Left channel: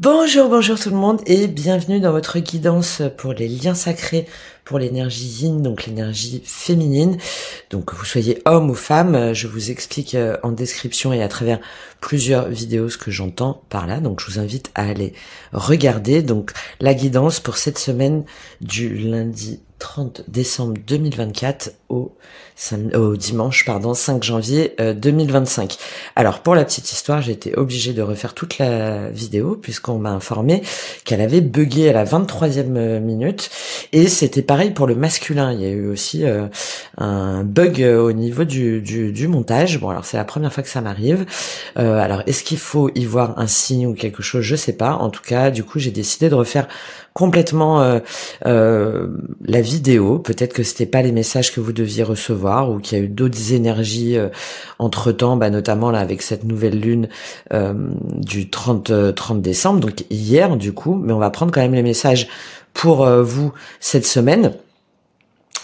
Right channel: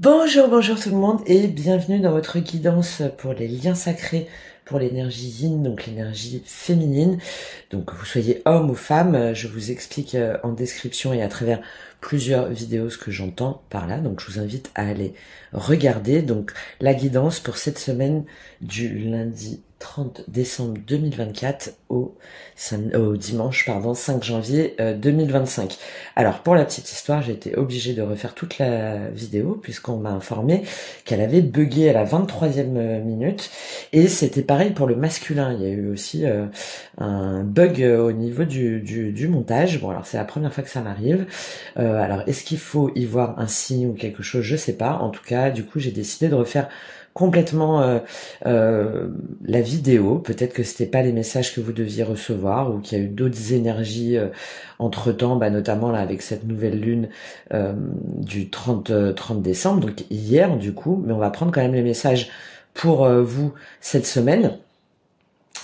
Bonjour, bonjour tout le monde et bienvenue dans votre guidance pour les liens sacrés, pour l'énergie yin, donc l'énergie féminine. Donc que vous soyez homme ou femme, je vous explique en description et à travers plusieurs vidéos ce que j'entends par là. Donc je vous invite à aller regarder donc la guidance pour cette semaine du lundi 30 décembre 2024 au dimanche 5 janvier 2025. Alors pour la petite histoire, j'ai été obligée de refaire toute la vidéo puisqu'on m'a informé qu'elle avait bugué à la 23e minute et c'était pareil pour le masculin. Il y a eu aussi un bug au niveau du montage. Bon alors c'est la première fois que ça m'arrive. Alors est-ce qu'il faut y voir un signe ou quelque chose? Je sais pas. En tout cas, du coup, j'ai décidé de refaire complètement la vidéo. Peut-être que c'était pas les messages que vous deviez recevoir ou qu'il y a eu d'autres énergies entre temps, notamment là avec cette nouvelle lune du 30 décembre, donc hier du coup, mais on va prendre quand même les messages pour vous cette semaine.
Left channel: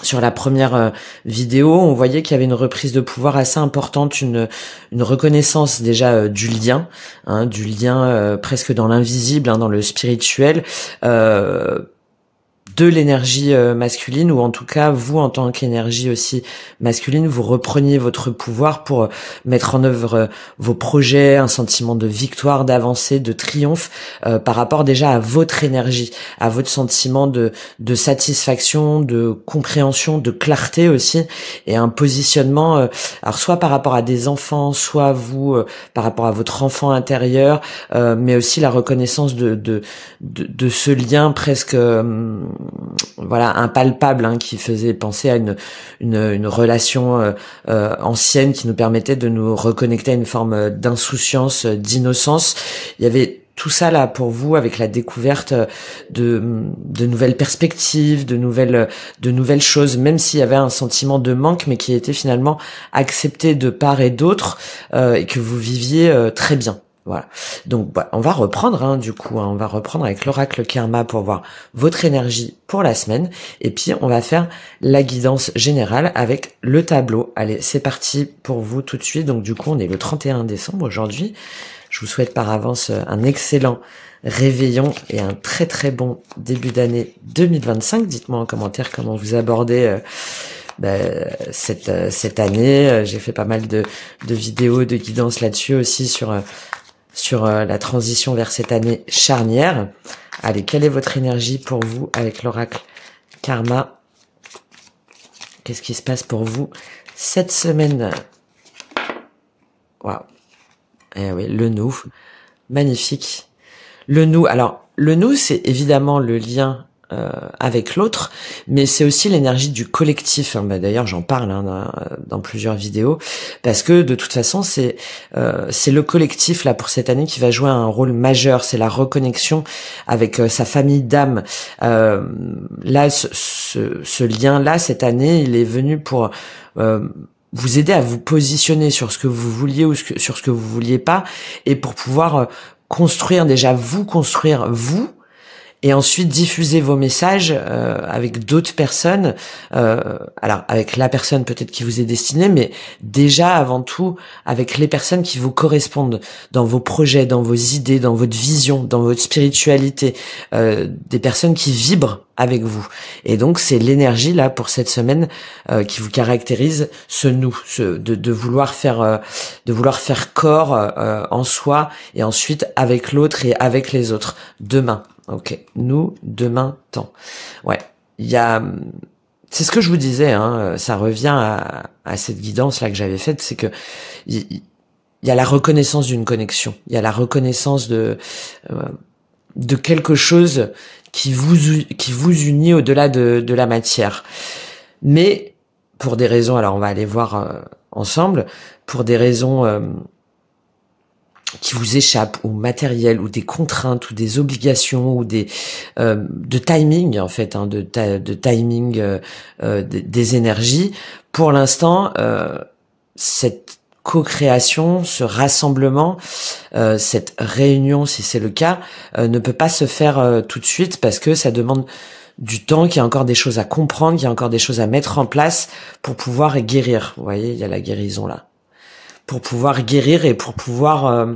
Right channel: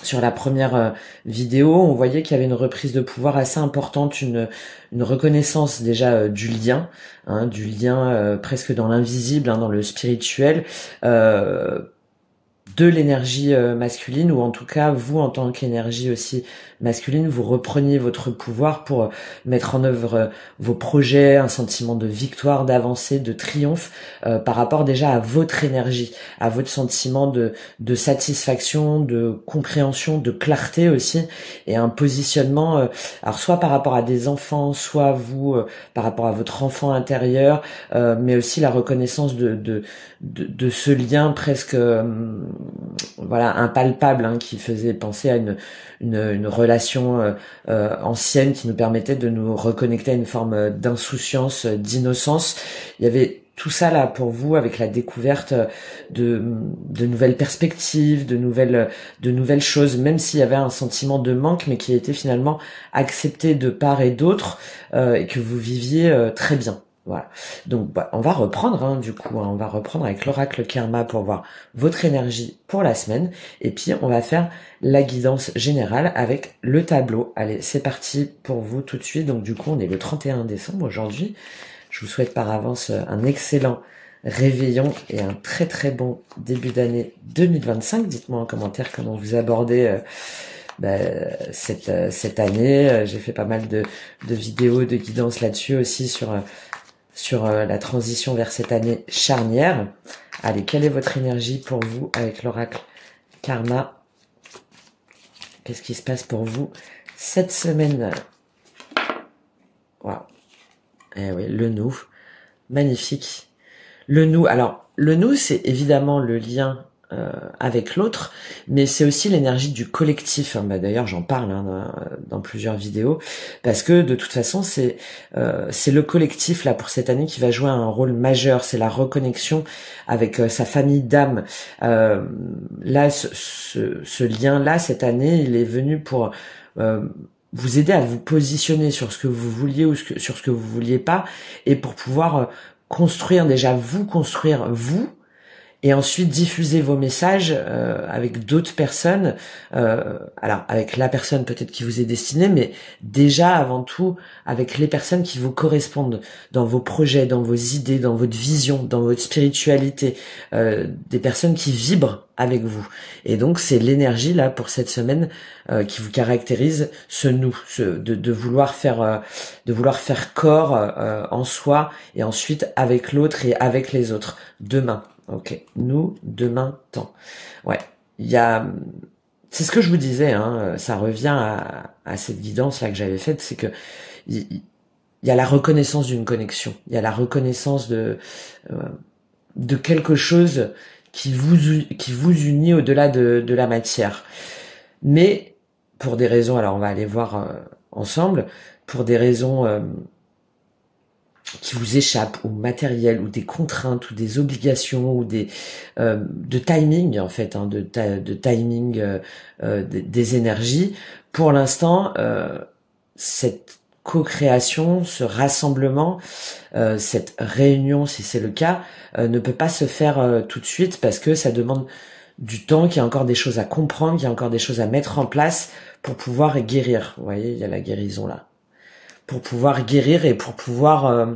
Sur la première vidéo, on voyait qu'il y avait une reprise de pouvoir assez importante, une reconnaissance déjà du lien presque dans l'invisible, dans le spirituel, de l'énergie masculine, ou en tout cas vous en tant qu'énergie aussi masculine, vous repreniez votre pouvoir pour mettre en œuvre vos projets, un sentiment de victoire, d'avancée, de triomphe par rapport déjà à votre énergie, à votre sentiment de satisfaction, de compréhension, de clarté aussi, et un positionnement alors soit par rapport à des enfants, soit vous par rapport à votre enfant intérieur, mais aussi la reconnaissance de ce lien presque voilà impalpable, qui faisait penser à une relation ancienne qui nous permettait de nous reconnecter à une forme d'insouciance, d'innocence. Il y avait tout ça là pour vous avec la découverte de nouvelles perspectives, de nouvelles choses, même s'il y avait un sentiment de manque, mais qui était finalement accepté de part et d'autre, et que vous viviez très bien. Voilà. Donc, on va reprendre, du coup, on va reprendre avec l'oracle Karma pour voir votre énergie pour la semaine. Et puis, on va faire la guidance générale avec le tableau. Allez, c'est parti pour vous tout de suite. Donc, du coup, on est le 31 décembre aujourd'hui. Je vous souhaite par avance un excellent réveillon et un très très bon début d'année 2025. Dites-moi en commentaire comment vous abordez cette année. J'ai fait pas mal de vidéos, de guidance là-dessus aussi sur la transition vers cette année charnière. Allez, quelle est votre énergie pour vous avec l'oracle Karma? Qu'est-ce qui se passe pour vous cette semaine? Waouh. Eh oui, le nous. Magnifique. Le nous. Alors, le nous, c'est évidemment le lien avec l'autre, mais c'est aussi l'énergie du collectif. D'ailleurs, j'en parle dans plusieurs vidéos, parce que de toute façon, c'est le collectif là pour cette année qui va jouer un rôle majeur. C'est la reconnexion avec sa famille d'âme. Là, ce lien-là, cette année, il est venu pour vous aider à vous positionner sur ce que vous vouliez ou sur ce que vous vouliez pas, et pour pouvoir construire vous, et ensuite diffuser vos messages avec d'autres personnes, alors avec la personne peut-être qui vous est destinée, mais déjà avant tout avec les personnes qui vous correspondent dans vos projets, dans vos idées, dans votre vision, dans votre spiritualité, des personnes qui vibrent avec vous. Et donc c'est l'énergie là pour cette semaine qui vous caractérise, ce nous, de vouloir faire corps en soi, et ensuite avec l'autre et avec les autres. Demain. Ok, nous, demain, temps. Ouais, c'est ce que je vous disais, ça revient à cette guidance là que j'avais faite, c'est que il y a la reconnaissance d'une connexion, il y a la reconnaissance de quelque chose qui vous unit au-delà de la matière. Mais pour des raisons, alors on va aller voir ensemble, pour des raisons qui vous échappent, ou matériel, ou des contraintes, ou des obligations, ou de timing en fait, de timing des énergies. Pour l'instant, cette co-création, ce rassemblement, cette réunion, si c'est le cas, ne peut pas se faire tout de suite, parce que ça demande du temps, qu'il y a encore des choses à comprendre, qu'il y a encore des choses à mettre en place pour pouvoir guérir. Vous voyez, il y a la guérison là. Pour pouvoir guérir et pour pouvoir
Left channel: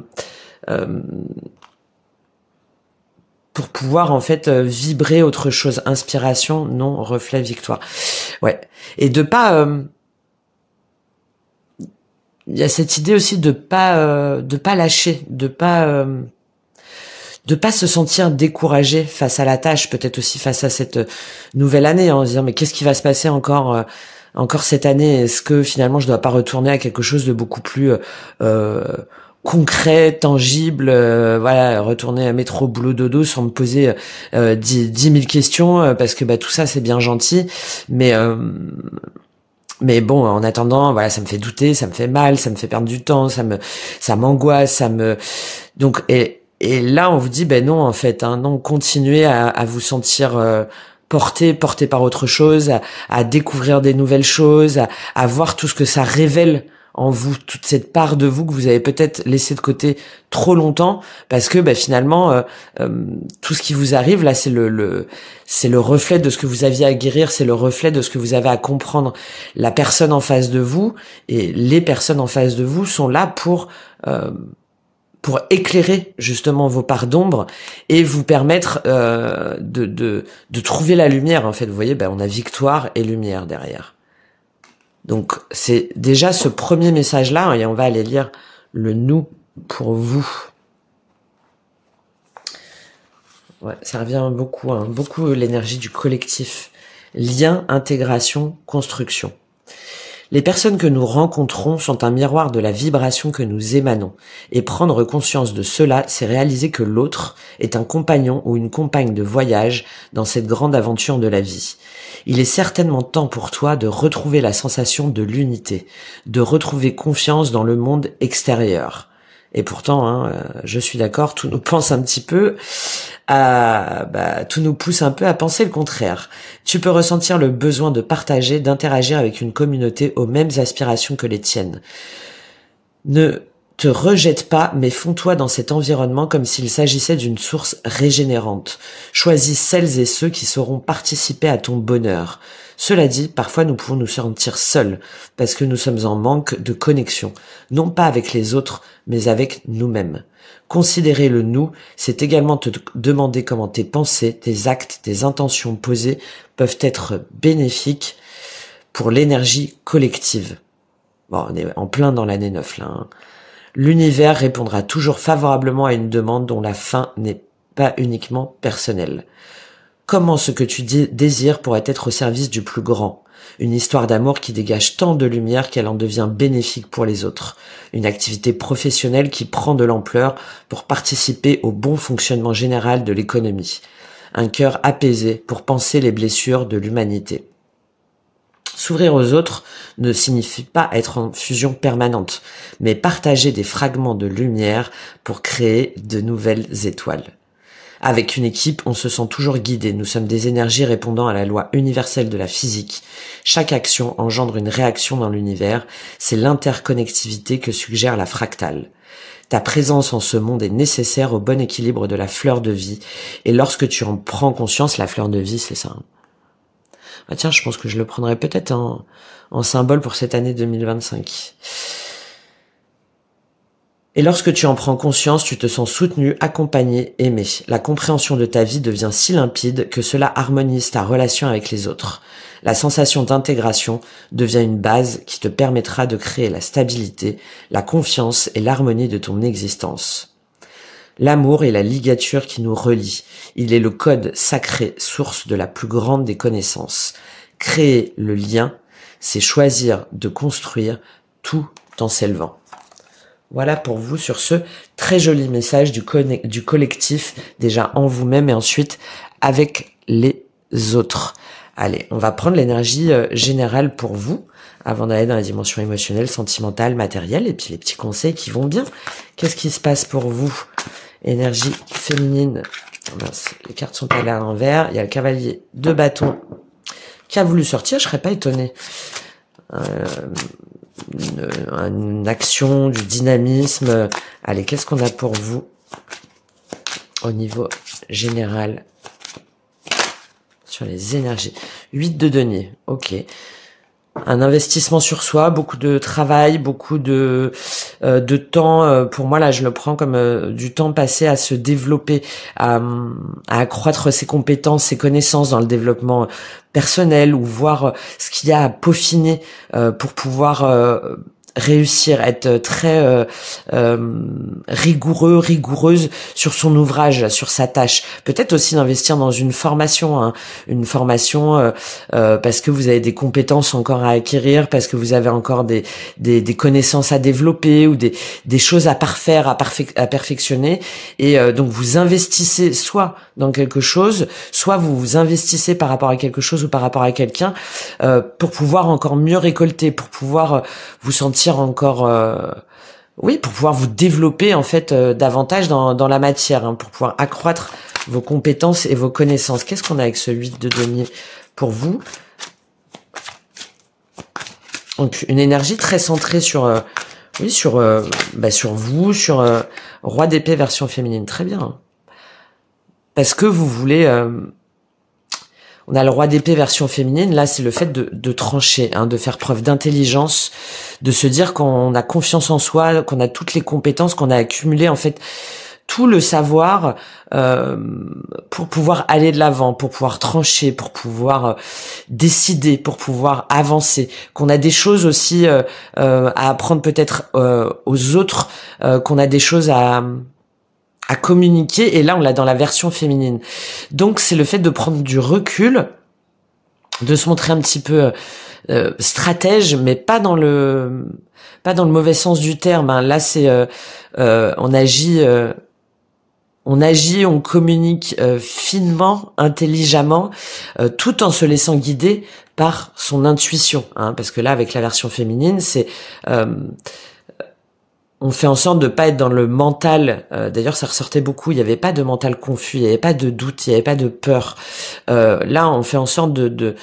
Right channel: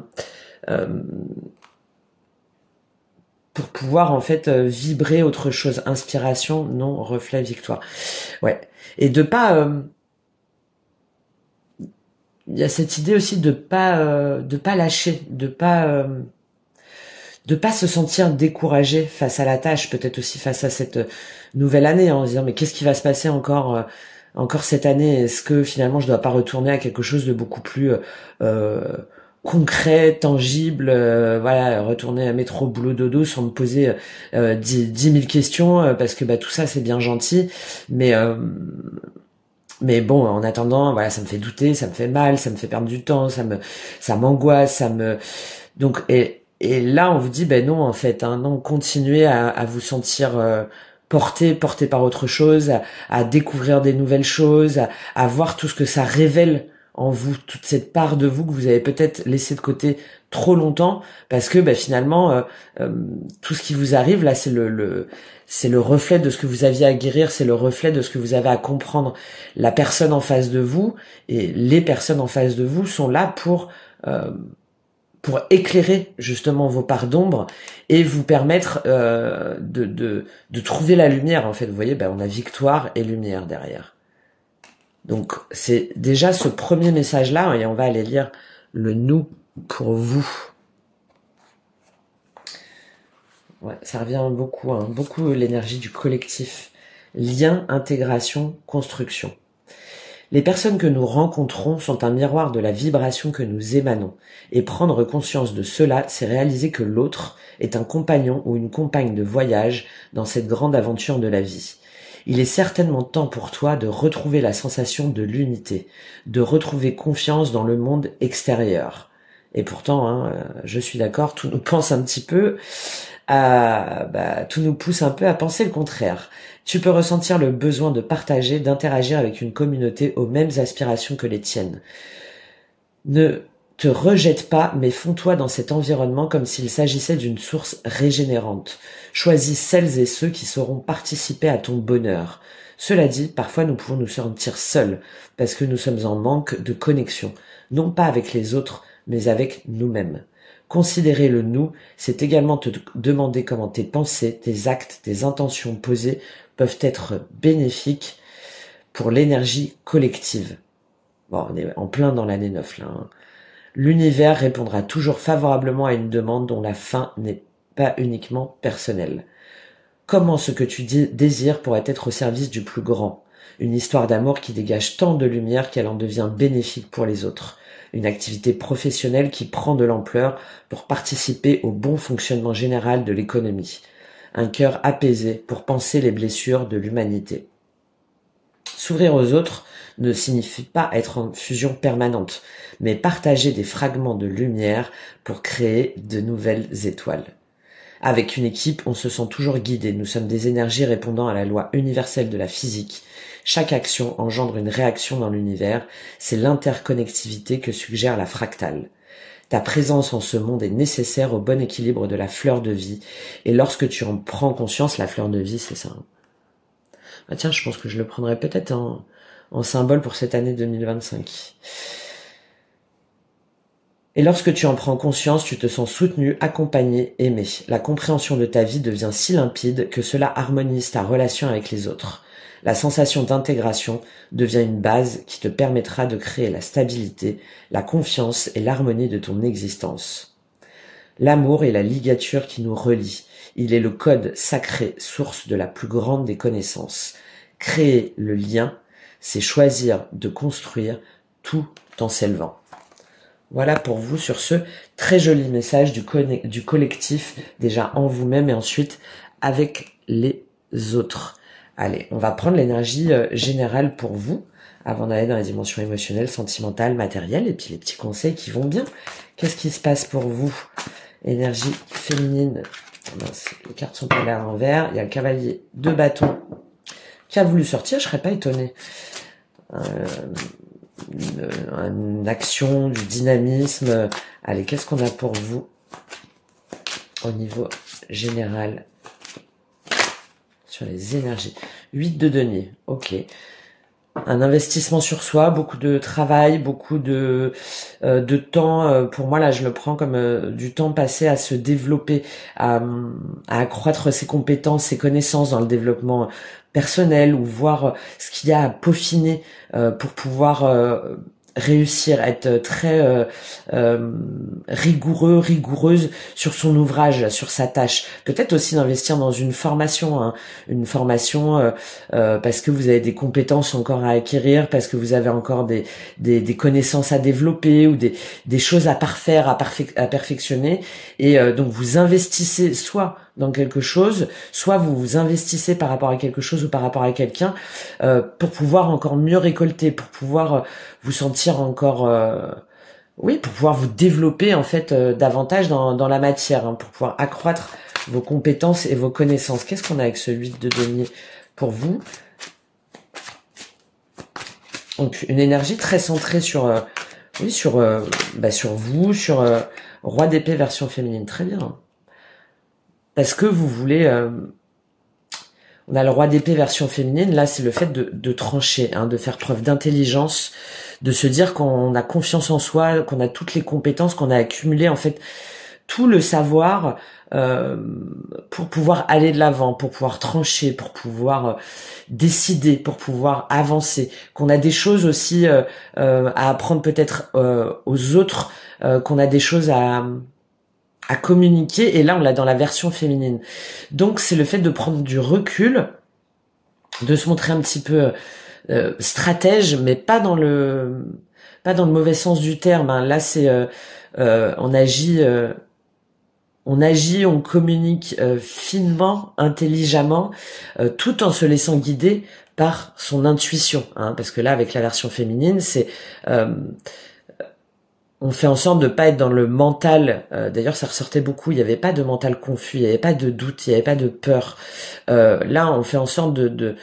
pour pouvoir en fait vibrer autre chose. Inspiration, non, reflet, victoire. Ouais. Et de pas... il y a cette idée aussi de pas lâcher, de pas se sentir découragé face à la tâche, peut-être aussi face à cette nouvelle année, en se disant mais qu'est-ce qui va se passer encore cette année? Est-ce que finalement je dois pas retourner à quelque chose de beaucoup plus concret, tangible, voilà, retourner à métro, boulot, dodo sans me poser 10 000 questions, parce que bah tout ça c'est bien gentil, mais bon, en attendant, voilà, ça me fait douter, ça me fait mal, ça me fait perdre du temps, ça m'angoisse, donc, et là, on vous dit, ben non, en fait, hein, non, continuez à vous sentir porté par autre chose, à découvrir des nouvelles choses, à voir tout ce que ça révèle en vous, toute cette part de vous que vous avez peut-être laissé de côté trop longtemps, parce que ben, finalement, tout ce qui vous arrive là, c'est le reflet de ce que vous aviez à guérir, c'est le reflet de ce que vous avez à comprendre. La personne en face de vous et les personnes en face de vous sont là pour éclairer justement vos parts d'ombre et vous permettre de trouver la lumière. En fait, vous voyez, ben, on a victoire et lumière derrière. Donc c'est déjà ce premier message-là, et on va aller lire le nous pour vous. Ouais, ça revient beaucoup, hein, beaucoup l'énergie du collectif. Lien, intégration, construction. Les personnes que nous rencontrons sont un miroir de la vibration que nous émanons. Et prendre conscience de cela, c'est réaliser que l'autre est un compagnon ou une compagne de voyage dans cette grande aventure de la vie. Il est certainement temps pour toi de retrouver la sensation de l'unité, de retrouver confiance dans le monde extérieur. Et pourtant, hein, je suis d'accord, tout nous pense un petit peu tout nous pousse un peu à penser le contraire. Tu peux ressentir le besoin de partager, d'interagir avec une communauté aux mêmes aspirations que les tiennes. Ne te rejette pas, mais fonds-toi dans cet environnement comme s'il s'agissait d'une source régénérante. Choisis celles et ceux qui sauront participer à ton bonheur. Cela dit, parfois nous pouvons nous sentir seuls, parce que nous sommes en manque de connexion, non pas avec les autres, mais avec nous-mêmes. Considérer le nous, c'est également te demander comment tes pensées, tes actes, tes intentions posées peuvent être bénéfiques pour l'énergie collective. Bon, on est en plein dans l'année 9 là, hein. L'univers répondra toujours favorablement à une demande dont la fin n'est pas uniquement personnelle. Comment ce que tu désires pourrait être au service du plus grand? Une histoire d'amour qui dégage tant de lumière qu'elle en devient bénéfique pour les autres. Une activité professionnelle qui prend de l'ampleur pour participer au bon fonctionnement général de l'économie. Un cœur apaisé pour panser les blessures de l'humanité. S'ouvrir aux autres ne signifie pas être en fusion permanente, mais partager des fragments de lumière pour créer de nouvelles étoiles. Avec une équipe, on se sent toujours guidé. Nous sommes des énergies répondant à la loi universelle de la physique. Chaque action engendre une réaction dans l'univers. C'est l'interconnectivité que suggère la fractale. Ta présence en ce monde est nécessaire au bon équilibre de la fleur de vie. Et lorsque tu en prends conscience, la fleur de vie, c'est ça. Ah tiens, je pense que je le prendrais peut-être en symbole pour cette année 2025. Et lorsque tu en prends conscience, tu te sens soutenu, accompagné, aimé. La compréhension de ta vie devient si limpide que cela harmonise ta relation avec les autres. La sensation d'intégration devient une base qui te permettra de créer la stabilité, la confiance et l'harmonie de ton existence. L'amour est la ligature qui nous relie. Il est le code sacré, source de la plus grande des connaissances. Créer le lien, c'est choisir de construire tout en s'élevant. Voilà pour vous sur ce très joli message du collectif, déjà en vous-même et ensuite avec les autres. Allez, on va prendre l'énergie générale pour vous, avant d'aller dans la dimension émotionnelle, sentimentale, matérielle, et puis les petits conseils qui vont bien. Qu'est-ce qui se passe pour vous? Énergie féminine. Mince, les cartes sont allées à l'envers. Il y a le cavalier de bâton qui a voulu sortir, je serais pas étonnée. Une action, du dynamisme. Allez, qu'est-ce qu'on a pour vous au niveau général sur les énergies? 8 de denier, ok. Un investissement sur soi, beaucoup de travail, beaucoup de de temps. Pour moi là, je le prends comme du temps passé à se développer, à accroître ses compétences, ses connaissances dans le développement personnel, ou voir ce qu'il y a à peaufiner pour pouvoir réussir, être très rigoureuse sur son ouvrage, sur sa tâche. Peut-être aussi d'investir dans une formation, hein, une formation parce que vous avez des compétences encore à acquérir, parce que vous avez encore des connaissances à développer, ou des choses à parfaire, à perfectionner, et donc vous investissez soit dans quelque chose, soit vous vous investissez par rapport à quelque chose ou par rapport à quelqu'un pour pouvoir encore mieux récolter, pour pouvoir vous sentir encore oui, pour pouvoir vous développer en fait davantage dans la matière, hein, pour pouvoir accroître vos compétences et vos connaissances. Qu'est-ce qu'on a avec ce 8 de denier pour vous? Donc une énergie très centrée sur oui, sur vous, sur roi d'épée version féminine. Très bien. Parce que vous voulez... on a le roi d'épée version féminine, là c'est le fait de trancher, hein, de faire preuve d'intelligence, de se dire qu'on a confiance en soi, qu'on a toutes les compétences, qu'on a accumulé en fait tout le savoir pour pouvoir aller de l'avant, pour pouvoir trancher, pour pouvoir décider, pour pouvoir avancer, qu'on a des choses aussi à apprendre peut-être aux autres, qu'on a des choses à communiquer, et là on l'a dans la version féminine. Donc c'est le fait de prendre du recul, de se montrer un petit peu stratège, mais pas dans le mauvais sens du terme, hein. Là c'est on agit, on communique finement, intelligemment, tout en se laissant guider par son intuition, hein, parce que là avec la version féminine c'est on fait en sorte de pas être dans le mental. D'ailleurs, ça ressortait beaucoup. Il n'y avait pas de mental confus, il n'y avait pas de doute, il n'y avait pas de peur. Là, on fait en sorte d'être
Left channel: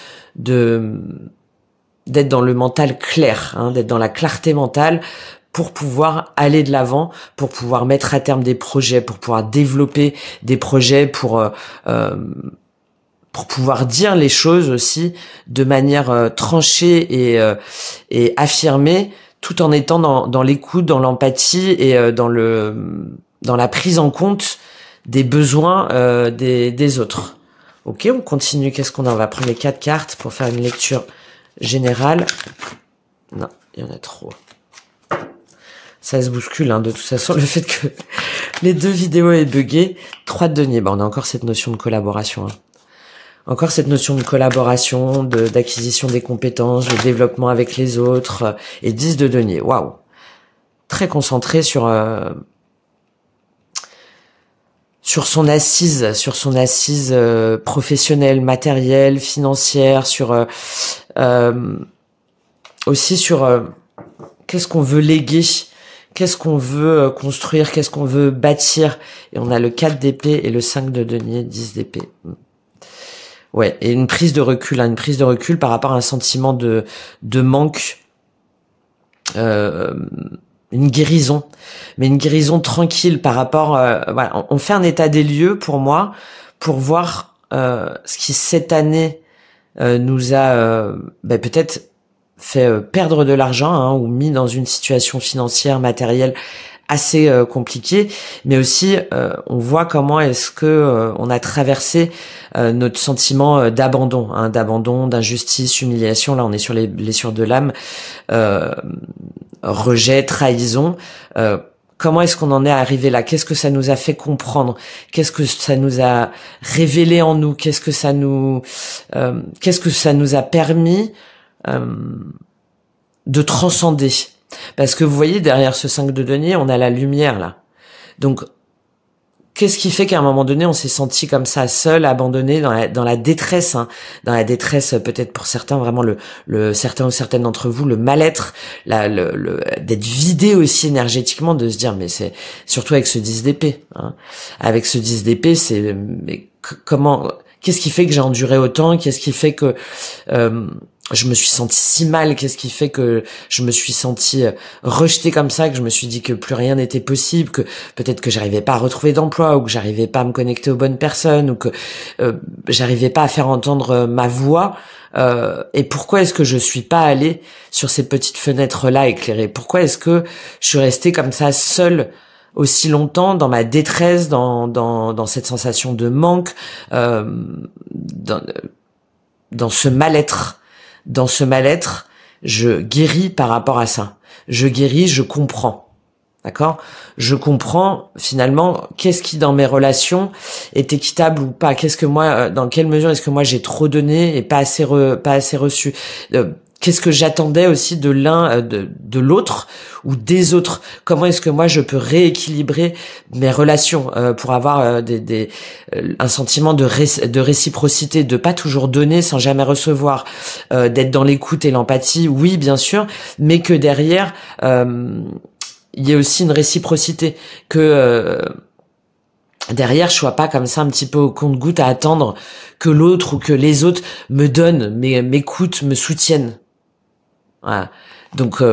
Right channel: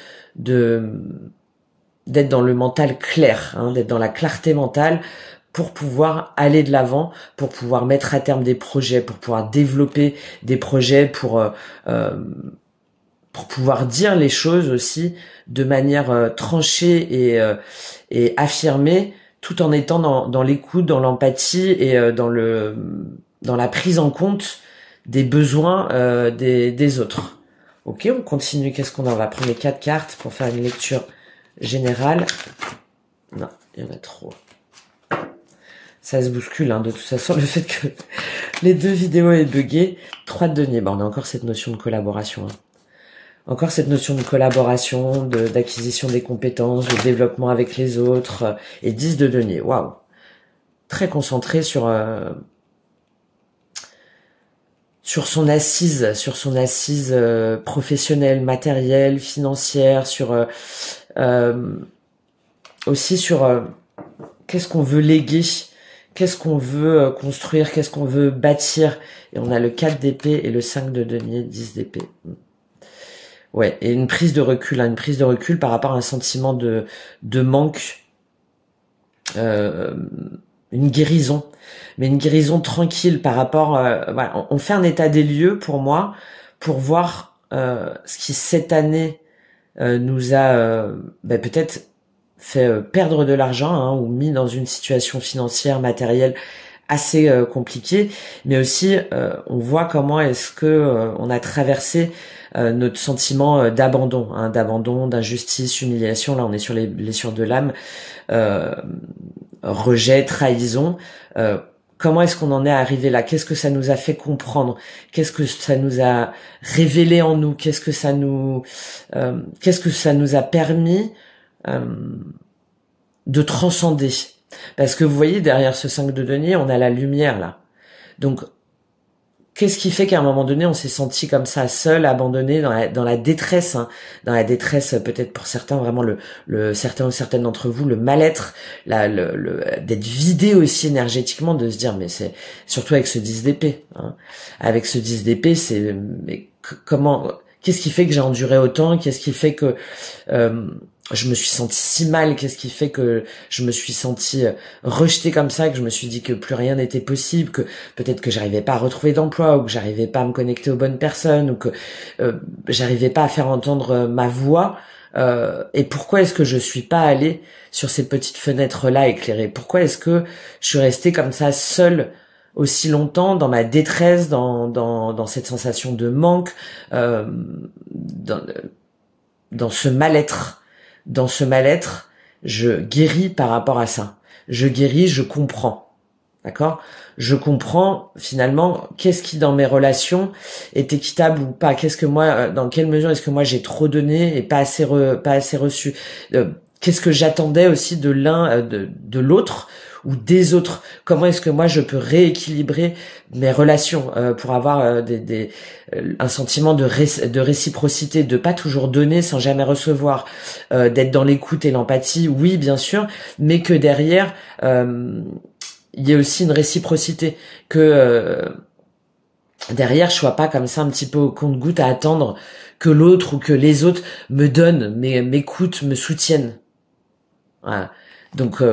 dans le mental clair, hein, d'être dans la clarté mentale pour pouvoir aller de l'avant, pour pouvoir mettre à terme des projets, pour pouvoir développer des projets, pour pouvoir dire les choses aussi de manière tranchée et affirmée, tout en étant dans l'écoute, dans l'empathie et dans la prise en compte des besoins des autres. Ok, on continue. Qu'est-ce qu'on a? On va prendre les 4 cartes pour faire une lecture générale. Non, il y en a trop. Ça se bouscule, hein, de toute façon, le fait que les 2 vidéos aient bugué. 3 de denier. Bon, on a encore cette notion de collaboration, hein. Encore cette notion de collaboration, d'acquisition des compétences, de développement avec les autres, et 10 de denier. Waouh! Très concentré sur son assise professionnelle, matérielle, financière, sur aussi sur qu'est-ce qu'on veut léguer, qu'est-ce qu'on veut construire, qu'est-ce qu'on veut bâtir. Et on a le 4 d'épée et le 5 de denier, 10 d'épée. Ouais, et une prise de recul, hein, une prise de recul par rapport à un sentiment de manque, une guérison, mais une guérison tranquille par rapport, voilà, on fait un état des lieux pour moi, pour voir ce qui cette année nous a peut-être fait perdre de l'argent, hein, ou mis dans une situation financière, matérielle assez compliquée, mais aussi on voit comment est-ce que on a traversé notre sentiment d'abandon, hein, d'injustice, humiliation. Là on est sur les blessures de l'âme, rejet, trahison. Comment est-ce qu'on en est arrivé là? Qu'est-ce que ça nous a fait comprendre? Qu'est-ce que ça nous a révélé en nous? Qu'est-ce que ça nous a permis de transcender? Parce que vous voyez, derrière ce 5 de denier, on a la lumière, là. Donc, qu'est-ce qui fait qu'à un moment donné, on s'est senti comme ça, seul, abandonné, dans la détresse, hein, dans la détresse, peut-être pour certains, vraiment certains ou certaines d'entre vous, le mal-être, d'être vidé aussi énergétiquement, de se dire, mais c'est, surtout avec ce 10 d'épée, hein. Avec ce 10 d'épée, c'est, mais comment, qu'est-ce qui fait que j'ai enduré autant? Qu'est-ce qui fait que, je me suis sentie si mal? Qu'est-ce qui fait que je me suis sentie rejetée comme ça, que je me suis dit que plus rien n'était possible, que peut-être que j'arrivais pas à retrouver d'emploi, ou que j'arrivais pas à me connecter aux bonnes personnes, ou que j'arrivais pas à faire entendre ma voix et pourquoi est-ce que je suis pas allée sur ces petites fenêtres-là éclairées? Pourquoi est-ce que je suis restée comme ça seule aussi longtemps dans ma détresse, dans cette sensation de manque, dans, dans ce mal-être? Dans ce mal-être, je guéris par rapport à ça. Je guéris, je comprends. D'accord? Je comprends finalement qu'est-ce qui dans mes relations est équitable ou pas. Qu'est-ce que moi, dans quelle mesure est-ce que moi j'ai trop donné et pas assez reçu. Qu'est-ce que j'attendais aussi de l'un, de l'autre ou des autres. Comment est-ce que moi je peux rééquilibrer mes relations pour avoir un sentiment de réciprocité, de pas toujours donner sans jamais recevoir, d'être dans l'écoute et l'empathie, oui bien sûr, mais que derrière il y a aussi une réciprocité, que derrière je sois pas comme ça un petit peu au compte-gouttes à attendre que l'autre ou que les autres me donnent, m'écoutent, me soutiennent. Voilà. Donc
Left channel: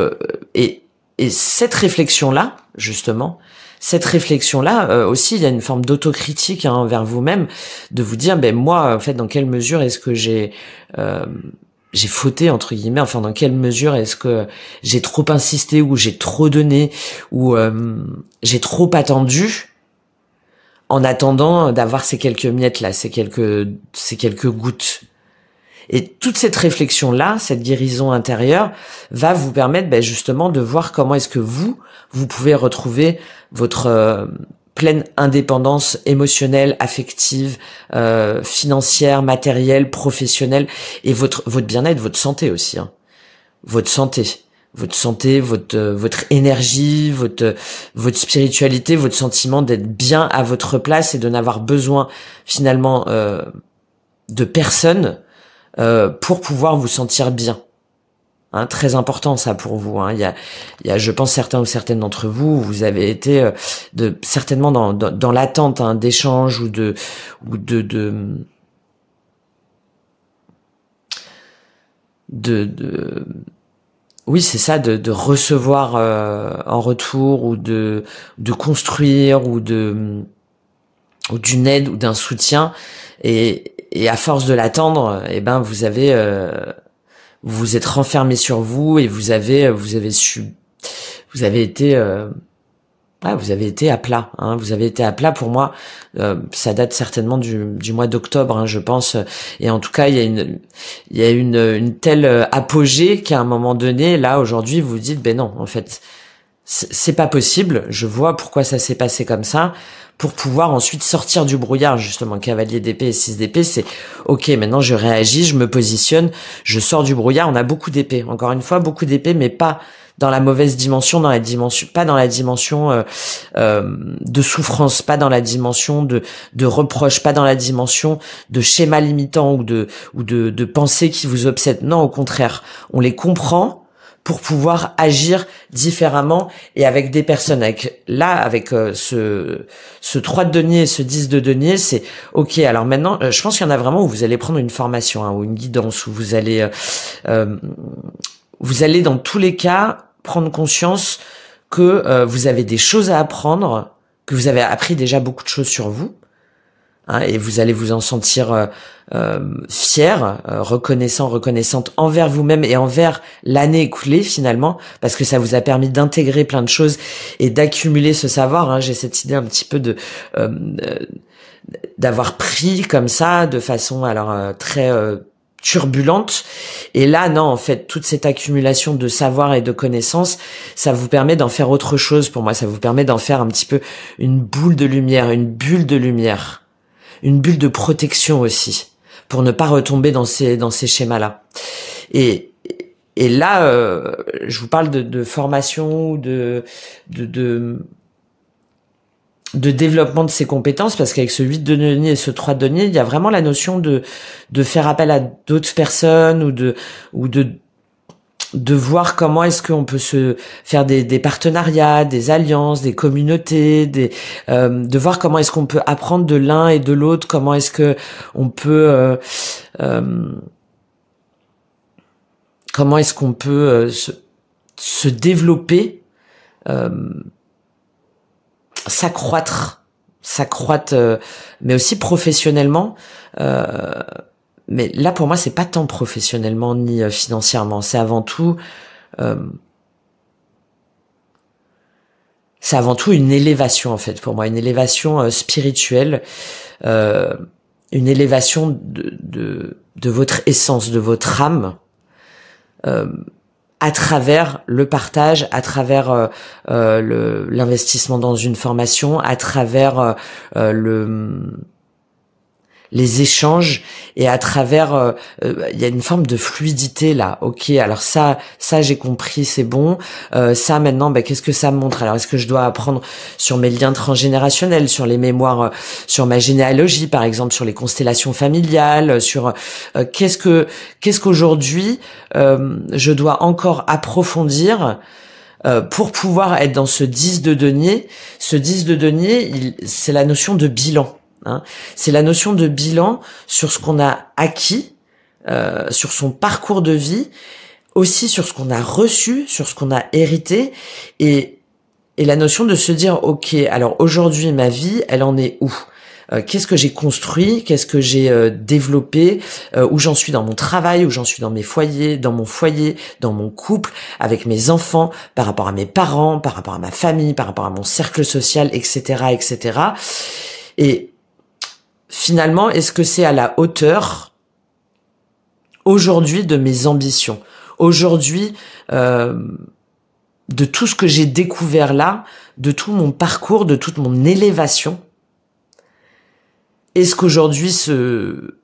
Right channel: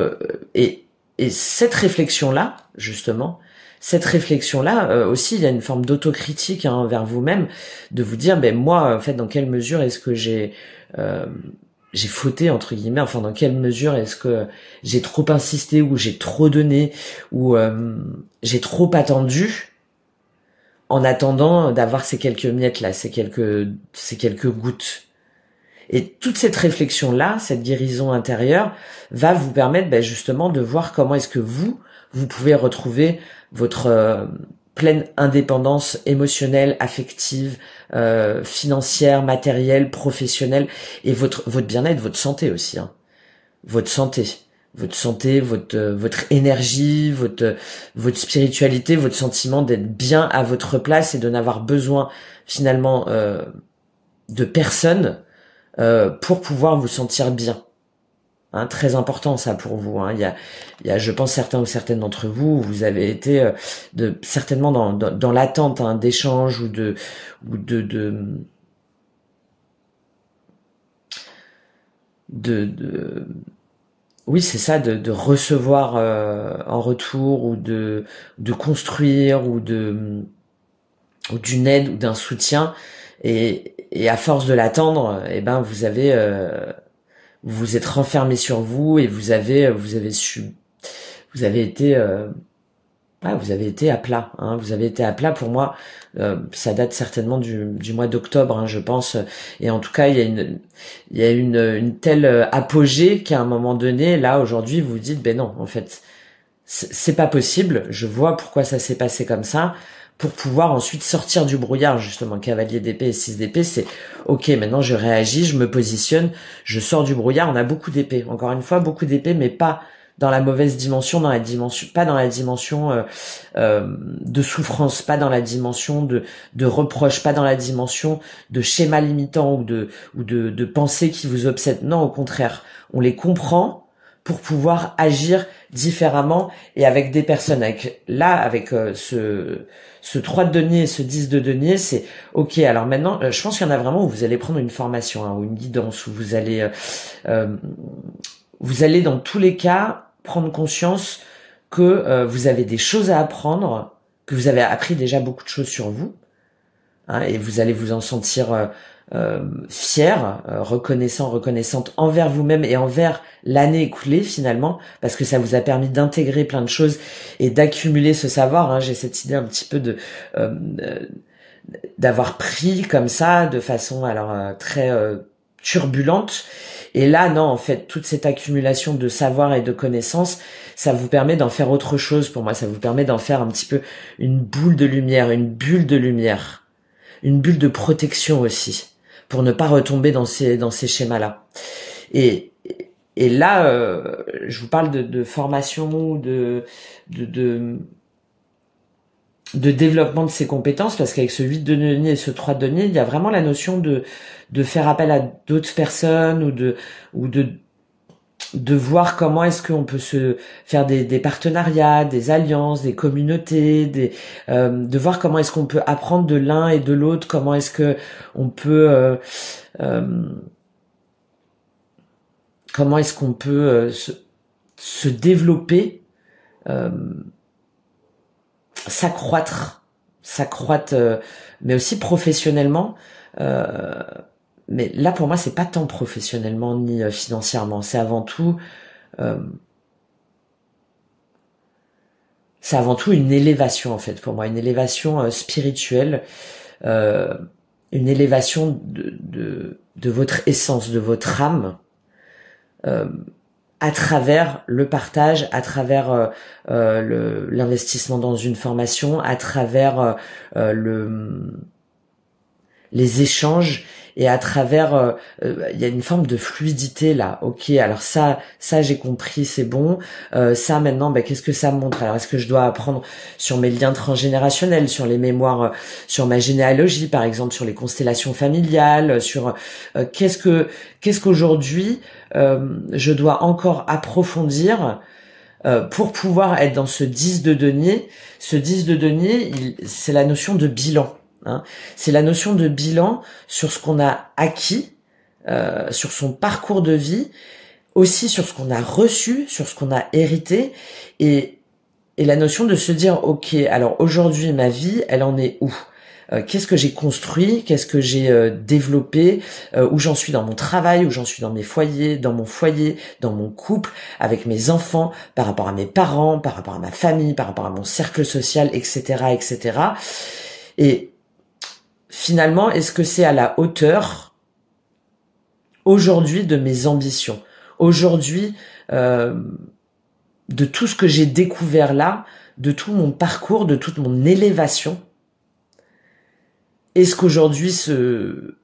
et cette réflexion-là, justement, aussi, il y a une forme d'autocritique envers vous-même, de vous dire, ben moi, en fait, dans quelle mesure est-ce que j'ai fauté entre guillemets, enfin dans quelle mesure est-ce que j'ai trop insisté ou j'ai trop donné ou j'ai trop attendu en attendant d'avoir ces quelques miettes là, ces quelques gouttes. Et toute cette réflexion-là, cette guérison intérieure, va vous permettre justement de voir comment est-ce que vous pouvez retrouver votre pleine indépendance émotionnelle, affective, financière, matérielle, professionnelle, et votre bien-être, votre santé aussi. Hein. Votre santé, votre énergie, votre spiritualité, votre sentiment d'être bien à votre place et de n'avoir besoin finalement de personne pour pouvoir vous sentir bien. Hein, très important ça pour vous. Hein. Il y a, je pense certains ou certaines d'entre vous, vous avez été certainement dans l'attente d'échanges ou de oui c'est ça, de recevoir en retour ou de construire ou d'une aide ou d'un soutien, et à force de l'attendre, vous avez vous êtes renfermé sur vous et vous avez été à plat. Hein. Vous avez été à plat. Pour moi, ça date certainement du mois d'octobre, hein, je pense. Et en tout cas, il y a une telle apogée qu'à un moment donné, là aujourd'hui, vous vous dites, ben non, en fait, c'est pas possible. Je vois pourquoi ça s'est passé comme ça. Pour pouvoir ensuite sortir du brouillard, justement, cavalier d'épée et 6 d'épée, c'est ok, maintenant je réagis, je me positionne, je sors du brouillard. On a beaucoup d'épées, encore une fois, beaucoup d'épées, mais pas dans la mauvaise dimension, pas dans la dimension de souffrance, pas dans la dimension de reproche, pas dans la dimension de schéma limitant ou de pensées qui vous obsèdent. Non, au contraire, on les comprend pour pouvoir agir différemment et avec des personnes. Avec ce 3 de denier et ce 10 de denier, c'est ok. Alors maintenant, je pense qu'il y en a vraiment où vous allez prendre une formation, hein, ou une guidance, où vous allez dans tous les cas prendre conscience que vous avez des choses à apprendre, que vous avez appris déjà beaucoup de choses sur vous, hein, et vous allez vous en sentir fier, reconnaissante envers vous-même et envers l'année écoulée finalement, parce que ça vous a permis d'intégrer plein de choses et d'accumuler ce savoir. Hein. J'ai cette idée un petit peu d'avoir pris comme ça de façon très turbulente, et là non, en fait toute cette accumulation de savoir et de connaissances, ça vous permet d'en faire autre chose. Pour moi, ça vous permet d'en faire un petit peu une boule de lumière, une bulle de lumière, une bulle de protection aussi, pour ne pas retomber dans ces schémas-là. Et là, je vous parle de formation, de développement de ses compétences, parce qu'avec ce 8 de denier et ce 3 de denier, il y a vraiment la notion de faire appel à d'autres personnes ou de voir comment est-ce qu'on peut se faire des partenariats, des alliances, des communautés, de voir comment est-ce qu'on peut apprendre de l'un et de l'autre, comment est-ce que on peut se développer, s'accroître, mais aussi professionnellement, mais là pour moi c'est pas tant professionnellement ni financièrement, c'est avant tout une élévation en fait pour moi, une élévation spirituelle, une élévation de votre essence, de votre âme, à travers le partage, à travers l'investissement dans une formation, à travers les échanges et à travers il y a une forme de fluidité là. Ok, alors ça j'ai compris, c'est bon. Ça maintenant, qu'est-ce que ça montre? Alors est-ce que je dois apprendre sur mes liens transgénérationnels, sur les mémoires, sur ma généalogie par exemple, sur les constellations familiales, sur qu'est-ce qu'aujourd'hui je dois encore approfondir pour pouvoir être dans ce 10 de denier. Ce 10 de denier, c'est la notion de bilan. C'est la notion de bilan sur ce qu'on a acquis, sur son parcours de vie, aussi sur ce qu'on a reçu, sur ce qu'on a hérité, et la notion de se dire, ok, alors aujourd'hui ma vie, elle en est où? Qu'est-ce que j'ai construit, qu'est-ce que j'ai développé, où j'en suis dans mon travail, où j'en suis dans mes foyers, dans mon foyer, dans mon couple, avec mes enfants, par rapport à mes parents, par rapport à ma famille, par rapport à mon cercle social, etc., etc. Et finalement, est-ce que c'est à la hauteur aujourd'hui de mes ambitions, aujourd'hui de tout ce que j'ai découvert là, de tout mon parcours, de toute mon élévation? Est-ce qu'aujourd'hui ce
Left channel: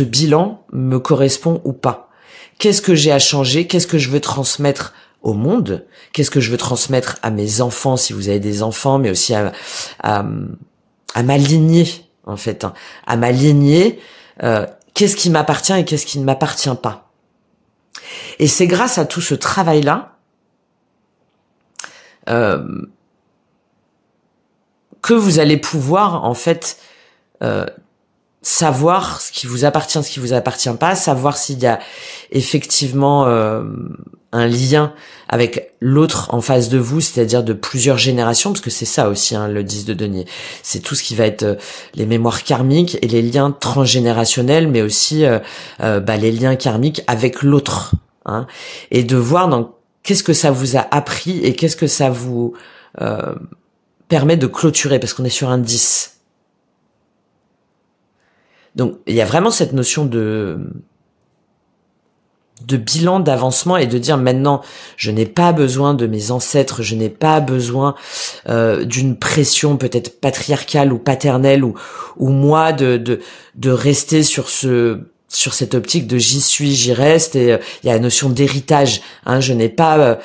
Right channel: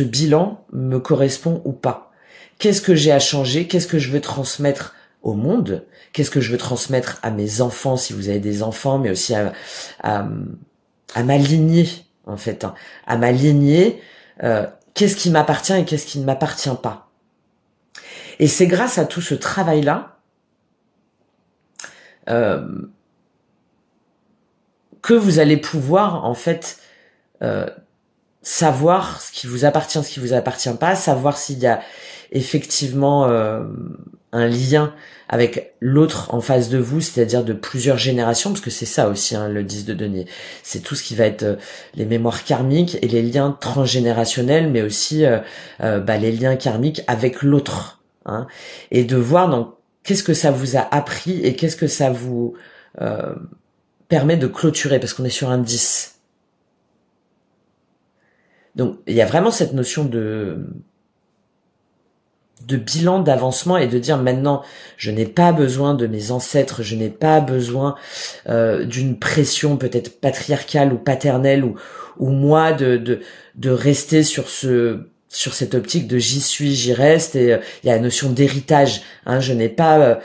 bilan me correspond ou pas? Qu'est-ce que j'ai à changer? Qu'est-ce que je veux transmettre au monde? Qu'est-ce que je veux transmettre à mes enfants, si vous avez des enfants, mais aussi à ma lignée, en fait, à ma lignée, qu'est-ce qui m'appartient et qu'est-ce qui ne m'appartient pas. Et c'est grâce à tout ce travail-là que vous allez pouvoir, en fait, savoir ce qui vous appartient, ce qui vous appartient pas, savoir s'il y a effectivement un lien avec l'autre en face de vous, c'est-à-dire de plusieurs générations, parce que c'est ça aussi, le 10 de denier. C'est tout ce qui va être les mémoires karmiques et les liens transgénérationnels, mais aussi les liens karmiques avec l'autre. Et de voir dans qu'est-ce que ça vous a appris et qu'est-ce que ça vous permet de clôturer, parce qu'on est sur un 10. Donc, il y a vraiment cette notion de bilan, d'avancement, et de dire maintenant, je n'ai pas besoin de mes ancêtres, je n'ai pas besoin d'une pression peut-être patriarcale ou paternelle, ou moi de rester sur cette optique de j'y suis, j'y reste, et il y a la notion d'héritage. Je n'ai pas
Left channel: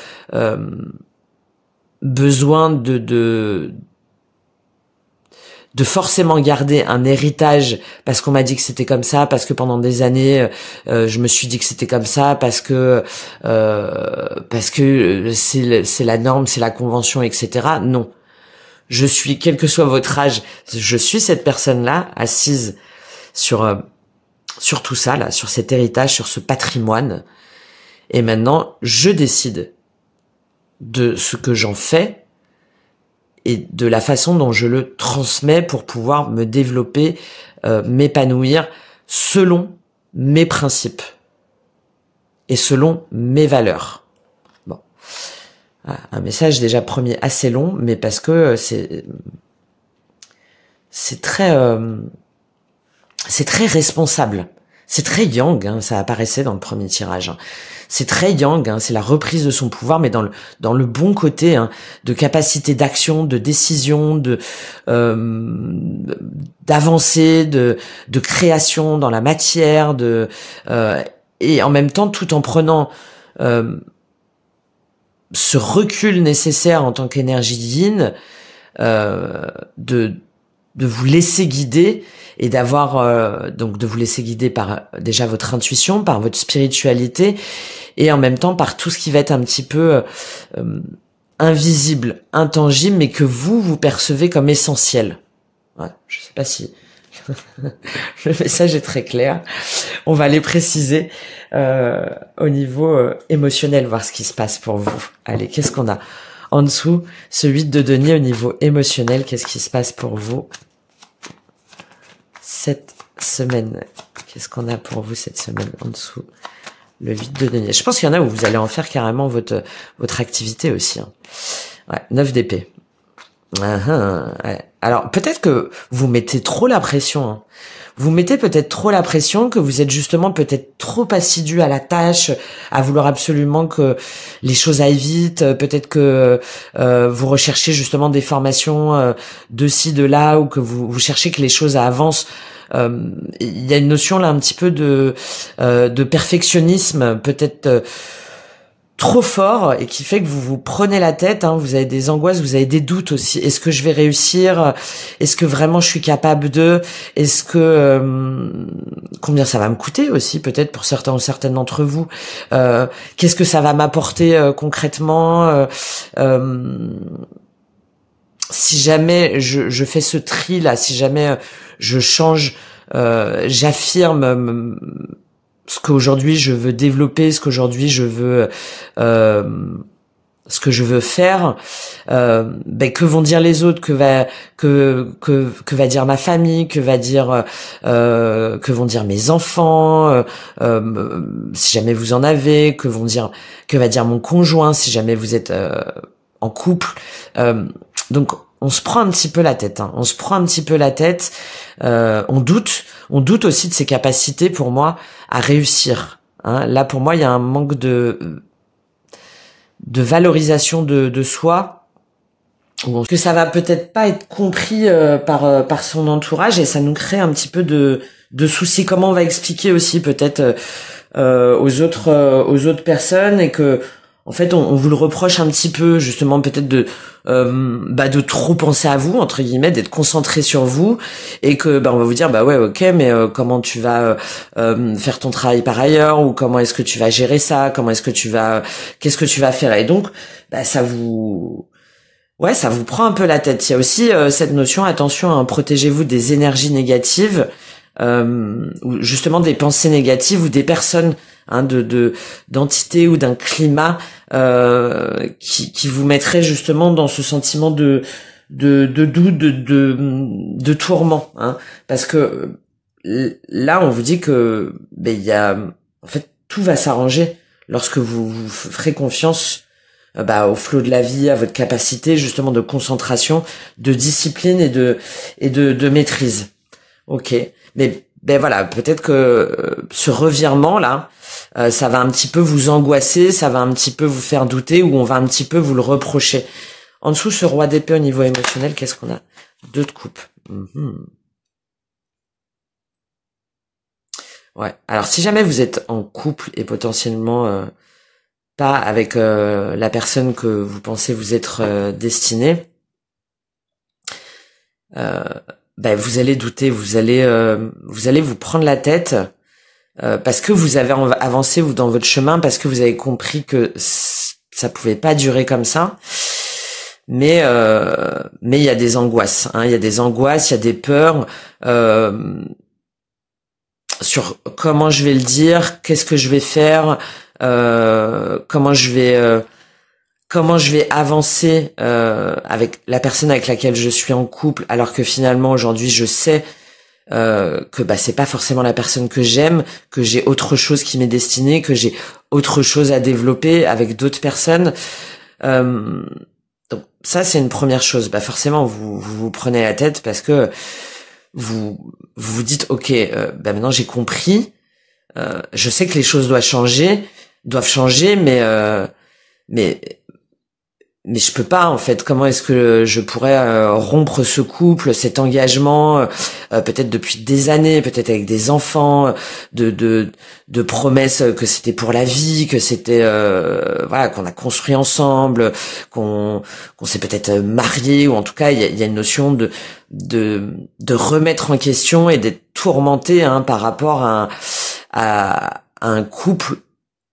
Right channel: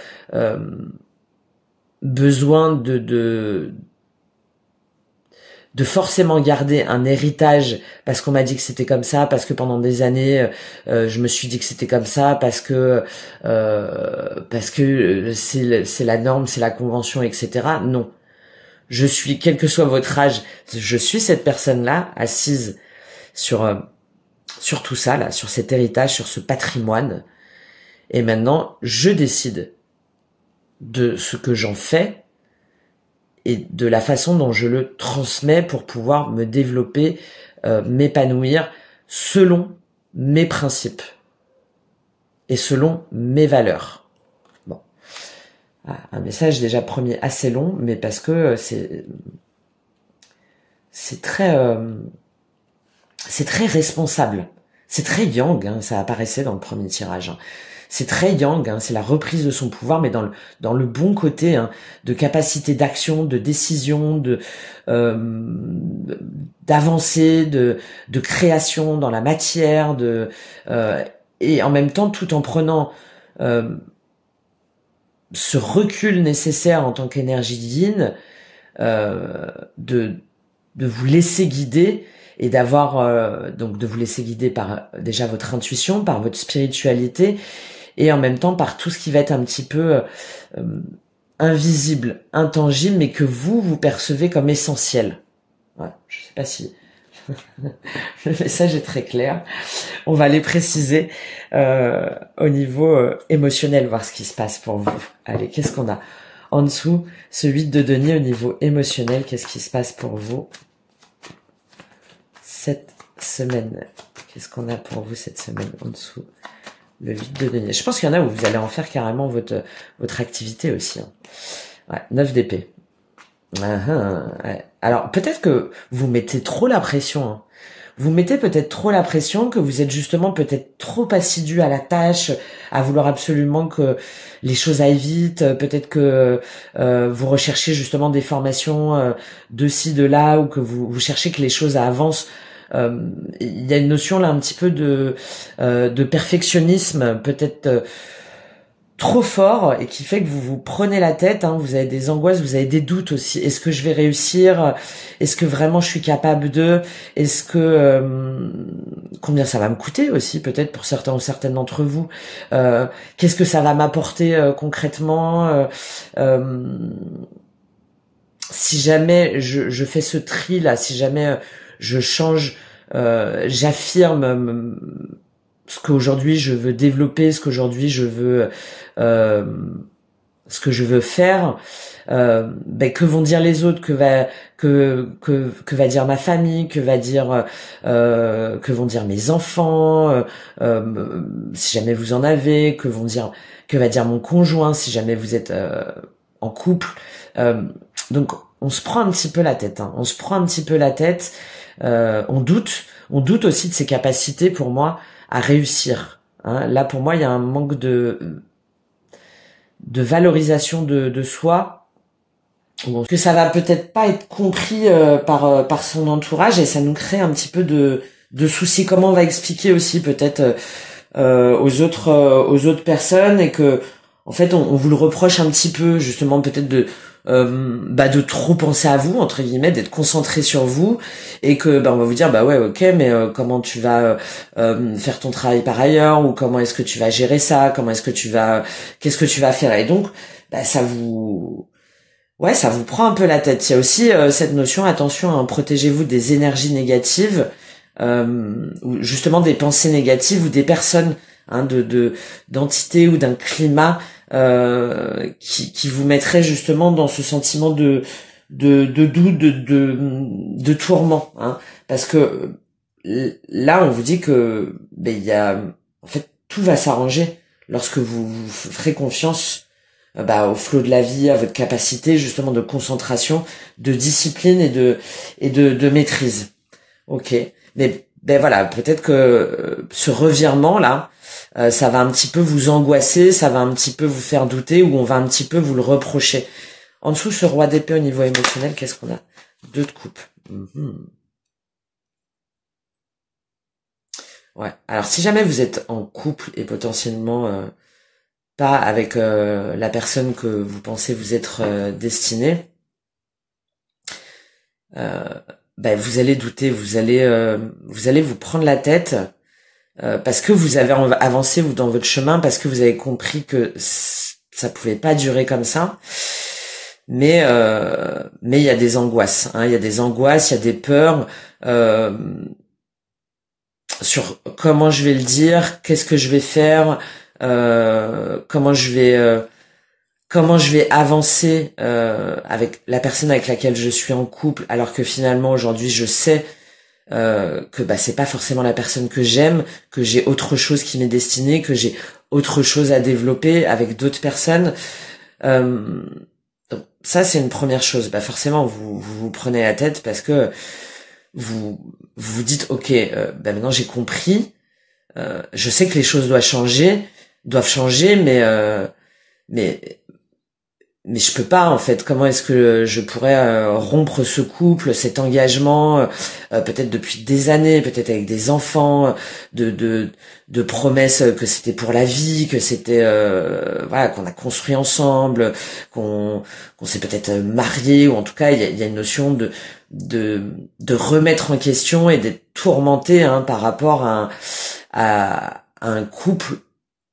besoin de forcément garder un héritage parce qu'on m'a dit que c'était comme ça, parce que pendant des années je me suis dit que c'était comme ça, parce que c'est la norme, c'est la convention, etc. Non, je suis, quel que soit votre âge, je suis cette personne-là assise sur tout ça là, sur cet héritage, sur ce patrimoine, et maintenant je décide de ce que j'en fais et de la façon dont je le transmets pour pouvoir me développer, m'épanouir selon mes principes et selon mes valeurs. Bon, un message déjà premier assez long, mais parce que c'est très responsable. C'est très yang, ça apparaissait dans le premier tirage. C'est très yang, c'est la reprise de son pouvoir, mais dans le bon côté, de capacité d'action, de décision, d'avancer, de création dans la matière, et en même temps tout en prenant ce recul nécessaire en tant qu'énergie yin, de vous laisser guider, et d'avoir donc de vous laisser guider par déjà votre intuition, par votre spiritualité, et en même temps par tout ce qui va être un petit peu invisible, intangible, mais que vous percevez comme essentiel. Ouais, je sais pas si le message est très clair. On va les préciser au niveau émotionnel, voir ce qui se passe pour vous. Allez, qu'est-ce qu'on a en dessous? Ce 8 de denier au niveau émotionnel, qu'est-ce qui se passe pour vous cette semaine? Qu'est-ce qu'on a pour vous cette semaine en dessous? Le vide de denier. Je pense qu'il y en a où vous allez en faire carrément votre activité aussi. Hein. Ouais, 9 d'épée. Ouais. Alors, peut-être que vous mettez trop la pression. Hein. Vous mettez peut-être trop la pression, que vous êtes justement peut-être trop assidu à la tâche, à vouloir absolument que les choses aillent vite. Peut-être que vous recherchez justement des formations de ci, de là, ou que vous cherchez que les choses avancent. Il y a une notion là un petit peu de perfectionnisme, peut-être trop fort, et qui fait que vous vous prenez la tête, hein, vous avez des angoisses, vous avez des doutes aussi. Est-ce que je vais réussir? Est-ce que vraiment je suis capable de? Est-ce que combien ça va me coûter aussi, peut-être pour certains ou certaines d'entre vous? Qu'est-ce que ça va m'apporter concrètement? Si jamais je fais ce tri là, si jamais je change, j'affirme ce qu'aujourd'hui je veux développer, ce qu'aujourd'hui je veux, ce que je veux faire, que vont dire les autres, que va dire ma famille, que vont dire mes enfants, si jamais vous en avez, que va dire mon conjoint si jamais vous êtes en couple. Donc on se prend un petit peu la tête, hein. On se prend un petit peu la tête, on doute aussi de ses capacités, pour moi, à réussir. Hein. Là, pour moi, il y a un manque de valorisation de soi, que ça va peut-être pas être compris par son entourage, et ça nous crée un petit peu de soucis. Comment on va expliquer aussi peut-être aux autres personnes, et que en fait on vous le reproche un petit peu, justement, peut-être de trop penser à vous, entre guillemets, d'être concentré sur vous, et que on va vous dire ouais, ok, mais comment tu vas faire ton travail par ailleurs, ou comment est-ce que tu vas gérer ça, qu'est-ce que tu vas faire, et donc ça vous prend un peu la tête. Il y a aussi cette notion, attention, hein, protégez-vous des énergies négatives, ou justement des pensées négatives, ou des personnes, hein, d'entités ou d'un climat qui vous mettrait justement dans ce sentiment de doute, de tourment, hein, parce que là on vous dit que il y a, en fait, tout va s'arranger lorsque vous ferez confiance au flot de la vie, à votre capacité justement de concentration, de discipline et de maîtrise. Ok, mais voilà, peut-être que ce revirement là, ça va un petit peu vous angoisser, ça va un petit peu vous faire douter, ou on va un petit peu vous le reprocher. En dessous, ce roi d'épée au niveau émotionnel, qu'est-ce qu'on a? 2 de coupe. Ouais. Alors, si jamais vous êtes en couple et potentiellement pas avec la personne que vous pensez vous être destiné, vous allez douter, vous allez vous prendre la tête, parce que vous avez avancé vous dans votre chemin, parce que vous avez compris que ça pouvait pas durer comme ça. Mais il y a des angoisses, hein, il y a des peurs sur comment je vais le dire, qu'est-ce que je vais faire, comment je vais avancer avec la personne avec laquelle je suis en couple, alors que finalement aujourd'hui je sais que c'est pas forcément la personne que j'aime, que j'ai autre chose qui m'est destiné, que j'ai autre chose à développer avec d'autres personnes. Donc ça, c'est une première chose. Forcément vous prenez la tête, parce que vous dites ok, maintenant j'ai compris, je sais que les choses doivent changer, mais je peux pas, en fait. Comment est-ce que je pourrais rompre ce couple, cet engagement, peut-être depuis des années, peut-être avec des enfants, de promesses que c'était pour la vie, que c'était qu'on a construit ensemble, qu'on s'est peut-être marié, ou en tout cas il y a une notion de remettre en question et d'être tourmenté, hein, par rapport à un couple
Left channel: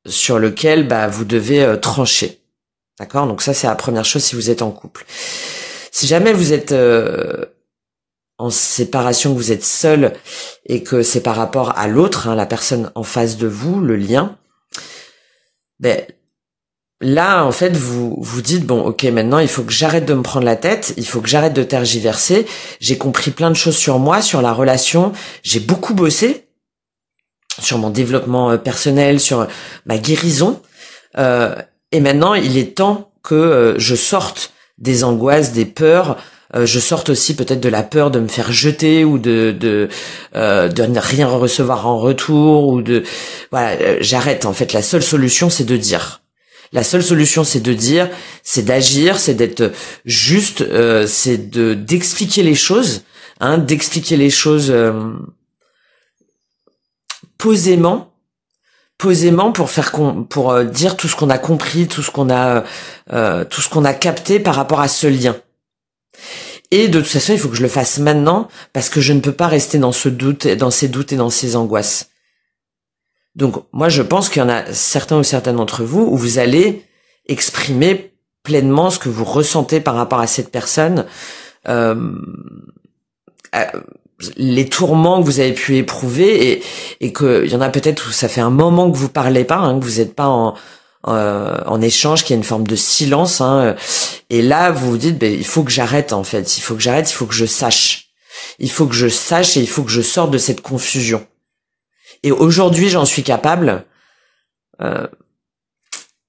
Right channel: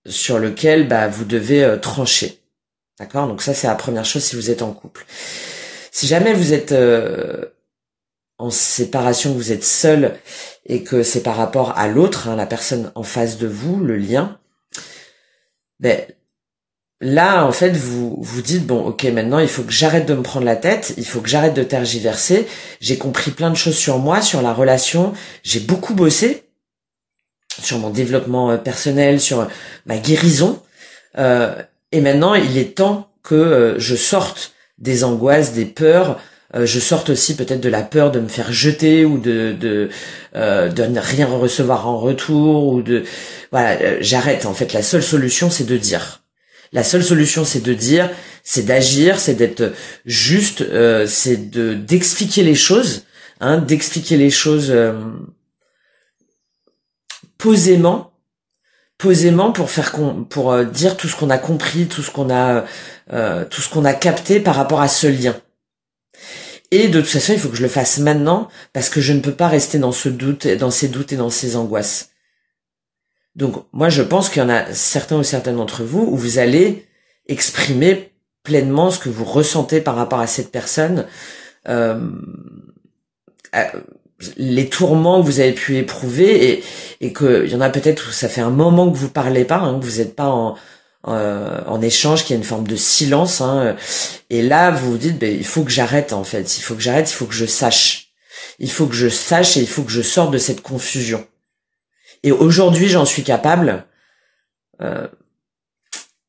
sur lequel vous devez trancher. D'accord? Donc ça, c'est la première chose si vous êtes en couple. Si jamais vous êtes en séparation, que vous êtes seul, et que c'est par rapport à l'autre, hein, la personne en face de vous, le lien, là, en fait, vous dites, bon, ok, maintenant, il faut que j'arrête de me prendre la tête, il faut que j'arrête de tergiverser. J'ai compris plein de choses sur moi, sur la relation. J'ai beaucoup bossé. sur mon développement personnel, sur ma guérison. Et maintenant, il est temps que je sorte des angoisses, des peurs. Je sorte aussi peut-être de la peur de me faire jeter ou de ne rien recevoir en retour ou voilà, j'arrête. En fait, la seule solution, c'est de dire. La seule solution, c'est de dire, c'est d'agir, c'est d'être juste, c'est d'expliquer les choses, d'expliquer les choses posément pour dire tout ce qu'on a compris, tout ce qu'on a capté par rapport à ce lien. Et de toute façon, il faut que je le fasse maintenant parce que je ne peux pas rester dans ce doute, dans ces doutes et dans ces angoisses. Donc, moi, je pense qu'il y en a certains ou certaines d'entre vous où vous allez exprimer pleinement ce que vous ressentez par rapport à cette personne, les tourments que vous avez pu éprouver et que il y en a peut-être où ça fait un moment que vous parlez pas, que vous n'êtes pas en échange, qu'il y a une forme de silence, et là vous vous dites il faut que j'arrête en fait, il faut que j'arrête, il faut que je sache, et il faut que je sorte de cette confusion. Et aujourd'hui j'en suis capable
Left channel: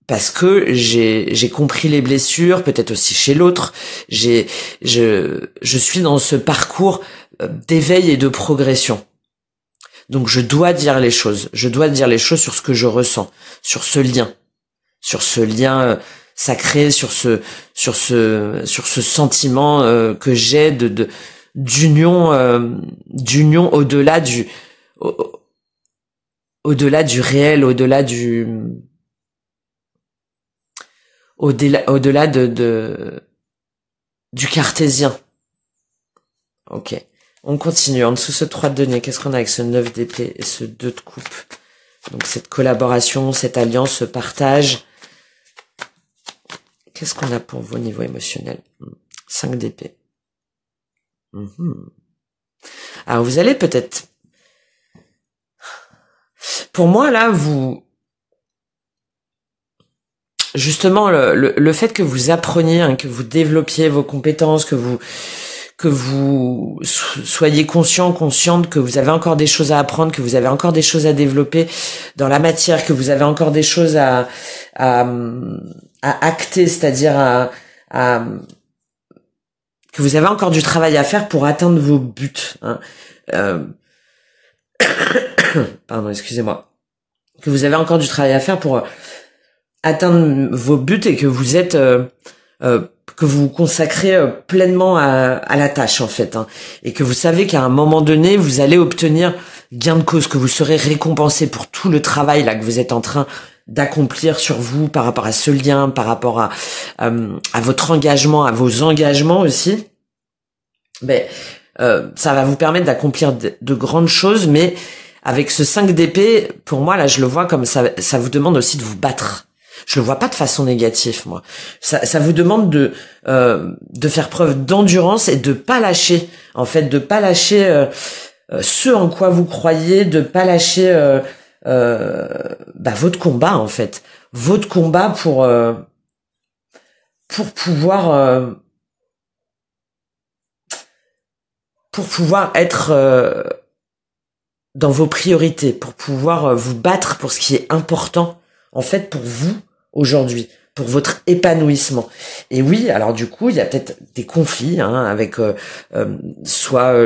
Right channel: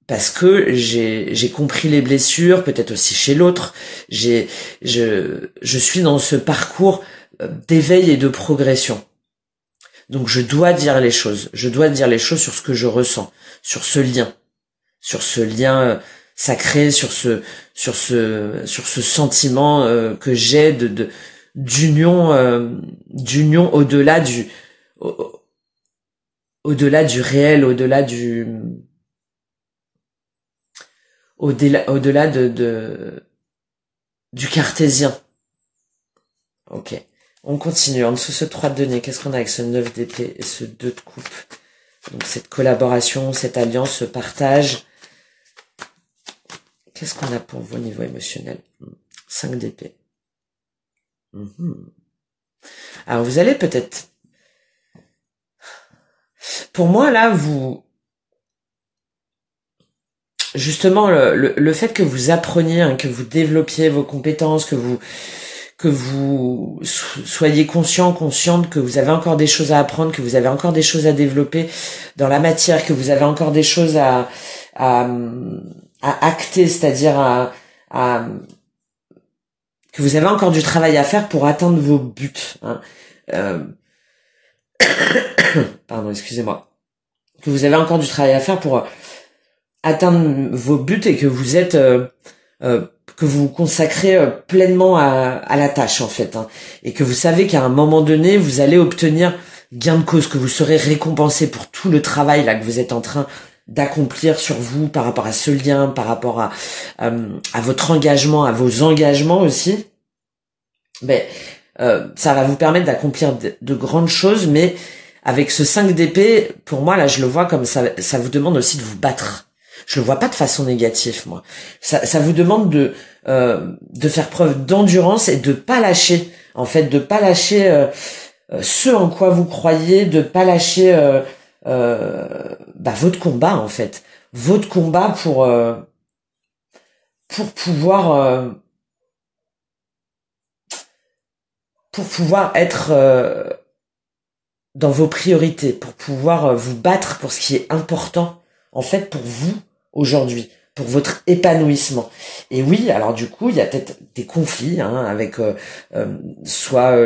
parce que j'ai compris les blessures, peut-être aussi chez l'autre. Je suis dans ce parcours d'éveil et de progression. Donc je dois dire les choses. Je dois dire les choses sur ce que je ressens, sur ce lien sacré, sur ce sentiment que j'ai d'union au-delà du réel, au-delà du cartésien. Ok. On continue. En dessous ce 3 de denier, qu'est-ce qu'on a avec ce 9 d'épée et ce 2 de coupe? Donc cette collaboration, cette alliance, ce partage. Qu'est-ce qu'on a pour vous au niveau émotionnel? 5 d'épée. Alors vous allez peut-être... Pour moi, là, justement, le fait que vous appreniez, que vous développiez vos compétences, que vous soyez consciente que vous avez encore des choses à apprendre, que vous avez encore des choses à développer dans la matière, que vous avez encore des choses à acter, c'est-à-dire que vous avez encore du travail à faire pour atteindre vos buts. Pardon, excusez-moi. Que vous avez encore du travail à faire pour atteindre vos buts et que vous êtes... que vous vous consacrez pleinement à la tâche en fait, et que vous savez qu'à un moment donné vous allez obtenir gain de cause, que vous serez récompensé pour tout le travail là que vous êtes en train d'accomplir sur vous par rapport à ce lien, par rapport à votre engagement, à vos engagements aussi. Ça va vous permettre d'accomplir de grandes choses, mais avec ce 5 d'épée, pour moi là je le vois comme ça vous demande aussi de vous battre. Je le vois pas de façon négative, moi. Ça vous demande de faire preuve d'endurance et de pas lâcher, en fait, de pas lâcher ce en quoi vous croyez, de pas lâcher votre combat, en fait, votre combat pour pouvoir être dans vos priorités, pour pouvoir vous battre pour ce qui est important, en fait, pour vous aujourd'hui, pour votre épanouissement. Et oui, alors du coup, il y a peut-être des conflits avec soit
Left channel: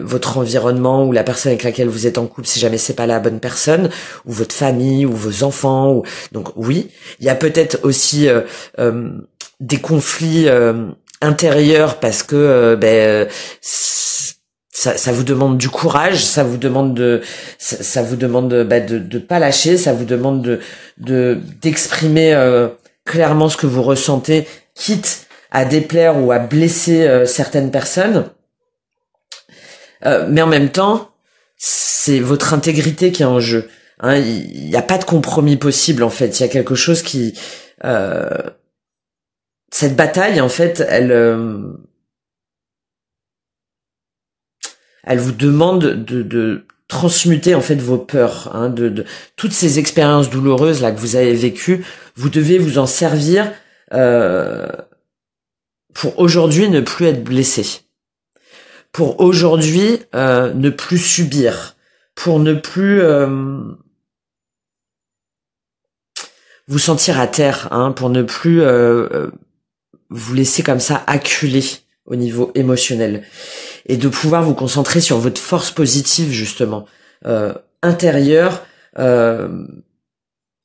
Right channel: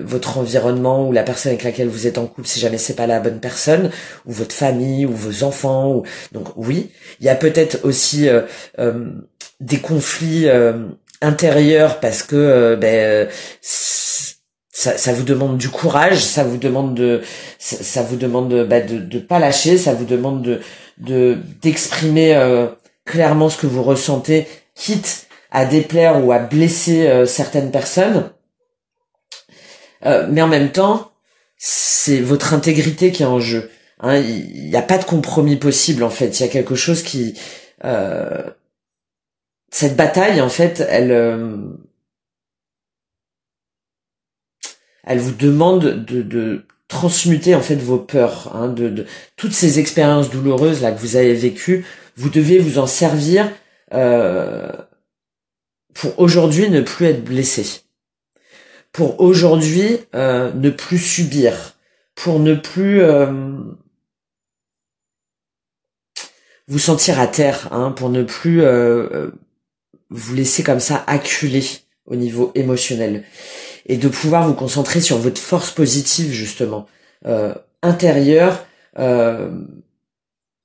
votre environnement ou la personne avec laquelle vous êtes en couple, si jamais c'est pas la bonne personne, ou votre famille, ou vos enfants. Donc oui, il y a peut-être aussi des conflits intérieurs parce que ça vous demande du courage, ça vous demande de pas lâcher, ça vous demande d'exprimer clairement ce que vous ressentez, quitte à déplaire ou à blesser certaines personnes. Mais en même temps, c'est votre intégrité qui est en jeu. Il n'y a pas de compromis possible en fait. Il y a quelque chose qui cette bataille en fait, elle vous demande de transmuter en fait vos peurs, de toutes ces expériences douloureuses là que vous avez vécues. Vous devez vous en servir pour aujourd'hui ne plus être blessé, pour aujourd'hui ne plus subir, pour ne plus vous sentir à terre, hein, pour ne plus vous laisser comme ça acculer au niveau émotionnel, et de pouvoir vous concentrer sur votre force positive justement intérieure,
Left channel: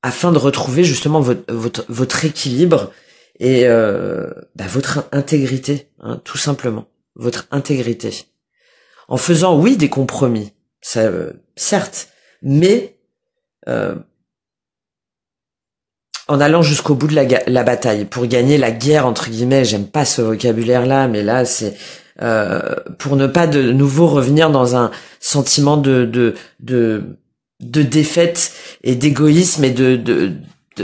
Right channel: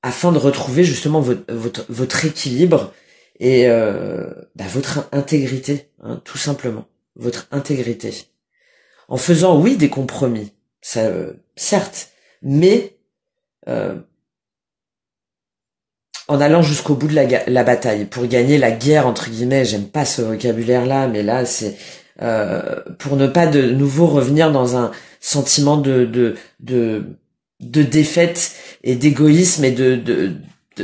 afin de retrouver justement votre équilibre et votre intégrité, hein, tout simplement, votre intégrité. En faisant, oui, des compromis, ça, certes, mais en allant jusqu'au bout de la bataille, pour gagner la guerre, entre guillemets, j'aime pas ce vocabulaire-là, mais là, c'est pour ne pas de nouveau revenir dans un sentiment de défaite et d'égoïsme et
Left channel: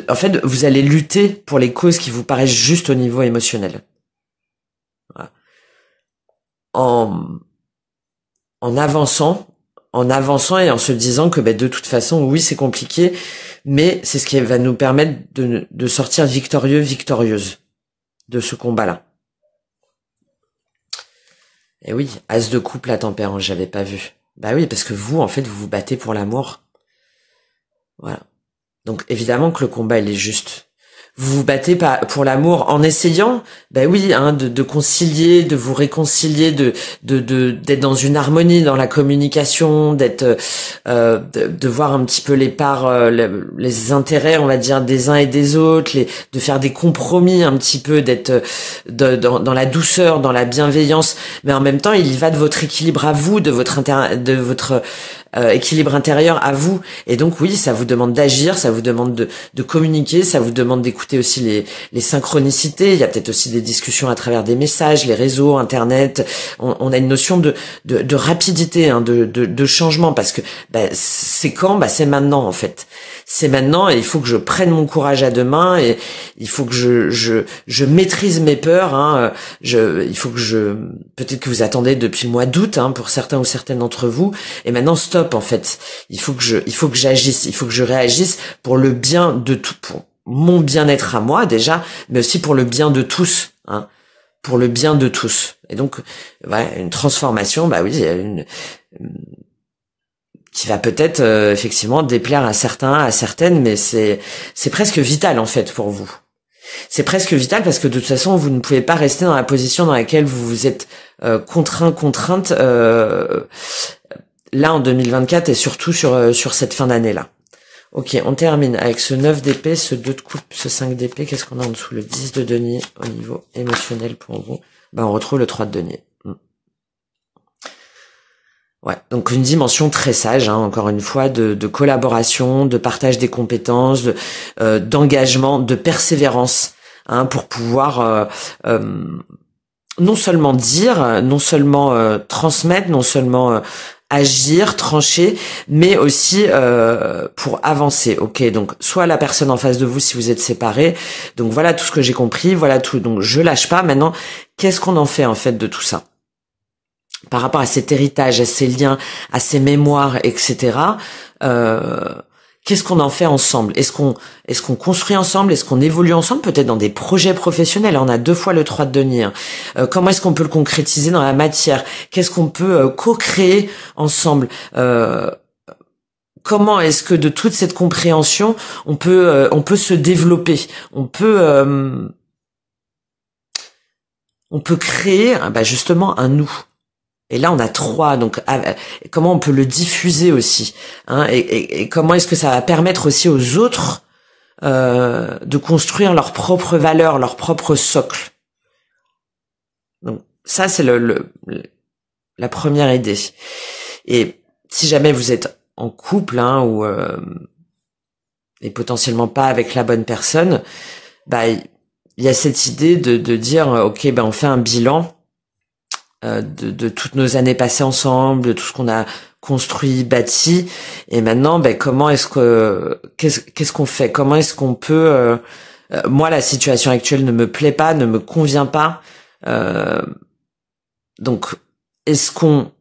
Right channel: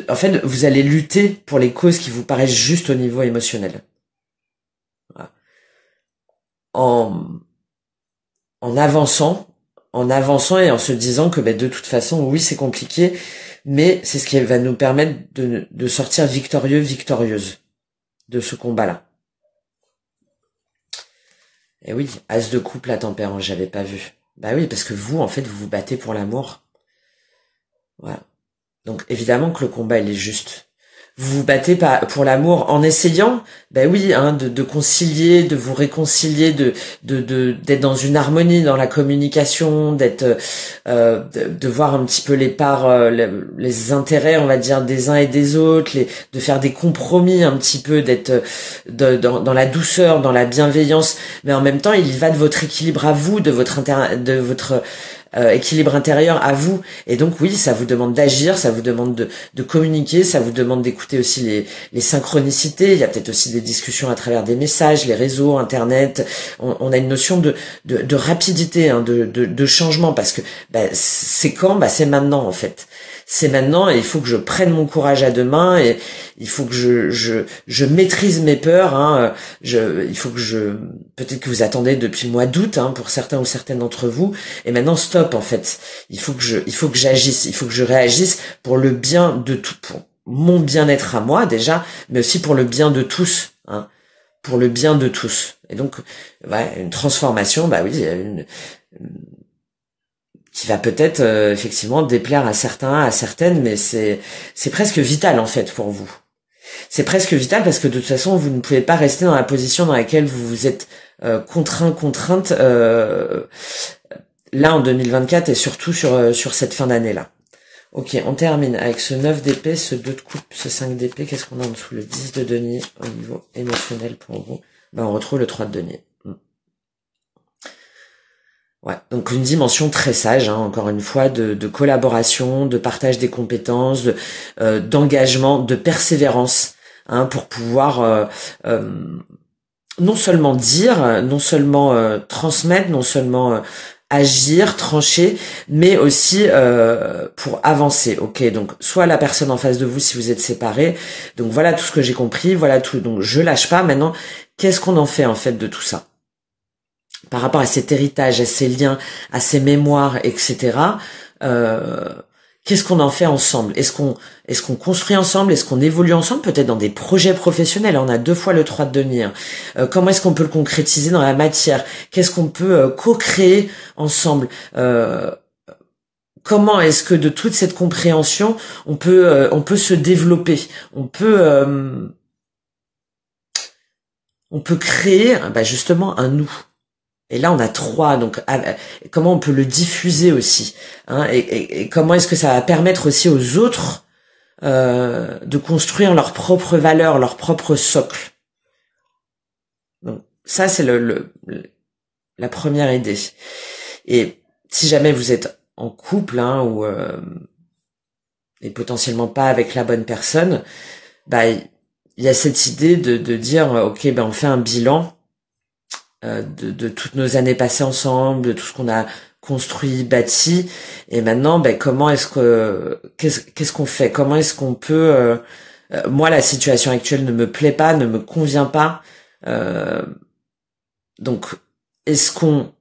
en fait, vous allez lutter pour les causes qui vous paraissent justes au niveau émotionnel. Voilà. En avançant et en se disant que de toute façon, oui, c'est compliqué, mais c'est ce qui va nous permettre de sortir victorieuse de ce combat-là. Et oui, As de coupe, la tempérance, j'avais pas vu. Bah oui, parce que vous, en fait, vous vous battez pour l'amour. Voilà. Donc évidemment que le combat, il est juste. Vous vous battez pour l'amour en essayant, oui, hein, de concilier, de vous réconcilier, d'être dans une harmonie dans la communication, de voir un petit peu les parts, les intérêts, on va dire, des uns et des autres, de faire des compromis un petit peu, d'être dans la douceur, dans la bienveillance, mais en même temps, il y va de votre équilibre à vous, de votre équilibre intérieur à vous. Et donc oui, ça vous demande d'agir, ça vous demande de communiquer, ça vous demande d'écouter aussi les synchronicités. Il y a peut-être aussi des discussions à travers des messages, les réseaux, internet. On a une notion de rapidité, hein, de changement, parce que c'est quand, c'est maintenant en fait. C'est maintenant, et il faut que je prenne mon courage à deux mains, et il faut que je maîtrise mes peurs, hein. Il faut que peut-être que vous attendez depuis le mois d'août, hein, pour certains ou certaines d'entre vous, et maintenant stop en fait. Il faut que j'agisse, il faut que je réagisse pour le bien de tout, pour mon bien-être à moi déjà, mais aussi pour le bien de tous, hein, pour le bien de tous. Et donc, voilà, une transformation, oui, qui va peut-être effectivement déplaire à certains, à certaines, mais c'est presque vital en fait pour vous. C'est presque vital parce que de toute façon vous ne pouvez pas rester dans la position dans laquelle vous vous êtes contrainte là en 2024 et surtout sur cette fin d'année là. Ok, on termine avec ce 9 d'épée, ce 2 de coupe, ce 5 d'épée. Qu'est-ce qu'on a en dessous? Le 10 de denier au niveau émotionnel pour vous. On retrouve le 3 de denier. Ouais, donc une dimension très sage, hein, encore une fois, de collaboration, de partage des compétences, d'engagement, de persévérance, hein, pour pouvoir non seulement dire, non seulement transmettre, non seulement agir, trancher, mais aussi pour avancer. Ok, donc soit la personne en face de vous si vous êtes séparés. Donc voilà tout ce que j'ai compris, voilà tout. Donc je lâche pas. Maintenant, qu'est-ce qu'on en fait en fait de tout ça? Par rapport à cet héritage, à ces liens, à ces mémoires, etc. Qu'est-ce qu'on en fait ensemble? Est-ce qu'on construit ensemble? Est-ce qu'on évolue ensemble? Peut-être dans des projets professionnels. On a 2 fois le 3 de denier. Comment est-ce qu'on peut le concrétiser dans la matière? Qu'est-ce qu'on peut co-créer ensemble? Comment est-ce que de toute cette compréhension, on peut se développer? On peut créer justement un nous. Et là, on a 3, donc comment on peut le diffuser aussi, hein, et comment est-ce que ça va permettre aussi aux autres de construire leurs propres valeurs, leur propre socle. Donc ça, c'est la première idée. Et si jamais vous êtes en couple, hein, ou et potentiellement pas avec la bonne personne, il y a cette idée de dire ok, on fait un bilan de toutes nos années passées ensemble, de tout ce qu'on a construit, bâti, et maintenant comment est-ce que qu'est-ce qu'on fait, comment est-ce qu'on peut moi la situation actuelle ne me plaît pas, ne me convient pas, donc est-ce qu'on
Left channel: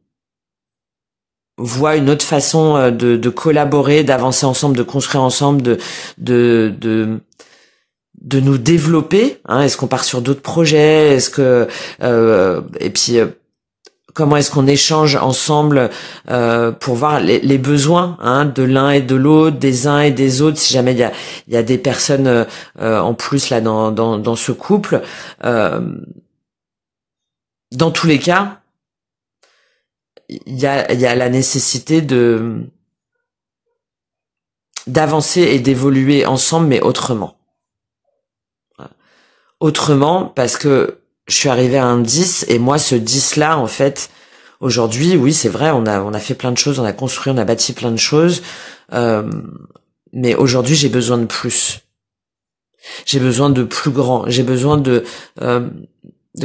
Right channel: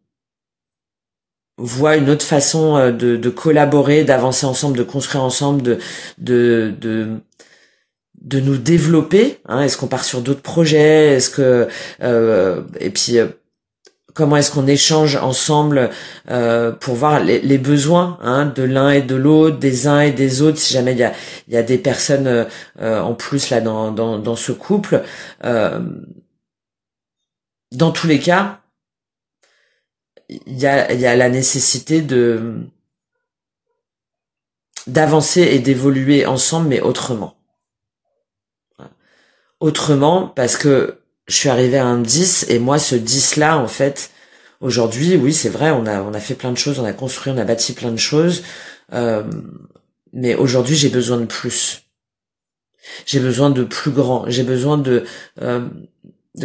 voit une autre façon de collaborer, d'avancer ensemble, de construire ensemble, de nous développer, hein? Est-ce qu'on part sur d'autres projets? Est-ce que et puis comment est-ce qu'on échange ensemble pour voir les besoins, hein, de l'un et de l'autre, des uns et des autres, si jamais il y a des personnes en plus là dans ce couple. Dans tous les cas, il y a la nécessité d'avancer et d'évoluer ensemble, mais autrement. Autrement, parce que je suis arrivée à un 10, et moi, ce 10-là, en fait, aujourd'hui, oui, c'est vrai, on a fait plein de choses, on a construit, on a bâti plein de choses, mais aujourd'hui, j'ai besoin de plus. J'ai besoin de plus grand, j'ai besoin de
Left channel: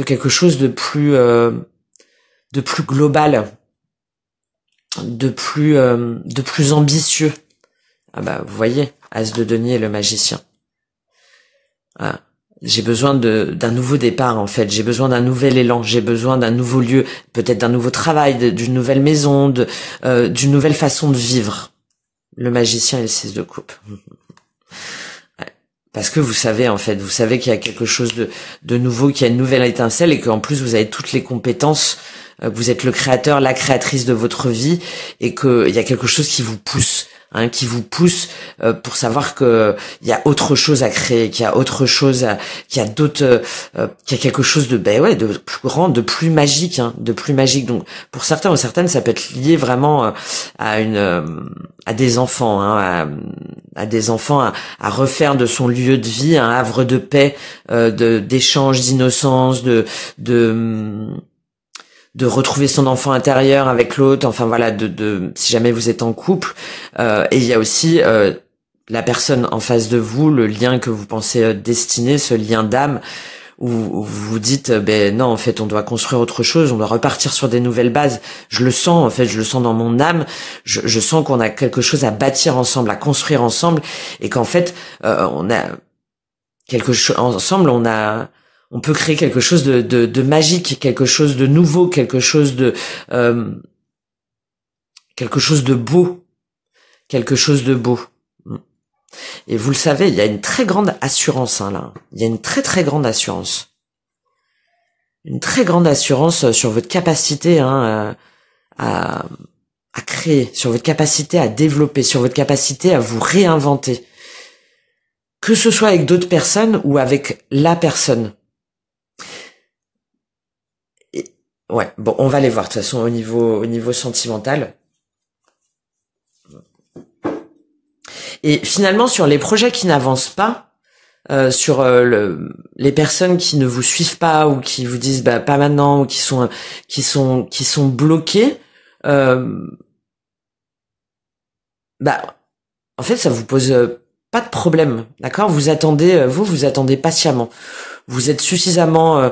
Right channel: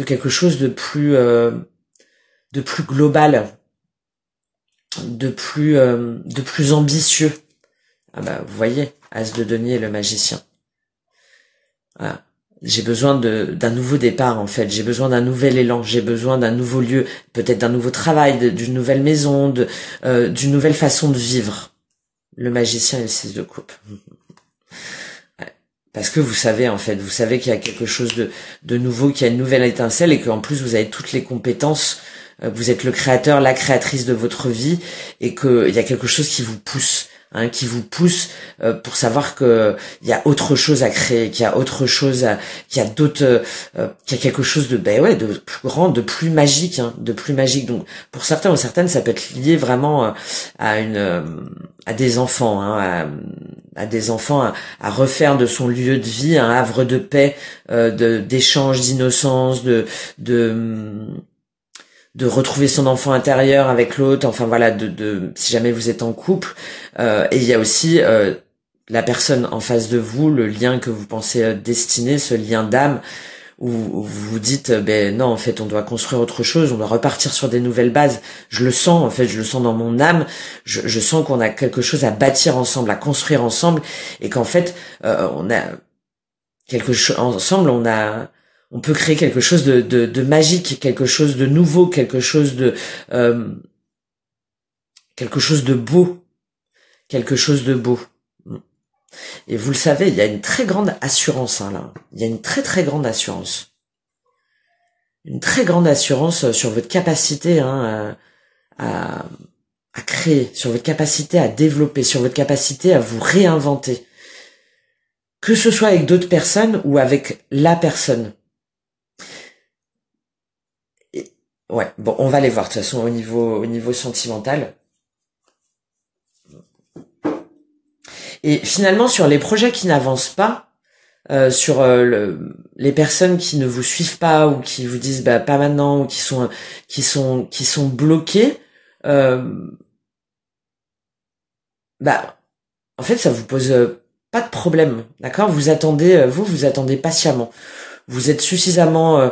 quelque chose de plus global, de plus ambitieux. Ah bah, vous voyez, As de denier, le magicien. Ah, j'ai besoin d'un nouveau départ, en fait. J'ai besoin d'un nouvel élan. J'ai besoin d'un nouveau lieu, peut-être d'un nouveau travail, d'une nouvelle maison, d'une nouvelle façon de vivre. Le magicien et le 6 de coupe. Parce que vous savez, en fait, vous savez qu'il y a quelque chose de nouveau, qu'il y a une nouvelle étincelle et qu'en plus vous avez toutes les compétences. Vous êtes le créateur, la créatrice de votre vie et qu'il y a quelque chose qui vous pousse. Hein, qui vous pousse pour savoir que il y a autre chose à créer, qu'il y a autre chose, qu'il y a d'autres, qu'il y a quelque chose de de plus grand, de plus magique, hein, de plus magique. Donc pour certains ou certaines, ça peut être lié vraiment à des enfants, hein, à des enfants, à refaire de son lieu de vie un havre de paix, d'échange, d'innocence, de retrouver son enfant intérieur avec l'autre, enfin voilà, si jamais vous êtes en couple, et il y a aussi la personne en face de vous, le lien que vous pensez destiné, ce lien d'âme, où vous vous dites, non, en fait, on doit construire autre chose, on doit repartir sur des nouvelles bases. Je le sens, en fait, je le sens dans mon âme, je sens qu'on a quelque chose à bâtir ensemble, à construire ensemble, et qu'en fait, on a quelque chose ensemble, on peut créer quelque chose de magique, quelque chose de nouveau, quelque chose de beau, quelque chose de beau. Et vous le savez, il y a une très grande assurance, hein, là. Il y a une très très grande assurance. Une très grande assurance sur votre capacité, hein, à créer, sur votre capacité à développer, sur votre capacité à vous réinventer. Que ce soit avec d'autres personnes ou avec la personne. Ouais, bon, on va les voir de toute façon au niveau sentimental. Et finalement, sur les projets qui n'avancent pas, sur les personnes qui ne vous suivent pas ou qui vous disent pas maintenant ou qui sont bloquées, en fait, ça vous pose pas de problème, d'accord? Vous attendez patiemment. Vous êtes suffisamment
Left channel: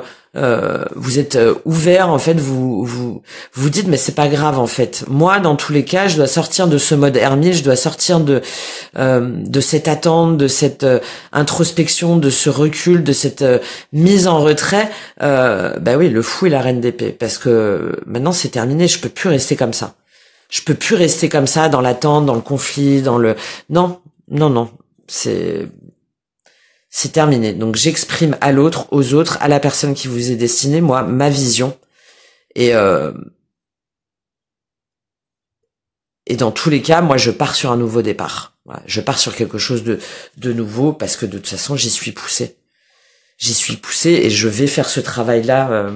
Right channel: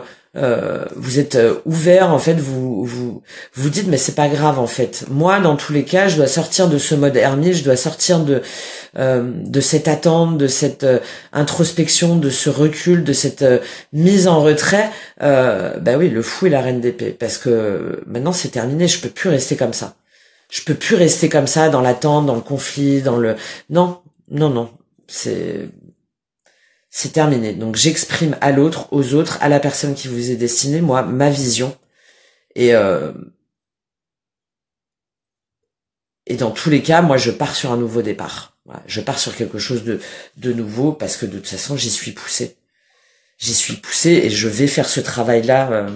vous êtes ouvert, en fait, vous dites mais c'est pas grave, en fait. Moi, dans tous les cas, je dois sortir de ce mode ermite, je dois sortir de cette attente, de cette introspection, de ce recul, de cette mise en retrait. Oui, le fou et la reine d'épée, parce que maintenant c'est terminé, je peux plus rester comme ça. Je peux plus rester comme ça dans l'attente, dans le conflit, non, c'est terminé. Donc j'exprime à l'autre, aux autres, à la personne qui vous est destinée, moi, ma vision. Et dans tous les cas, moi, je pars sur un nouveau départ. Voilà, je pars sur quelque chose de nouveau parce que de toute façon, j'y suis poussé. J'y suis poussé et je vais faire ce travail-là.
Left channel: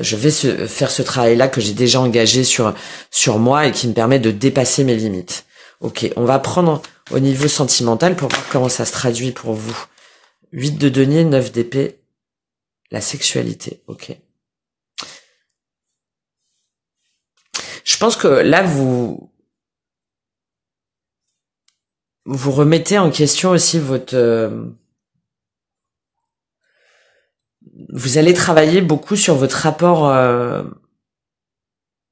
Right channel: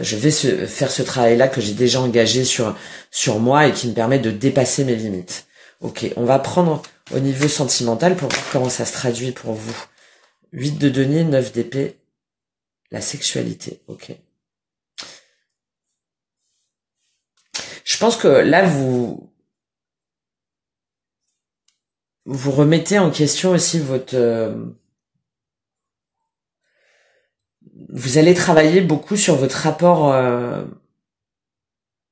Faire ce travail-là que j'ai déjà engagé sur moi et qui me permet de dépasser mes limites. Ok, on va prendre au niveau sentimental pour voir comment ça se traduit pour vous. 8 de denier, 9 d'épée, la sexualité, ok. Je pense que là, vous remettez en question aussi votre... vous allez travailler beaucoup sur votre rapport...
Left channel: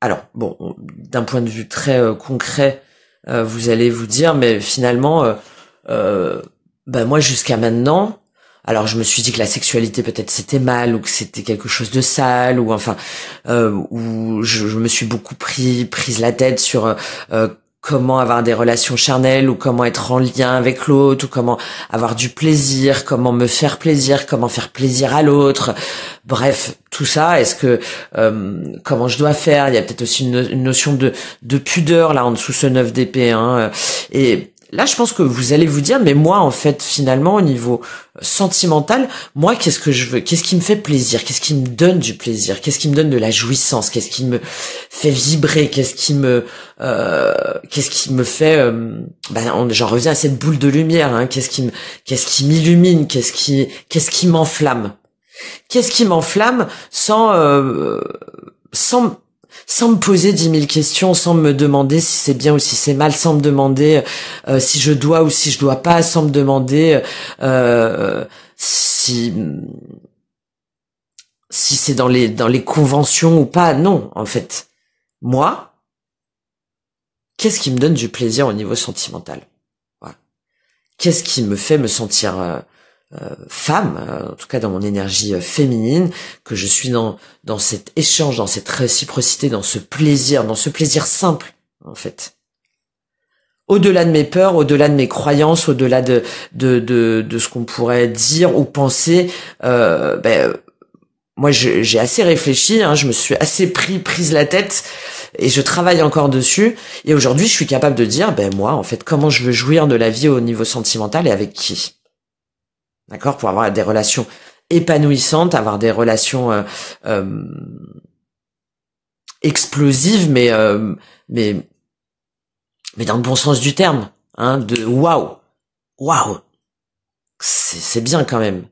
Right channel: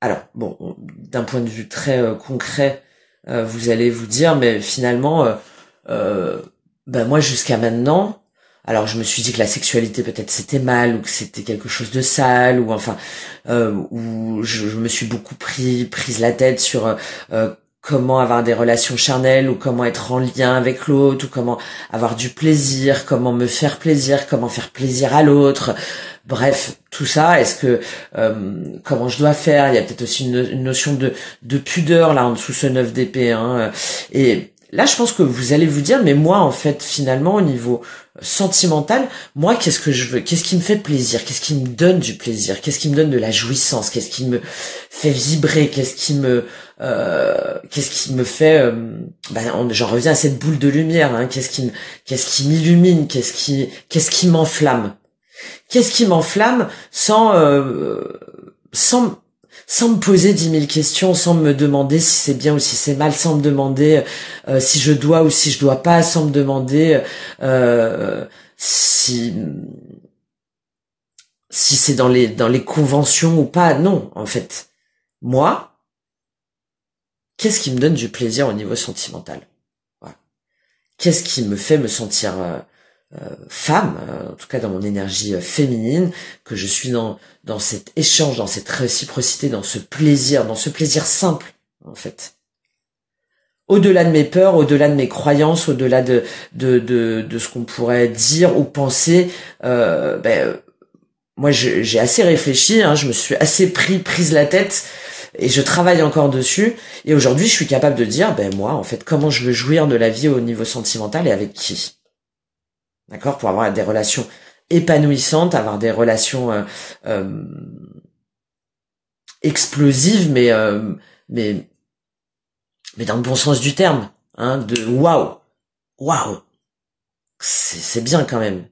Alors, bon, d'un point de vue très concret, vous allez vous dire, mais finalement, moi, jusqu'à maintenant... Alors je me suis dit que la sexualité peut-être c'était mal ou que c'était quelque chose de sale ou enfin où je me suis beaucoup prise la tête sur comment avoir des relations charnelles ou comment être en lien avec l'autre ou comment avoir du plaisir, comment me faire plaisir, comment faire plaisir à l'autre. Bref, tout ça, est-ce que comment je dois faire? Il y a peut-être aussi une notion de pudeur là en dessous ce 9 d'épée, hein. Et là, je pense que vous allez vous dire, mais moi, en fait, finalement, au niveau sentimental, moi, qu'est-ce que je veux? Qu'est-ce qui me fait plaisir? Qu'est-ce qui me donne du plaisir? Qu'est-ce qui me donne de la jouissance? Qu'est-ce qui me fait vibrer? Qu'est-ce qui me fait j'en reviens à cette boule de lumière, hein. Qu'est-ce qui m'illumine? Qu'est-ce qui m'enflamme? Qu'est-ce qui m'enflamme sans me poser 10 000 questions, sans me demander si c'est bien ou si c'est mal, sans me demander si je dois ou si je dois pas, sans me demander si c'est dans les conventions ou pas. Non, en fait, moi, qu'est-ce qui me donne du plaisir au niveau sentimental? Voilà. Qu'est-ce qui me fait me sentir femme, en tout cas dans mon énergie féminine, que je suis dans cet échange, dans cette réciprocité, dans ce plaisir simple, en fait. Au-delà de mes peurs, au-delà de mes croyances, au-delà de ce qu'on pourrait dire ou penser, moi j'ai assez réfléchi, hein, je me suis assez prise la tête et je travaille encore dessus. Et aujourd'hui, je suis capable de dire, moi, en fait, comment je veux jouir de la vie au niveau sentimental et avec qui? D'accord, pour avoir des relations épanouissantes, avoir des relations explosives, mais dans le bon sens du terme, hein, de waouh, c'est bien quand même.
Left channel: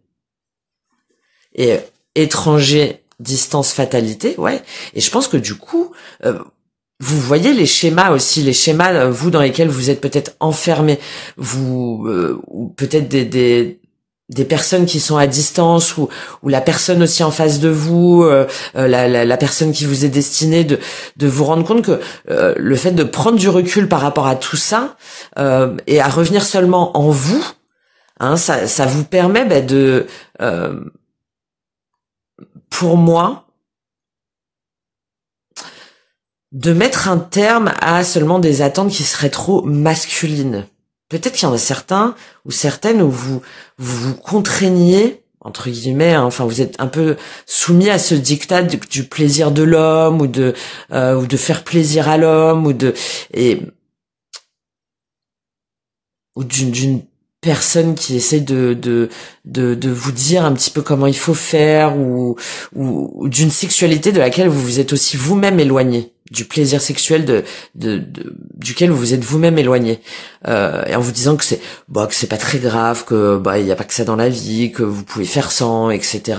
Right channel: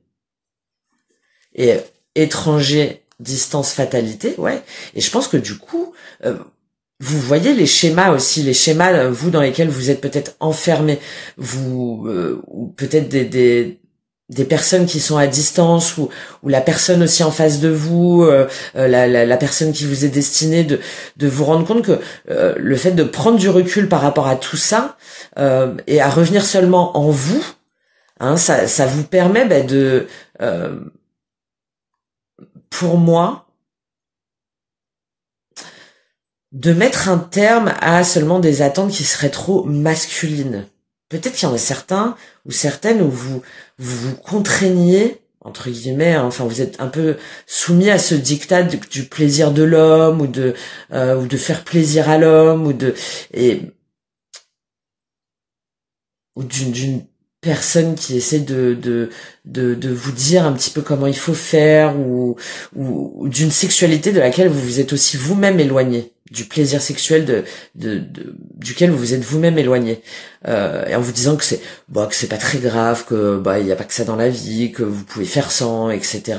Et étranger, distance, fatalité, ouais. Et je pense que du coup, vous voyez les schémas aussi, vous dans lesquels vous êtes peut-être enfermés, vous ou peut-être des personnes qui sont à distance ou la personne aussi en face de vous, la personne qui vous est destinée, de vous rendre compte que le fait de prendre du recul par rapport à tout ça et à revenir seulement en vous, hein, ça vous permet pour moi, de mettre un terme à seulement des attentes qui seraient trop masculines. Peut-être qu'il y en a certains ou certaines où vous contraignez, entre guillemets, hein, enfin vous êtes un peu soumis à ce diktat du plaisir de l'homme ou de faire plaisir à l'homme ou d'une personne qui essaie de vous dire un petit peu comment il faut faire ou d'une sexualité de laquelle vous vous êtes aussi vous-même éloigné, du plaisir sexuel duquel vous vous êtes vous-même éloigné, et en vous disant que c'est pas très grave, que il y a pas que ça dans la vie, que vous pouvez faire sans, etc.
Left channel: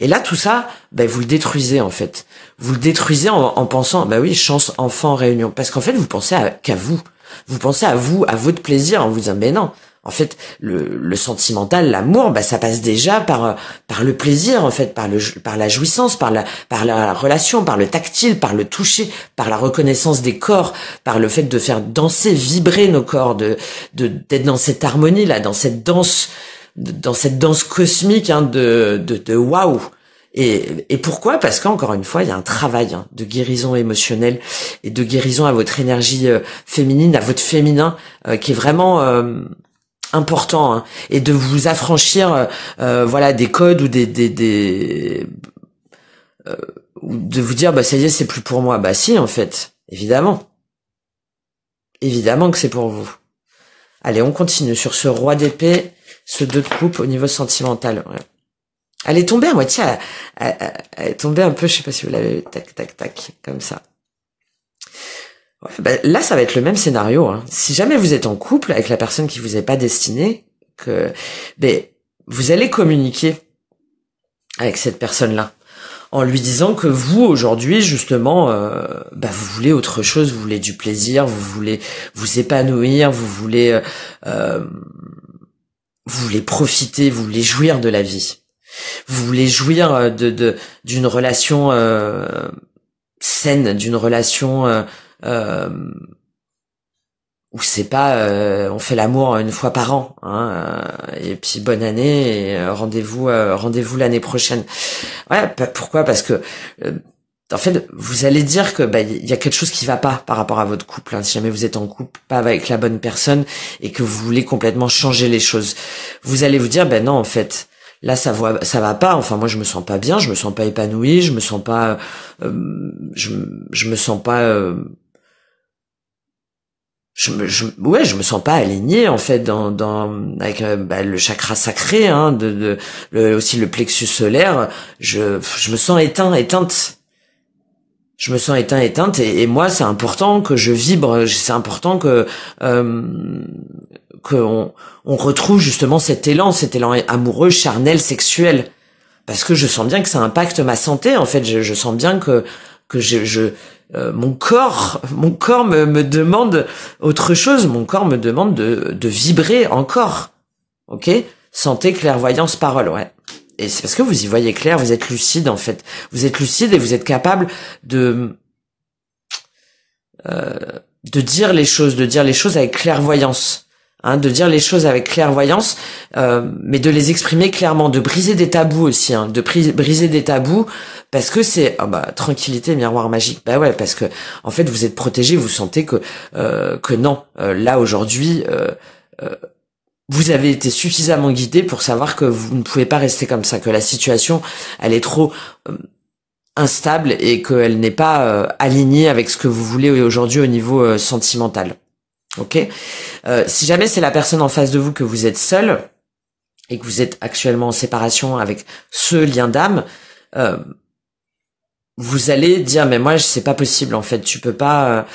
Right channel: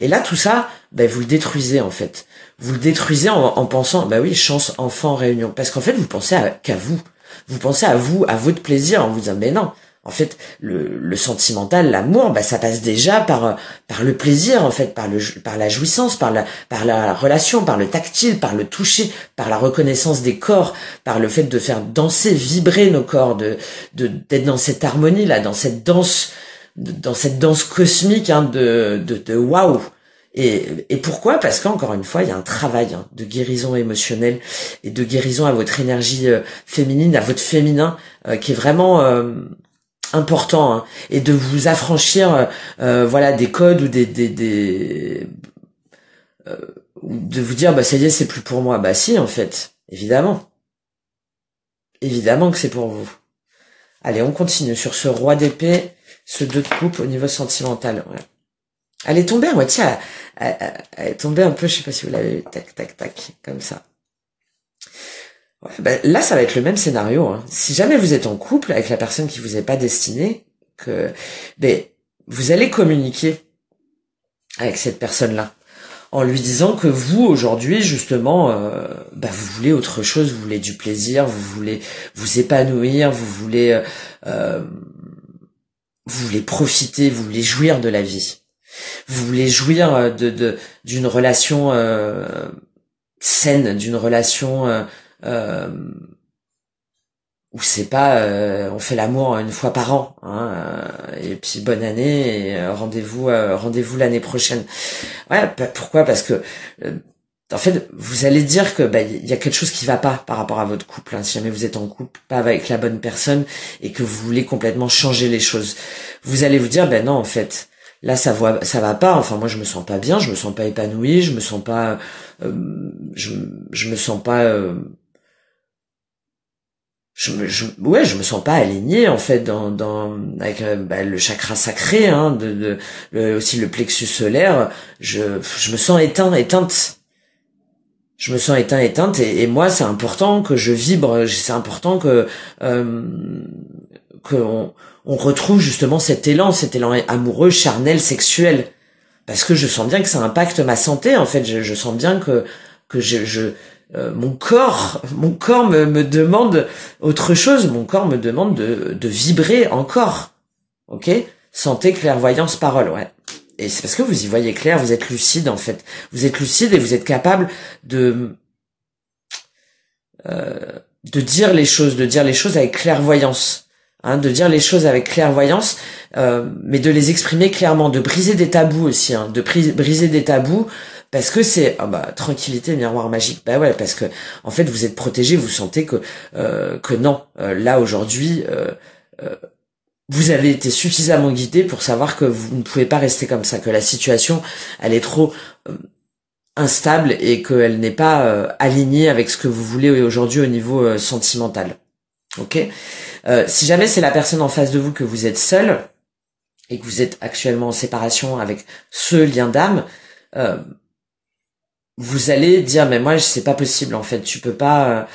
Et là tout ça, vous le détruisez en fait. Vous le détruisez en pensant oui, chance enfant réunion, parce qu'en fait vous pensez qu'à vous. Vous pensez à vous, à votre plaisir, en vous disant non. En fait, le sentimental, l'amour, ça passe déjà par le plaisir, en fait, par la jouissance, par la relation, par le tactile, par le toucher, par la reconnaissance des corps, par le fait de faire danser, vibrer nos corps, d'être dans cette harmonie là, dans cette danse cosmique, hein, de waouh. Et pourquoi? Parce qu'encore une fois, il y a un travail, hein, de guérison émotionnelle et de guérison à votre énergie féminine, à votre féminin, qui est vraiment important, hein, et de vous affranchir, des codes ou de vous dire ça y est, c'est plus pour moi. Si, en fait, évidemment que c'est pour vous. Allez, on continue sur ce roi d'épée, ce 2 de coupe au niveau sentimental. Ouais. Elle est tombée à moitié, elle est tombée un peu, je sais pas si vous l'avez, tac, comme ça. Ouais, là, ça va être le même scénario, hein. Si jamais vous êtes en couple avec la personne qui vous est pas destinée, vous allez communiquer avec cette personne-là, en lui disant que vous, aujourd'hui, justement, vous voulez autre chose, vous voulez du plaisir, vous voulez vous épanouir, vous voulez profiter, vous voulez jouir de la vie. Vous voulez jouir d'une relation saine, d'une relation où c'est pas on fait l'amour 1 fois par an, hein, et puis bonne année et rendez-vous l'année prochaine. Ouais, pourquoi? Parce que en fait, vous allez dire que il y a quelque chose qui va pas par rapport à votre couple. Hein, si jamais vous êtes en couple, pas avec la bonne personne et que vous voulez complètement changer les choses, vous allez vous dire non, en fait, là ça va pas. Enfin, moi je me sens pas bien, je me sens pas épanoui, je me sens pas, je me sens pas, je me sens pas aligné en fait avec le chakra sacré, hein, aussi le plexus solaire. Je me sens éteinte. Je me sens éteinte et moi c'est important que je vibre, c'est important que on retrouve justement cet élan amoureux, charnel, sexuel, parce que je sens bien que ça impacte ma santé. En fait, je sens bien que mon corps me demande autre chose, mon corps me demande de vibrer encore. OK? Santé, clairvoyance, parole, ouais. Et c'est parce que vous y voyez clair, vous êtes lucide en fait. Vous êtes lucide et vous êtes capable de dire les choses, avec clairvoyance, hein, de dire les choses avec clairvoyance, mais de les exprimer clairement, de briser des tabous aussi, hein, de briser des tabous, parce que c'est tranquillité, miroir magique. Bah ouais, parce que en fait vous êtes protégé, vous sentez que non, là aujourd'hui. Vous avez été suffisamment guidé pour savoir que vous ne pouvez pas rester comme ça, que la situation, elle est trop instable et qu'elle n'est pas alignée avec ce que vous voulez aujourd'hui au niveau sentimental. Ok. Si jamais c'est la personne en face de vous que vous êtes seul et que vous êtes actuellement en séparation avec ce lien d'âme, vous allez dire mais moi c'est pas possible en fait, tu peux pas.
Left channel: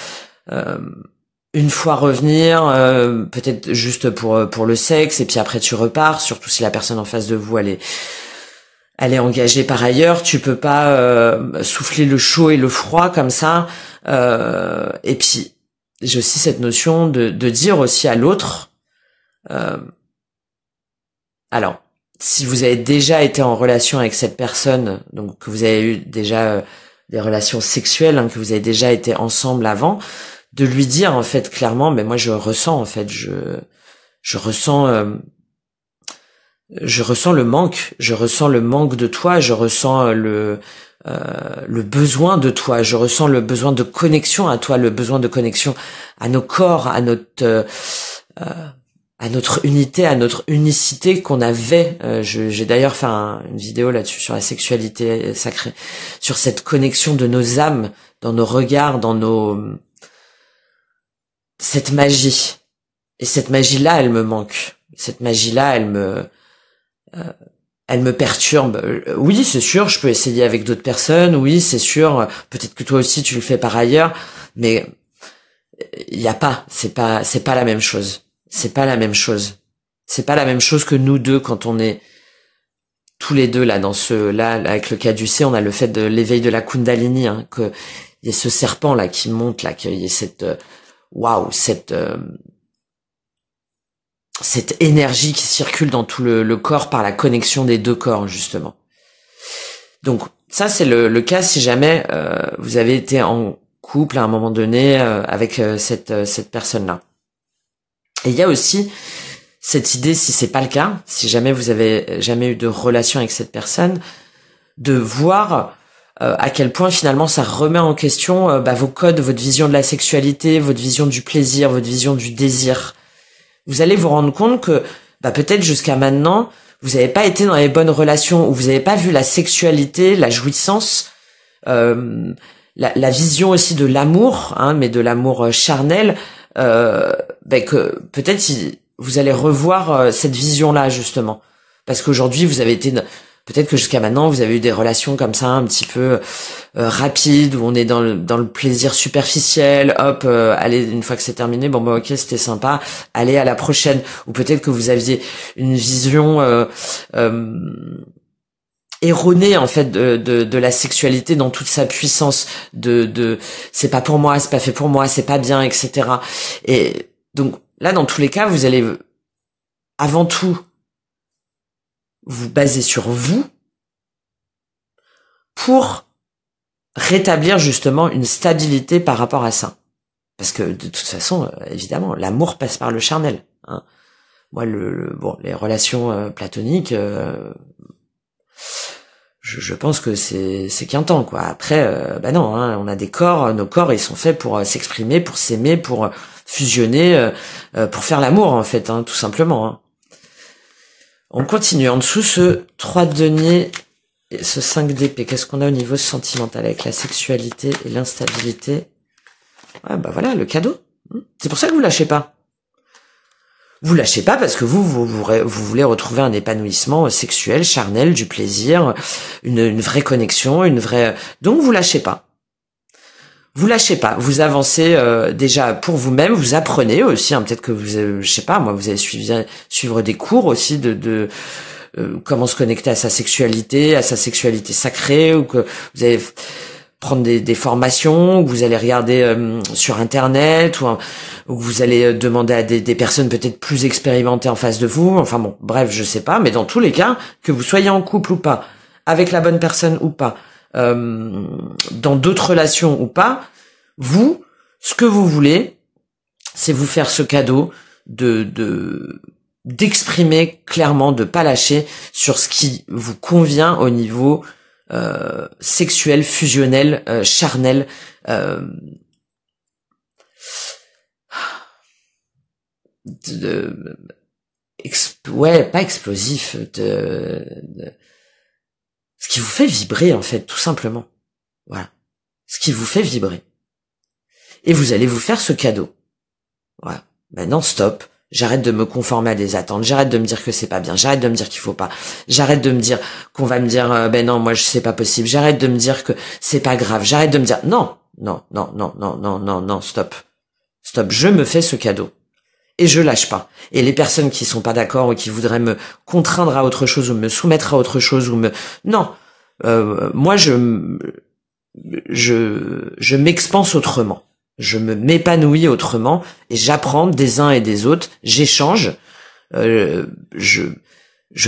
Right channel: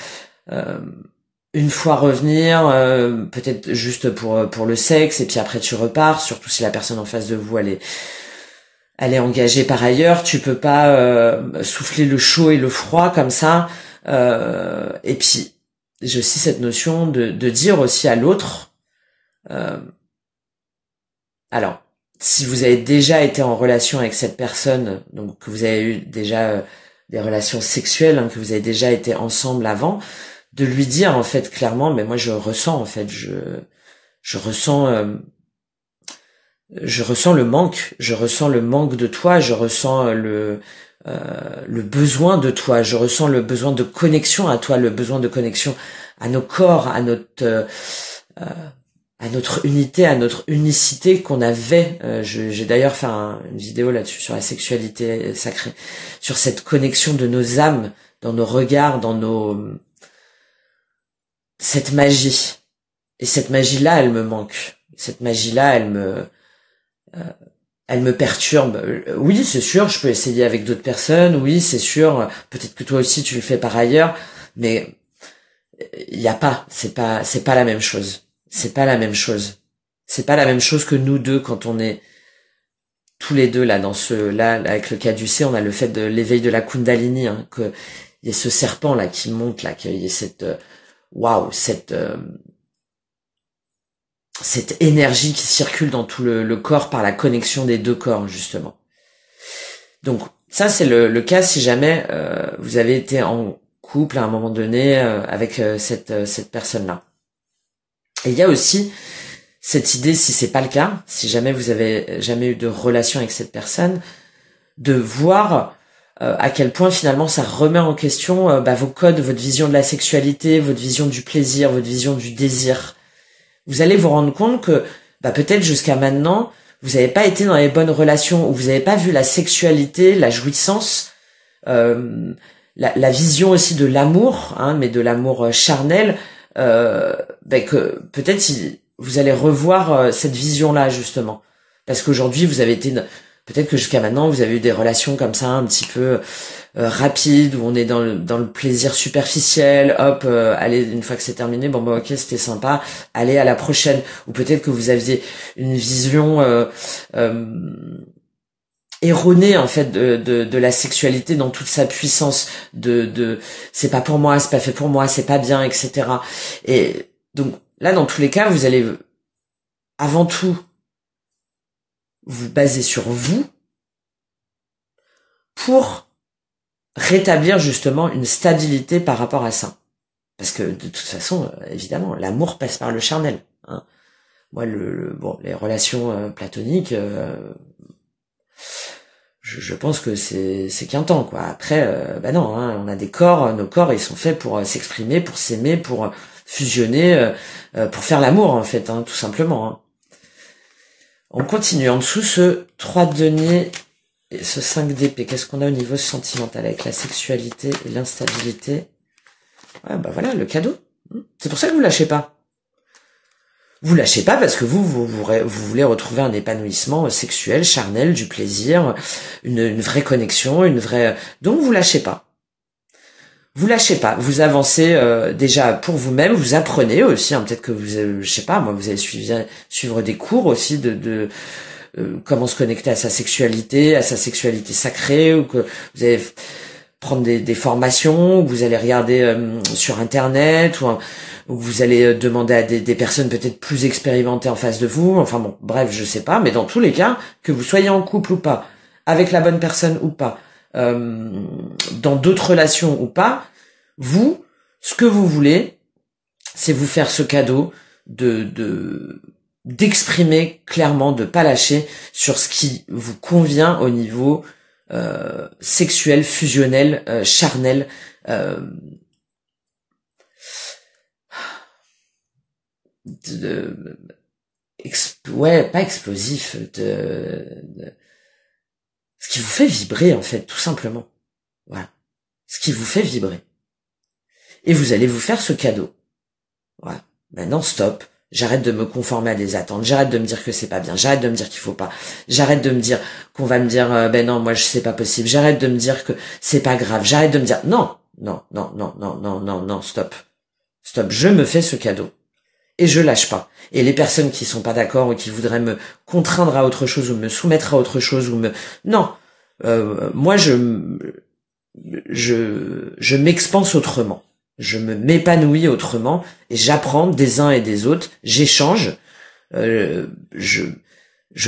Une fois revenir, peut-être juste pour le sexe, et puis après tu repars, surtout si la personne en face de vous elle est engagée par ailleurs, tu peux pas souffler le chaud et le froid comme ça. Et puis j'ai aussi cette notion de dire aussi à l'autre, alors si vous avez déjà été en relation avec cette personne, donc que vous avez eu déjà des relations sexuelles, hein, que vous avez déjà été ensemble avant, de lui dire en fait clairement, mais moi je ressens en fait, je ressens le manque, de toi, je ressens le besoin de toi, je ressens le besoin de connexion à toi, le besoin de connexion à nos corps, à notre unité, à notre unicité qu'on avait. J'ai d'ailleurs fait une vidéo là-dessus sur la sexualité sacrée, sur cette connexion de nos âmes, dans nos regards, dans cette magie. Et cette magie-là, elle me manque. Cette magie-là, elle me perturbe. Oui, c'est sûr, je peux essayer avec d'autres personnes. Oui, c'est sûr, peut-être que toi aussi tu le fais par ailleurs, mais il y a pas, c'est pas la même chose. C'est pas la même chose. C'est pas la même chose que nous deux quand on est tous les deux là avec le caducée, on a le fait de l'éveil de la Kundalini, hein, que il y ait ce serpent là qui monte là, qu'il y ait cette cette énergie qui circule dans tout le corps par la connexion des deux corps justement. Donc ça c'est le cas si jamais vous avez été en couple à un moment donné avec cette personne-là. Et il y a aussi cette idée, si c'est pas le cas, si jamais vous avez jamais eu de relation avec cette personne, de voir à quel point finalement ça remet en question vos codes, votre vision de la sexualité, votre vision du plaisir, votre vision du désir. Vous allez vous rendre compte que peut-être jusqu'à maintenant, vous n'avez pas été dans les bonnes relations, ou vous n'avez pas vu la sexualité, la jouissance, la vision aussi de l'amour, hein, mais de l'amour charnel, que peut-être vous allez revoir cette vision-là justement. Parce qu'aujourd'hui, vous avez été... Peut-être que jusqu'à maintenant, vous avez eu des relations comme ça, un petit peu rapides, où on est dans le plaisir superficiel, hop, allez, une fois que c'est terminé, ok, c'était sympa, allez à la prochaine. Ou peut-être que vous aviez une vision erronée, en fait, de la sexualité dans toute sa puissance, c'est pas pour moi, c'est pas fait pour moi, c'est pas bien, etc. Et donc, là, dans tous les cas, vous allez, avant tout, vous basez sur vous pour rétablir justement une stabilité par rapport à ça. Parce que de toute façon, évidemment, l'amour passe par le charnel. Hein. Moi, les relations platoniques, je pense que c'est qu'un temps, quoi. Après, bah non, hein, on a des corps, nos corps, ils sont faits pour s'exprimer, pour s'aimer, pour fusionner, pour faire l'amour, en fait, hein, tout simplement. Hein. On continue. En dessous, ce 3 de denier et ce 5 d'épée. Qu'est-ce qu'on a au niveau sentimental avec la sexualité et l'instabilité? Ouais, bah voilà, le cadeau. C'est pour ça que vous lâchez pas. Vous lâchez pas parce que vous voulez retrouver un épanouissement sexuel, charnel, du plaisir, une vraie connexion, une vraie... Donc vous lâchez pas. Vous lâchez pas. Vous avancez déjà pour vous-même. Vous apprenez aussi. Hein, peut-être que vous, je sais pas, moi, vous allez suivre des cours aussi de comment se connecter à sa sexualité sacrée, ou que vous allez prendre des formations, ou vous allez regarder sur Internet, ou vous allez demander à des personnes peut-être plus expérimentées en face de vous. Enfin bon, bref, je sais pas. Mais dans tous les cas, que vous soyez en couple ou pas, avec la bonne personne ou pas, dans d'autres relations ou pas, vous, ce que vous voulez, c'est vous faire ce cadeau d'exprimer clairement, de pas lâcher sur ce qui vous convient au niveau sexuel, fusionnel, charnel, ouais, pas explosif, ce qui vous fait vibrer, en fait, tout simplement. Voilà. Ce qui vous fait vibrer. Et vous allez vous faire ce cadeau. Voilà. Maintenant, stop. J'arrête de me conformer à des attentes. J'arrête de me dire que c'est pas bien. J'arrête de me dire qu'il faut pas. J'arrête de me dire qu'on va me dire, ben non, moi, c'est pas possible. J'arrête de me dire que c'est pas grave. J'arrête de me dire, non, non, non, non, non, non, non, non, stop. Stop. Je me fais ce cadeau. Et je lâche pas. Et les personnes qui sont pas d'accord ou qui voudraient me contraindre à autre chose ou me soumettre à autre chose ou me... Non. Moi, je m'expanse autrement. Je m'épanouis autrement et j'apprends des uns et des autres. J'échange. Je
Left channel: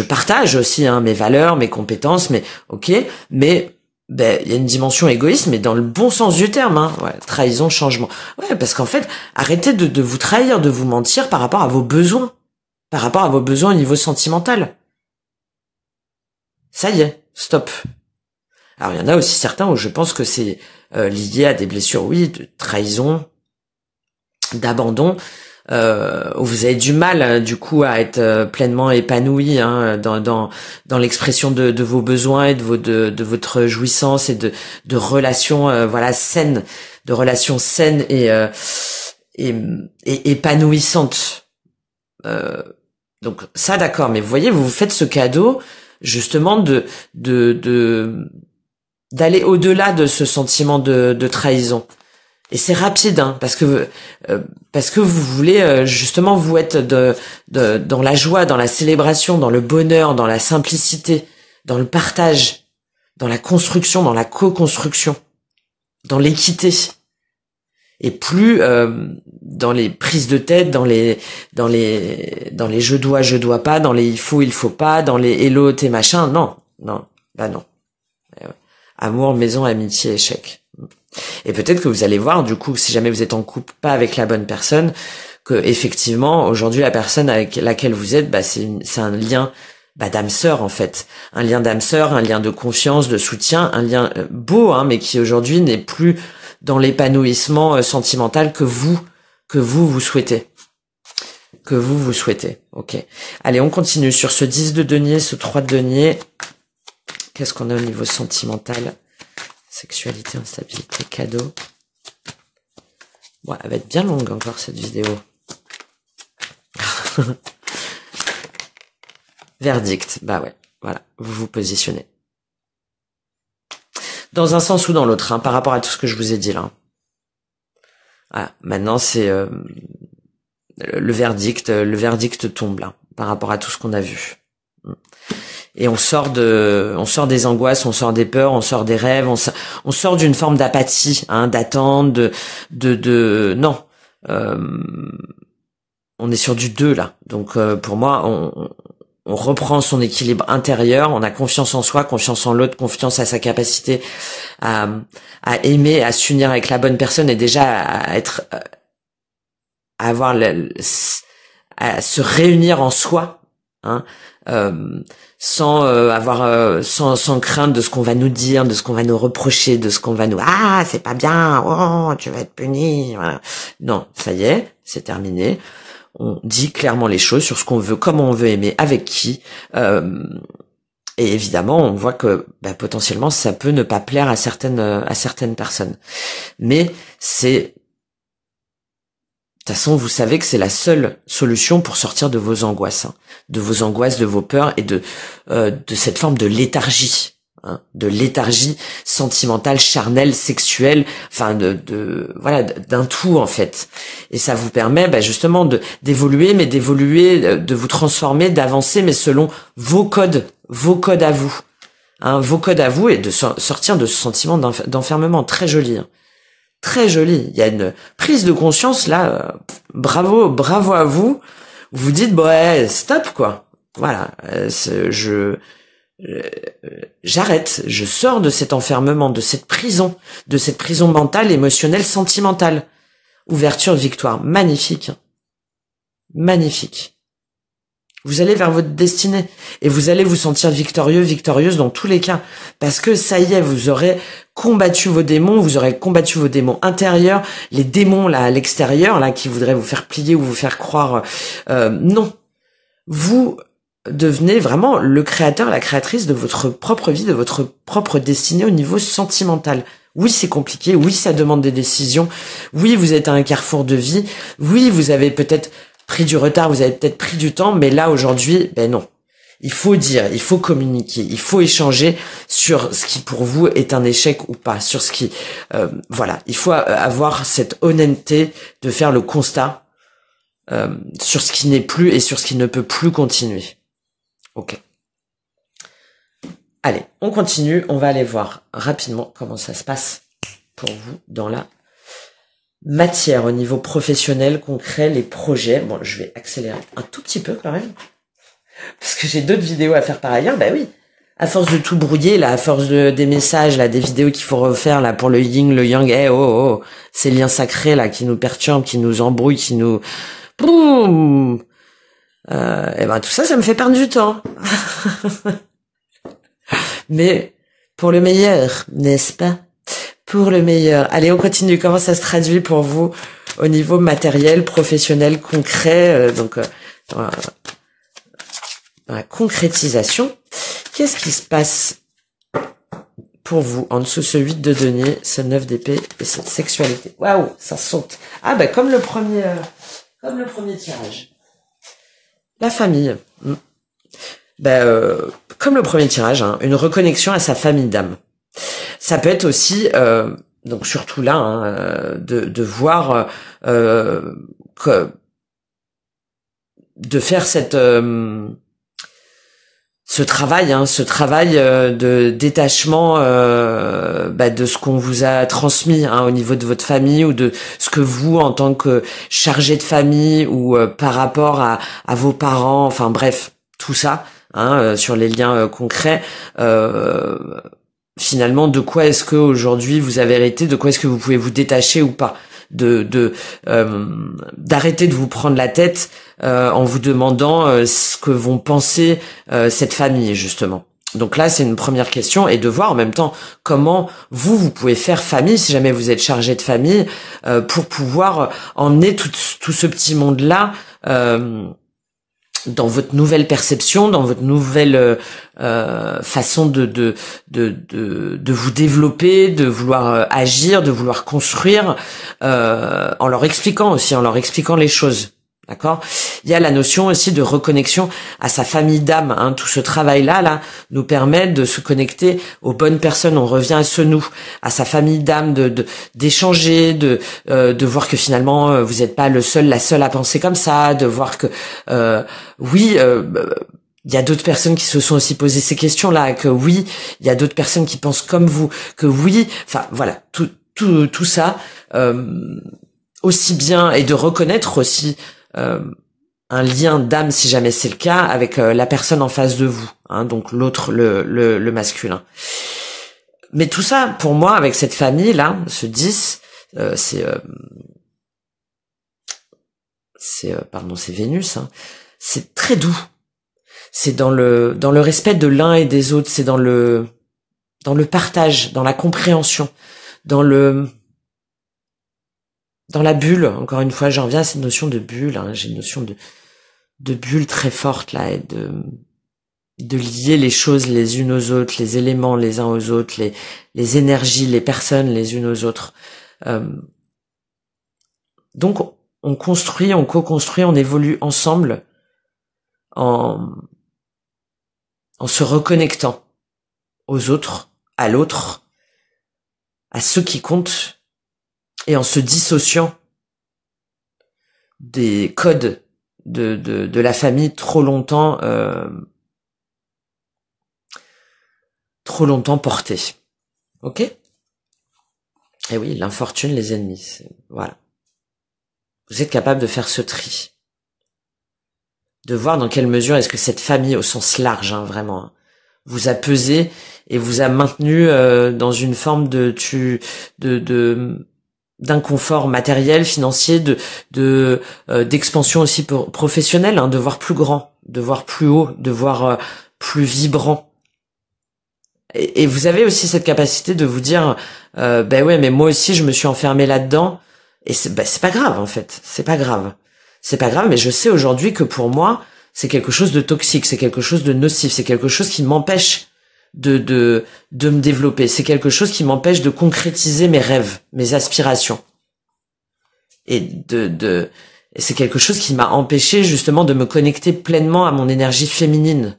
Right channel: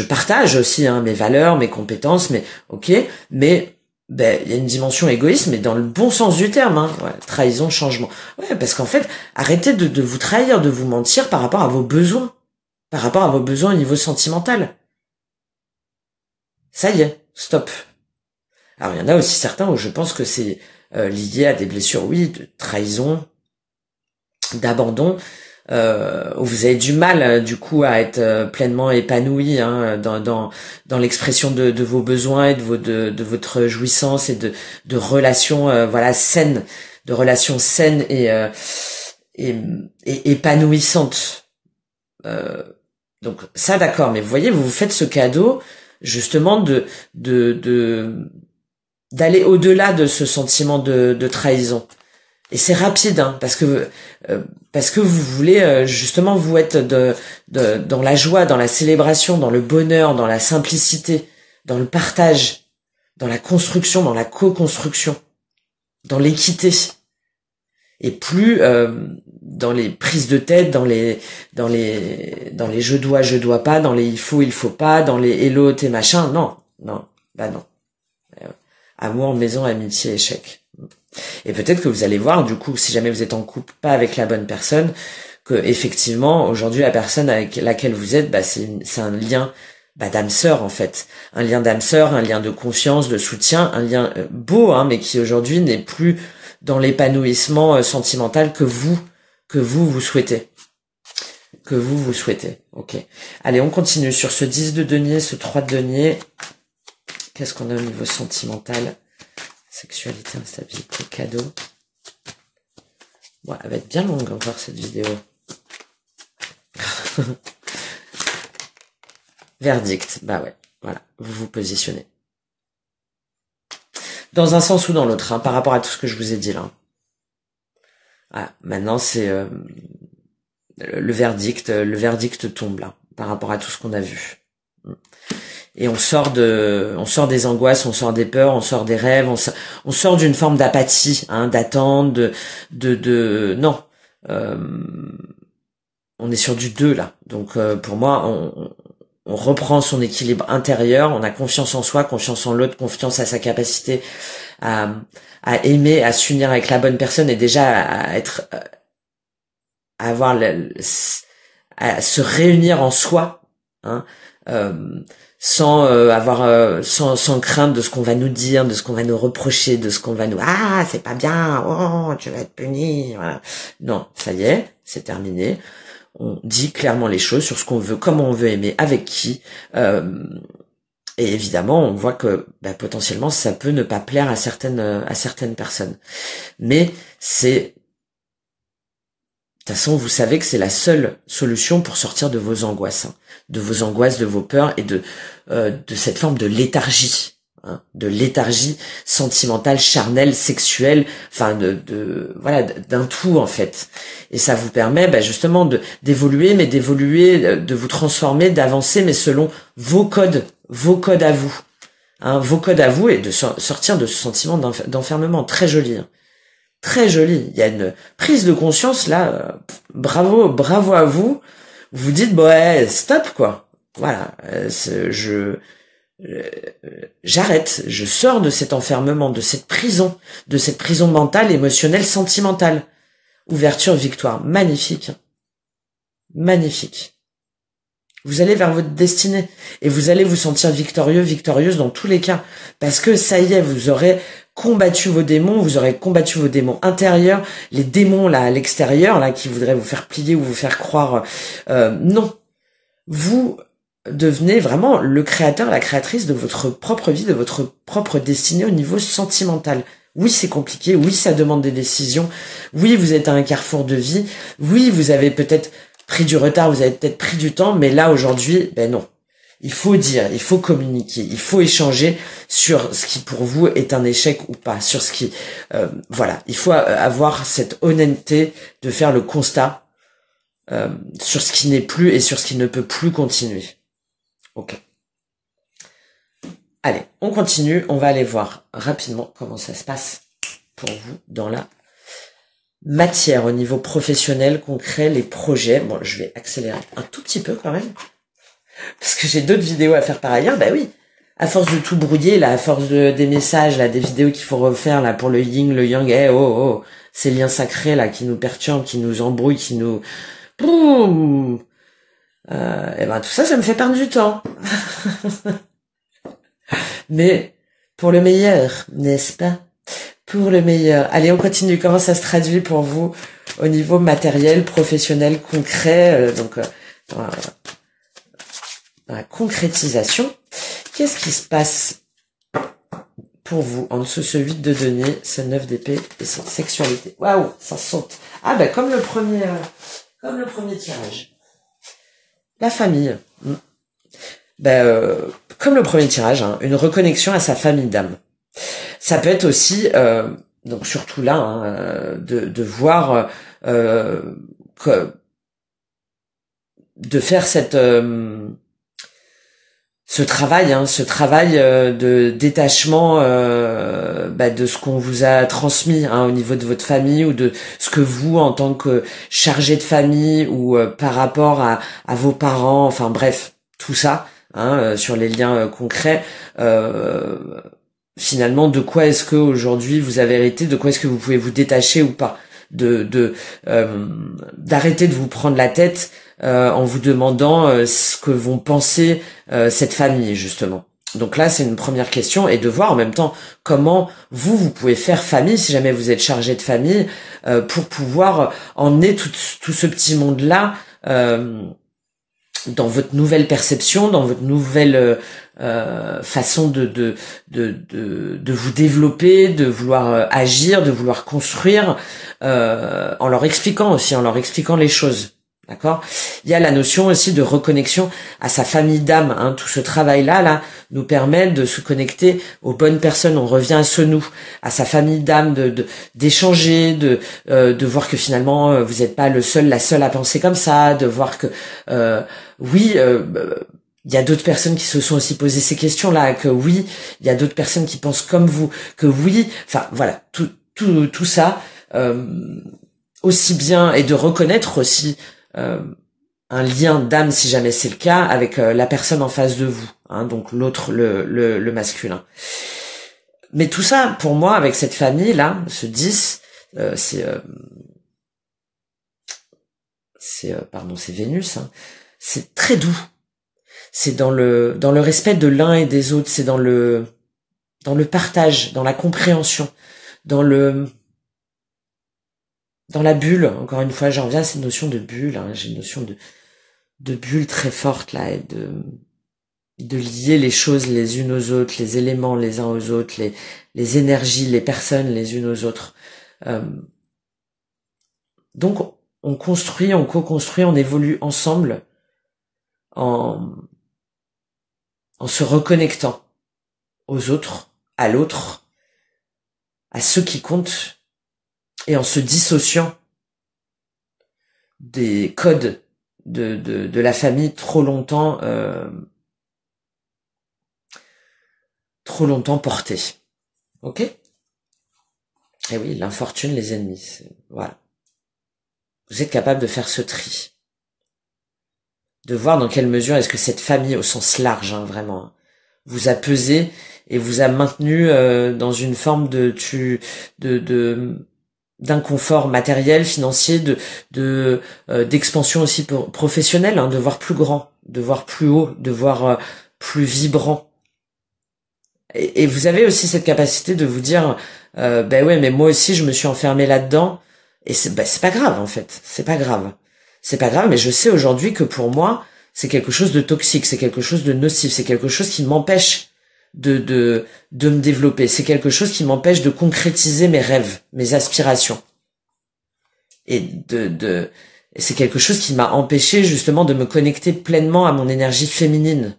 partage aussi mes valeurs, mes compétences, mais ok. Mais ben il y a une dimension égoïste, mais dans le bon sens du terme. Hein. Ouais, trahison, changement. Ouais, parce qu'en fait, arrêtez de vous trahir, de vous mentir par rapport à vos besoins, par rapport à vos besoins au niveau sentimental. Ça y est, stop. Alors il y en a aussi certains où je pense que c'est lié à des blessures, oui, de trahison, d'abandon, où vous avez du mal du coup à être pleinement épanoui dans l'expression de vos besoins et de votre jouissance et de relations voilà saines, de relations saines et épanouissantes. Donc ça d'accord, mais vous voyez, vous vous faites ce cadeau justement d'aller au-delà de ce sentiment de trahison. Et c'est rapide, hein, parce que vous voulez justement vous être dans la joie, dans la célébration, dans le bonheur, dans la simplicité, dans le partage, dans la construction, dans la co-construction, dans l'équité. Et plus dans les prises de tête, dans les je dois pas, dans les il faut pas, dans les hello t'es machin, non, bah non. Amour, maison, amitié, échec. Et peut-être que vous allez voir, du coup, si jamais vous êtes en couple pas avec la bonne personne, que effectivement, aujourd'hui, la personne avec laquelle vous êtes, bah, c'est un lien d'âme sœur, en fait. Un lien d'âme sœur, un lien de confiance, de soutien, un lien beau, hein, mais qui aujourd'hui n'est plus dans l'épanouissement sentimental que vous souhaitez. Que vous souhaitez. Ok. Allez, on continue sur ce 10 de denier, ce 3 de denier. Qu'est-ce qu'on a au niveau sentimental? Sexualité, instabilité, cadeau. Bon, elle va être bien longue encore cette vidéo. Verdict, bah ouais, voilà, vous vous positionnez. Dans un sens ou dans l'autre, hein, par rapport à tout ce que je vous ai dit là. Voilà, maintenant c'est le verdict tombe là, par rapport à tout ce qu'on a vu. Et on sort des angoisses, on sort des peurs, on sort des rêves, on sort d'une forme d'apathie, hein, d'attente, non. On est sur du 2 là. Donc pour moi, on reprend son équilibre intérieur, on a confiance en soi, confiance en l'autre, confiance à sa capacité à aimer, à s'unir avec la bonne personne et déjà à se réunir en soi. hein, sans sans crainte de ce qu'on va nous dire, de ce qu'on va nous reprocher, de ce qu'on va nous c'est pas bien, oh tu vas être puni. Voilà. Non, ça y est, c'est terminé. On dit clairement les choses sur ce qu'on veut, comment on veut aimer, avec qui. Et évidemment, on voit que potentiellement ça peut ne pas plaire à certaines personnes. Mais de toute façon, vous savez que c'est la seule solution pour sortir de vos angoisses, hein, de vos peurs et de cette forme de léthargie, hein, de léthargie sentimentale, charnelle, sexuelle, enfin voilà, d'un tout en fait. Et ça vous permet justement d'évoluer, de vous transformer, d'avancer, mais selon vos codes à vous, hein, vos codes à vous, et de sortir de ce sentiment d'enfermement. Très joli, hein. Très joli. Il y a une prise de conscience là. Bravo à vous. Vous dites stop quoi. Voilà. J'arrête. Je sors de cet enfermement, de cette prison mentale, émotionnelle, sentimentale. Ouverture, victoire. Magnifique. Magnifique. Vous allez vers votre destinée et vous allez vous sentir victorieux, victorieuse dans tous les cas, parce que ça y est, vous aurez combattu vos démons, vous aurez combattu vos démons intérieurs, les démons là à l'extérieur là qui voudraient vous faire plier ou vous faire croire non. Vous devenez vraiment le créateur, la créatrice de votre propre vie, de votre propre destinée au niveau sentimental. Oui, c'est compliqué, oui, ça demande des décisions, oui, vous êtes à un carrefour de vie, oui, vous avez peut-être pris du retard, vous avez peut-être pris du temps, mais là aujourd'hui, non. Il faut dire, il faut communiquer, il faut échanger sur ce qui pour vous est un échec ou pas, sur ce qui, voilà, il faut avoir cette honnêteté de faire le constat sur ce qui n'est plus et sur ce qui ne peut plus continuer. Ok. Allez, on continue, on va aller voir rapidement comment ça se passe pour vous dans la matière au niveau professionnel, concret, les projets. Bon, je vais accélérer un tout petit peu quand même. Parce que j'ai d'autres vidéos à faire par ailleurs, oui. À force de tout brouiller, là, à force des messages, là, des vidéos qu'il faut refaire, là, pour le yin, le yang, ces liens sacrés, là, qui nous perturbent, qui nous embrouillent, qui nous... Boum tout ça, ça me fait perdre du temps. Mais, pour le meilleur, n'est-ce pas? Pour le meilleur. Allez, on continue. Comment ça se traduit pour vous au niveau matériel, professionnel, concret, dans la concrétisation, qu'est-ce qui se passe pour vous en dessous ce 8 de denier, ce 9 d'épée et cette sexualité? Waouh, ça saute. Comme le premier tirage. La famille. Comme le premier tirage, hein, une reconnexion à sa famille d'âme. Ça peut être aussi, donc surtout là, hein, de voir de faire ce travail de détachement de ce qu'on vous a transmis, hein, au niveau de votre famille, ou de ce que vous, en tant que chargé de famille, ou par rapport à vos parents, enfin bref, tout ça, hein, sur les liens concrets. Finalement, de quoi est-ce que aujourd'hui vous avez hérité, de quoi est-ce que vous pouvez vous détacher ou pas, d'arrêter de vous prendre la tête en vous demandant ce que vont penser cette famille, justement. Donc là, c'est une première question, et de voir en même temps comment vous pouvez faire famille, si jamais vous êtes chargé de famille, pour pouvoir emmener tout ce petit monde-là dans votre nouvelle perception, dans votre nouvelle façon de vous développer, de vouloir agir, de vouloir construire, en leur expliquant les choses. D'accord? Il y a la notion aussi de reconnexion à sa famille d'âme, hein. Tout ce travail-là nous permet de se connecter aux bonnes personnes. On revient à ce nous, à sa famille d'âme, d'échanger, de voir que finalement vous n'êtes pas la seule à penser comme ça, de voir que il y a d'autres personnes qui se sont aussi posées ces questions-là, que oui, il y a d'autres personnes qui pensent comme vous, que oui, enfin voilà, tout ça, aussi bien, et de reconnaître aussi un lien d'âme, si jamais c'est le cas, avec la personne en face de vous, hein, donc l'autre, le masculin. Mais tout ça, pour moi, avec cette famille-là, ce 10, c'est Vénus, hein, c'est très doux. c'est dans le respect de l'un et des autres, c'est dans le partage, dans la compréhension, dans la bulle. Encore une fois, j'en reviens à cette notion de bulle, hein. J'ai une notion de bulle très forte là, et de lier les choses les unes aux autres, les éléments les uns aux autres, les énergies, les personnes les unes aux autres. Donc on construit, on co-construit, on évolue ensemble en se reconnectant aux autres, à l'autre, à ceux qui comptent, et en se dissociant des codes de la famille trop longtemps portés. Ok? Et oui, l'infortune, les ennemis. Voilà. Vous êtes capable de faire ce tri. De voir dans quelle mesure est-ce que cette famille, au sens large, hein, vraiment, hein, vous a pesé et vous a maintenu dans une forme d'inconfort matériel, financier, d'expansion aussi professionnelle, hein, de voir plus grand, de voir plus haut, de voir plus vibrant. Et vous avez aussi cette capacité de vous dire, ben ouais, mais moi aussi je me suis enfermé là-dedans, et c'est pas grave en fait, c'est pas grave, mais je sais aujourd'hui que pour moi c'est quelque chose de toxique, c'est quelque chose de nocif, c'est quelque chose qui m'empêche de me développer, c'est quelque chose qui m'empêche de concrétiser mes rêves, mes aspirations, et c'est quelque chose qui m'a empêché justement de me connecter pleinement à mon énergie féminine,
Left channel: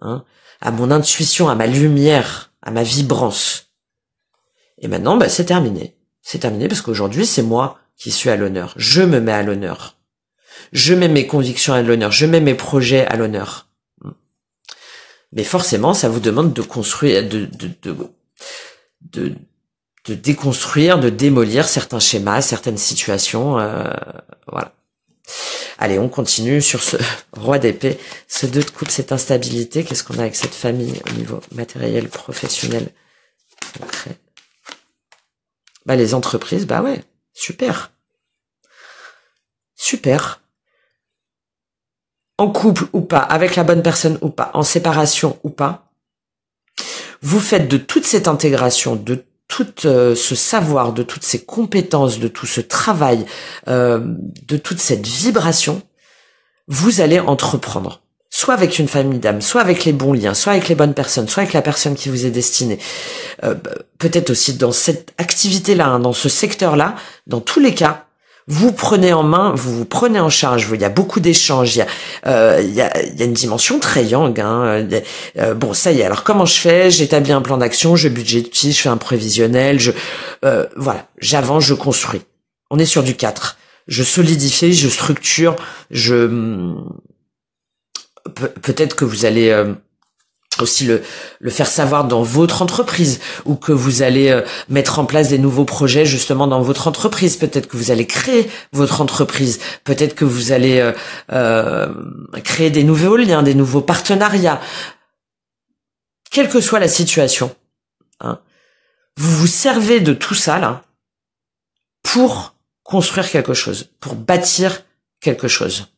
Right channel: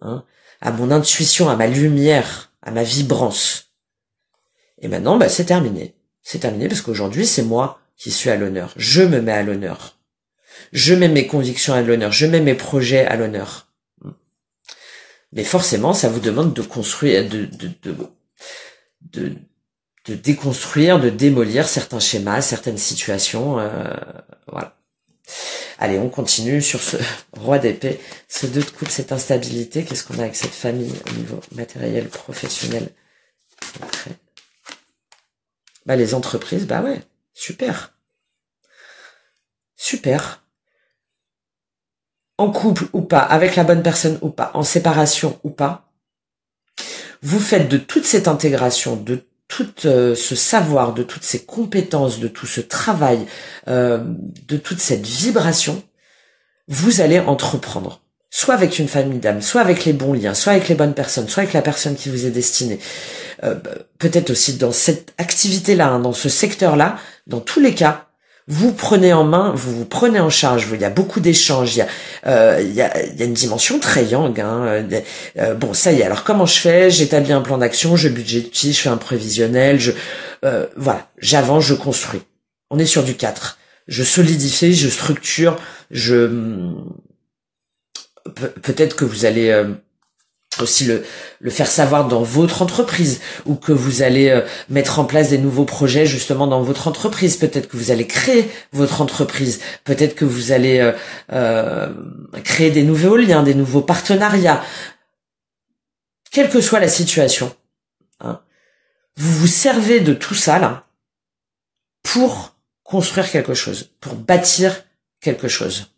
hein, à mon intuition, à ma lumière, à ma vibrance. Et maintenant, bah, c'est terminé. C'est terminé parce qu'aujourd'hui, c'est moi qui suis à l'honneur. Je me mets à l'honneur. Je mets mes convictions à l'honneur. Je mets mes projets à l'honneur. Mais forcément, ça vous demande de construire, de déconstruire, de démolir certains schémas, certaines situations. Voilà. Allez, on continue sur ce roi d'épée, ce 2 de coupe, cette instabilité. Qu'est-ce qu'on a avec cette famille au niveau matériel, professionnel, concret? Bah, les entreprises, bah ouais, super. Super. En couple ou pas, avec la bonne personne ou pas, en séparation ou pas, vous faites de toute cette intégration, de tout ce savoir, de toutes ces compétences, de tout ce travail, de toute cette vibration, vous allez entreprendre. Soit avec une famille d'âme, soit avec les bons liens, soit avec les bonnes personnes, soit avec la personne qui vous est destinée. Peut-être aussi dans cette activité-là, hein, dans ce secteur-là, dans tous les cas, vous prenez en main, vous prenez en charge. Il y a beaucoup d'échanges. Il y a une dimension très yang. Hein, bon, ça y est. Alors comment je fais? J'établis un plan d'action, je budgétise, je fais un prévisionnel. Voilà, j'avance, je construis. On est sur du 4. Je solidifie, je structure. Peut-être que vous allez aussi le faire savoir dans votre entreprise, ou que vous allez mettre en place des nouveaux projets justement dans votre entreprise. Peut-être que vous allez créer votre entreprise. Peut-être que vous allez créer des nouveaux liens, des nouveaux partenariats. Quelle que soit la situation, hein, vous vous servez de tout ça là pour construire quelque chose, pour bâtir quelque chose.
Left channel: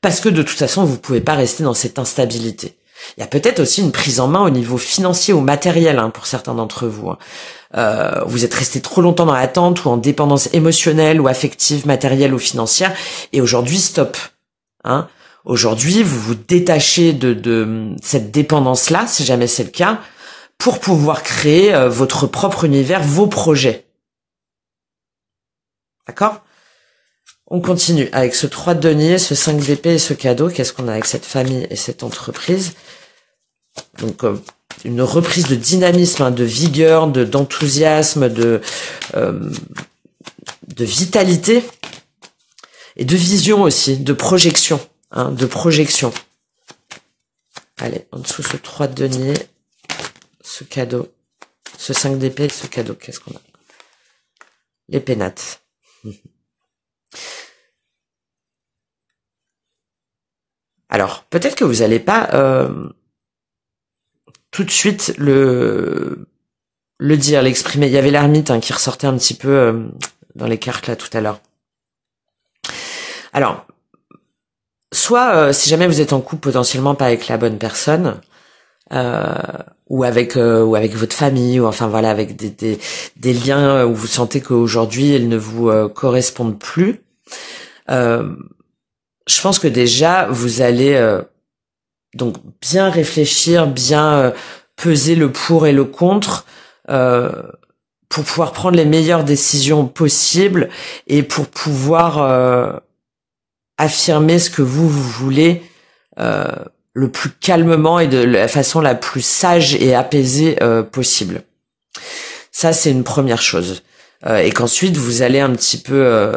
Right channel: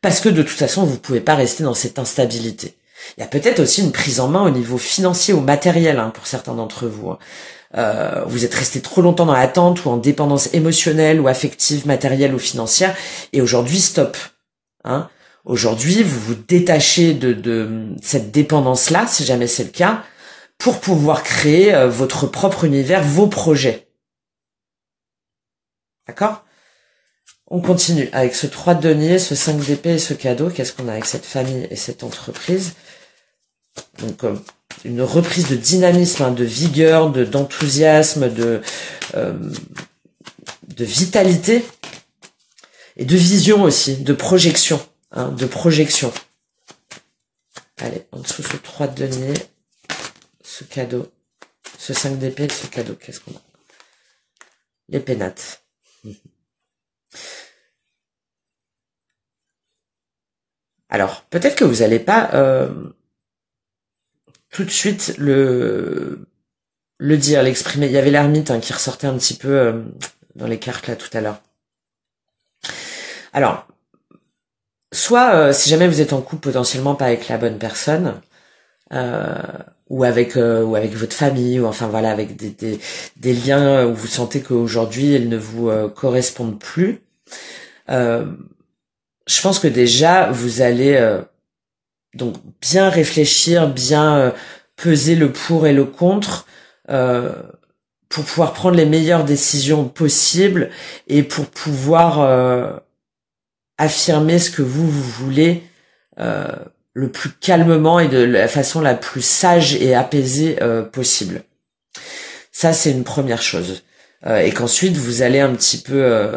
Parce que de toute façon, vous pouvez pas rester dans cette instabilité. Il y a peut-être aussi une prise en main au niveau financier ou matériel, hein, pour certains d'entre vous. Hein. Vous êtes resté trop longtemps dans l'attente ou en dépendance émotionnelle ou affective, matérielle ou financière, et aujourd'hui, stop. Hein. Aujourd'hui, vous vous détachez de cette dépendance-là, si jamais c'est le cas, pour pouvoir créer votre propre univers, vos projets. D'accord ? On continue avec ce 3 de denier, ce 5 d'épée et ce cadeau. Qu'est-ce qu'on a avec cette famille et cette entreprise? Donc, une reprise de dynamisme, hein, de vigueur, d'enthousiasme, de vitalité et de vision aussi, de projection, hein, de projection. Allez, en dessous ce 3 de denier, ce cadeau, ce 5 d'épée et ce cadeau. Qu'est-ce qu'on a? Les pénates. Alors, peut-être que vous n'allez pas tout de suite le dire, l'exprimer. Il y avait l'ermite, hein, qui ressortait un petit peu dans les cartes là tout à l'heure. Alors, soit si jamais vous êtes en couple potentiellement pas avec la bonne personne, ou avec votre famille, ou enfin voilà, avec des liens où vous sentez qu'aujourd'hui ils ne vous correspondent plus, je pense que déjà vous allez donc bien réfléchir, bien peser le pour et le contre, pour pouvoir prendre les meilleures décisions possibles et pour pouvoir affirmer ce que vous voulez le plus calmement et de la façon la plus sage et apaisée possible. Ça, c'est une première chose. Et qu'ensuite, vous allez un petit peu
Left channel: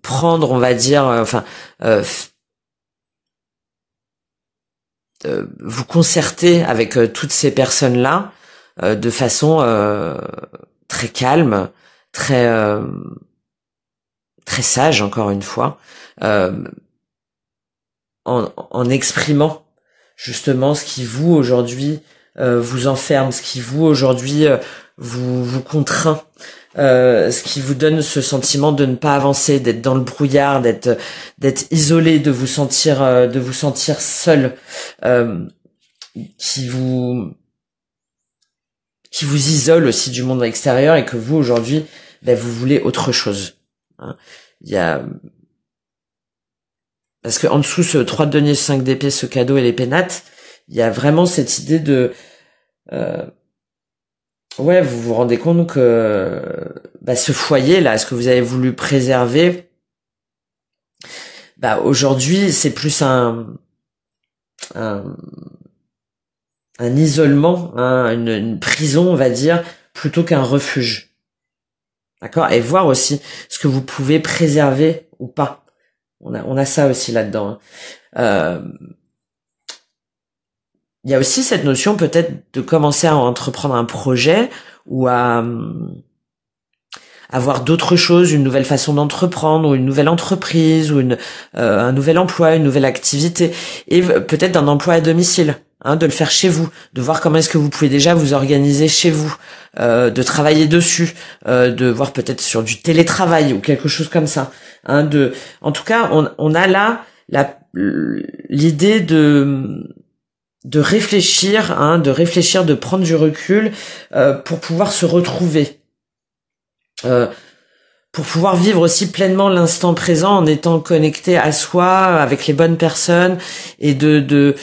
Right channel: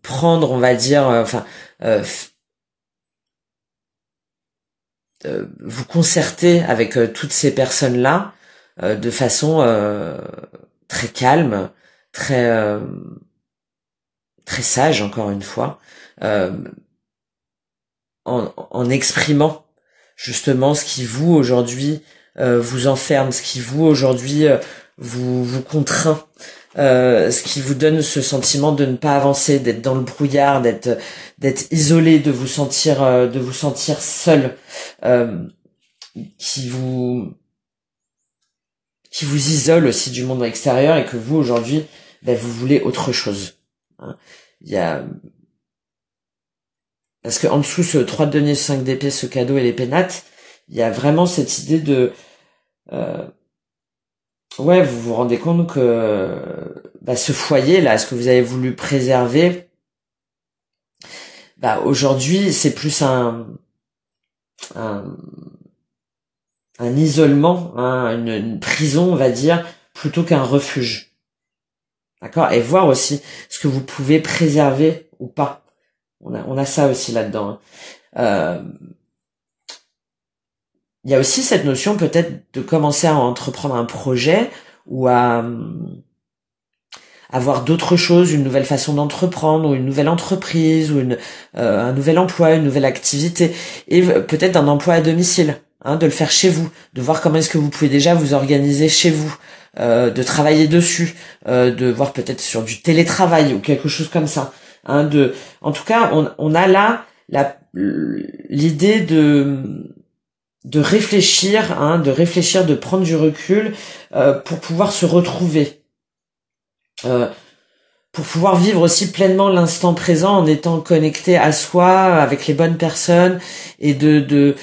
prendre, on va dire, vous concerter avec toutes ces personnes-là de façon très calme, très sage, encore une fois, en exprimant justement ce qui vous aujourd'hui vous enferme, ce qui vous aujourd'hui vous contraint, ce qui vous donne ce sentiment de ne pas avancer, d'être dans le brouillard, d'être isolé, de vous sentir seul, qui vous isole aussi du monde extérieur, et que vous aujourd'hui vous voulez autre chose. Il y a parce que en dessous ce 3 de denier, 5 d'épée, ce cadeau et les pénates, il y a vraiment cette idée de vous vous rendez compte que ce foyer là, ce que vous avez voulu préserver, aujourd'hui c'est plus un isolement, une prison, on va dire, plutôt qu'un refuge. D'accord? Et voir aussi ce que vous pouvez préserver ou pas. On a ça aussi là-dedans. Il y a aussi cette notion peut-être de commencer à entreprendre un projet ou à avoir d'autres choses, une nouvelle façon d'entreprendre, ou une nouvelle entreprise, ou un nouvel emploi, une nouvelle activité, et peut-être d'un emploi à domicile, de le faire chez vous, de voir comment est-ce que vous pouvez déjà vous organiser chez vous, de travailler dessus, de voir peut-être sur du télétravail ou quelque chose comme ça. En tout cas, on a là l'idée de réfléchir, de prendre du recul pour pouvoir se retrouver, pour pouvoir vivre aussi pleinement l'instant présent en étant connecté à soi, avec les bonnes personnes, et de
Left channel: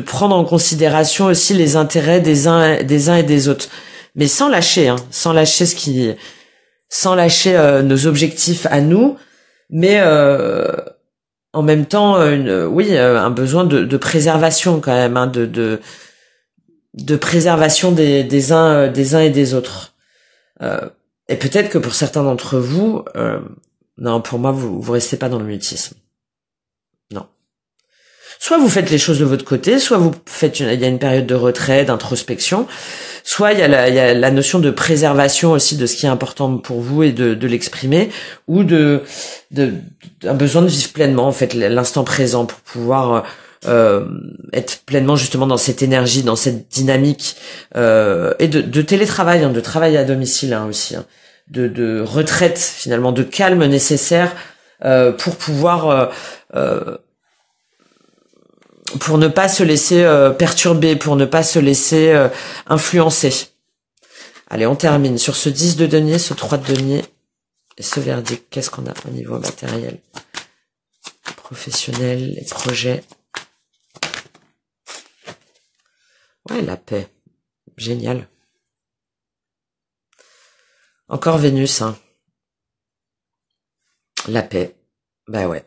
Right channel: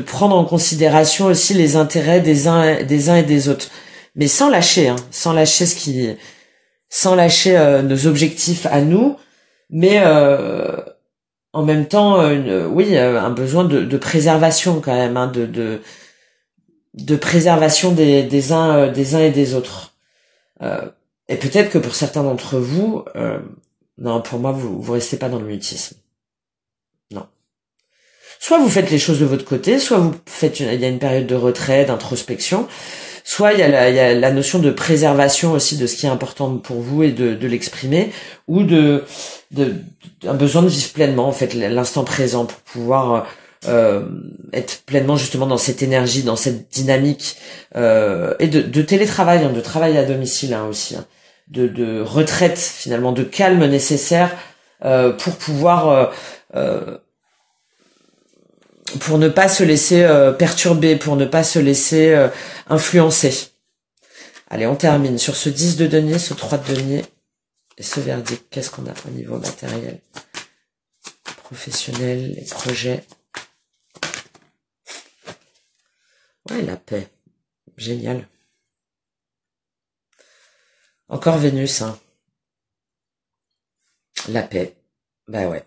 prendre en considération aussi les intérêts des uns et des autres, mais sans lâcher nos objectifs à nous, mais en même temps un besoin de préservation quand même, de préservation des uns et des autres. Et peut-être que pour certains d'entre vous, non, pour moi vous restez pas dans le mutisme. Non. Soit vous faites les choses de votre côté, soit il y a une période de retrait, d'introspection, soit il y a la notion de préservation aussi de ce qui est important pour vous et de l'exprimer, ou un besoin de vivre pleinement en fait l'instant présent pour pouvoir être pleinement justement dans cette énergie, dans cette dynamique, et de télétravail, de travail à domicile aussi, de retraite finalement, de calme nécessaire pour pouvoir pour ne pas se laisser perturber, pour ne pas se laisser influencer. Allez, on termine sur ce 10 de denier, ce 3 de denier et ce verdict. Qu'est-ce qu'on a au niveau matériel, professionnel, les projets? Ouais, la paix. Génial. Encore Vénus, La paix. Ouais.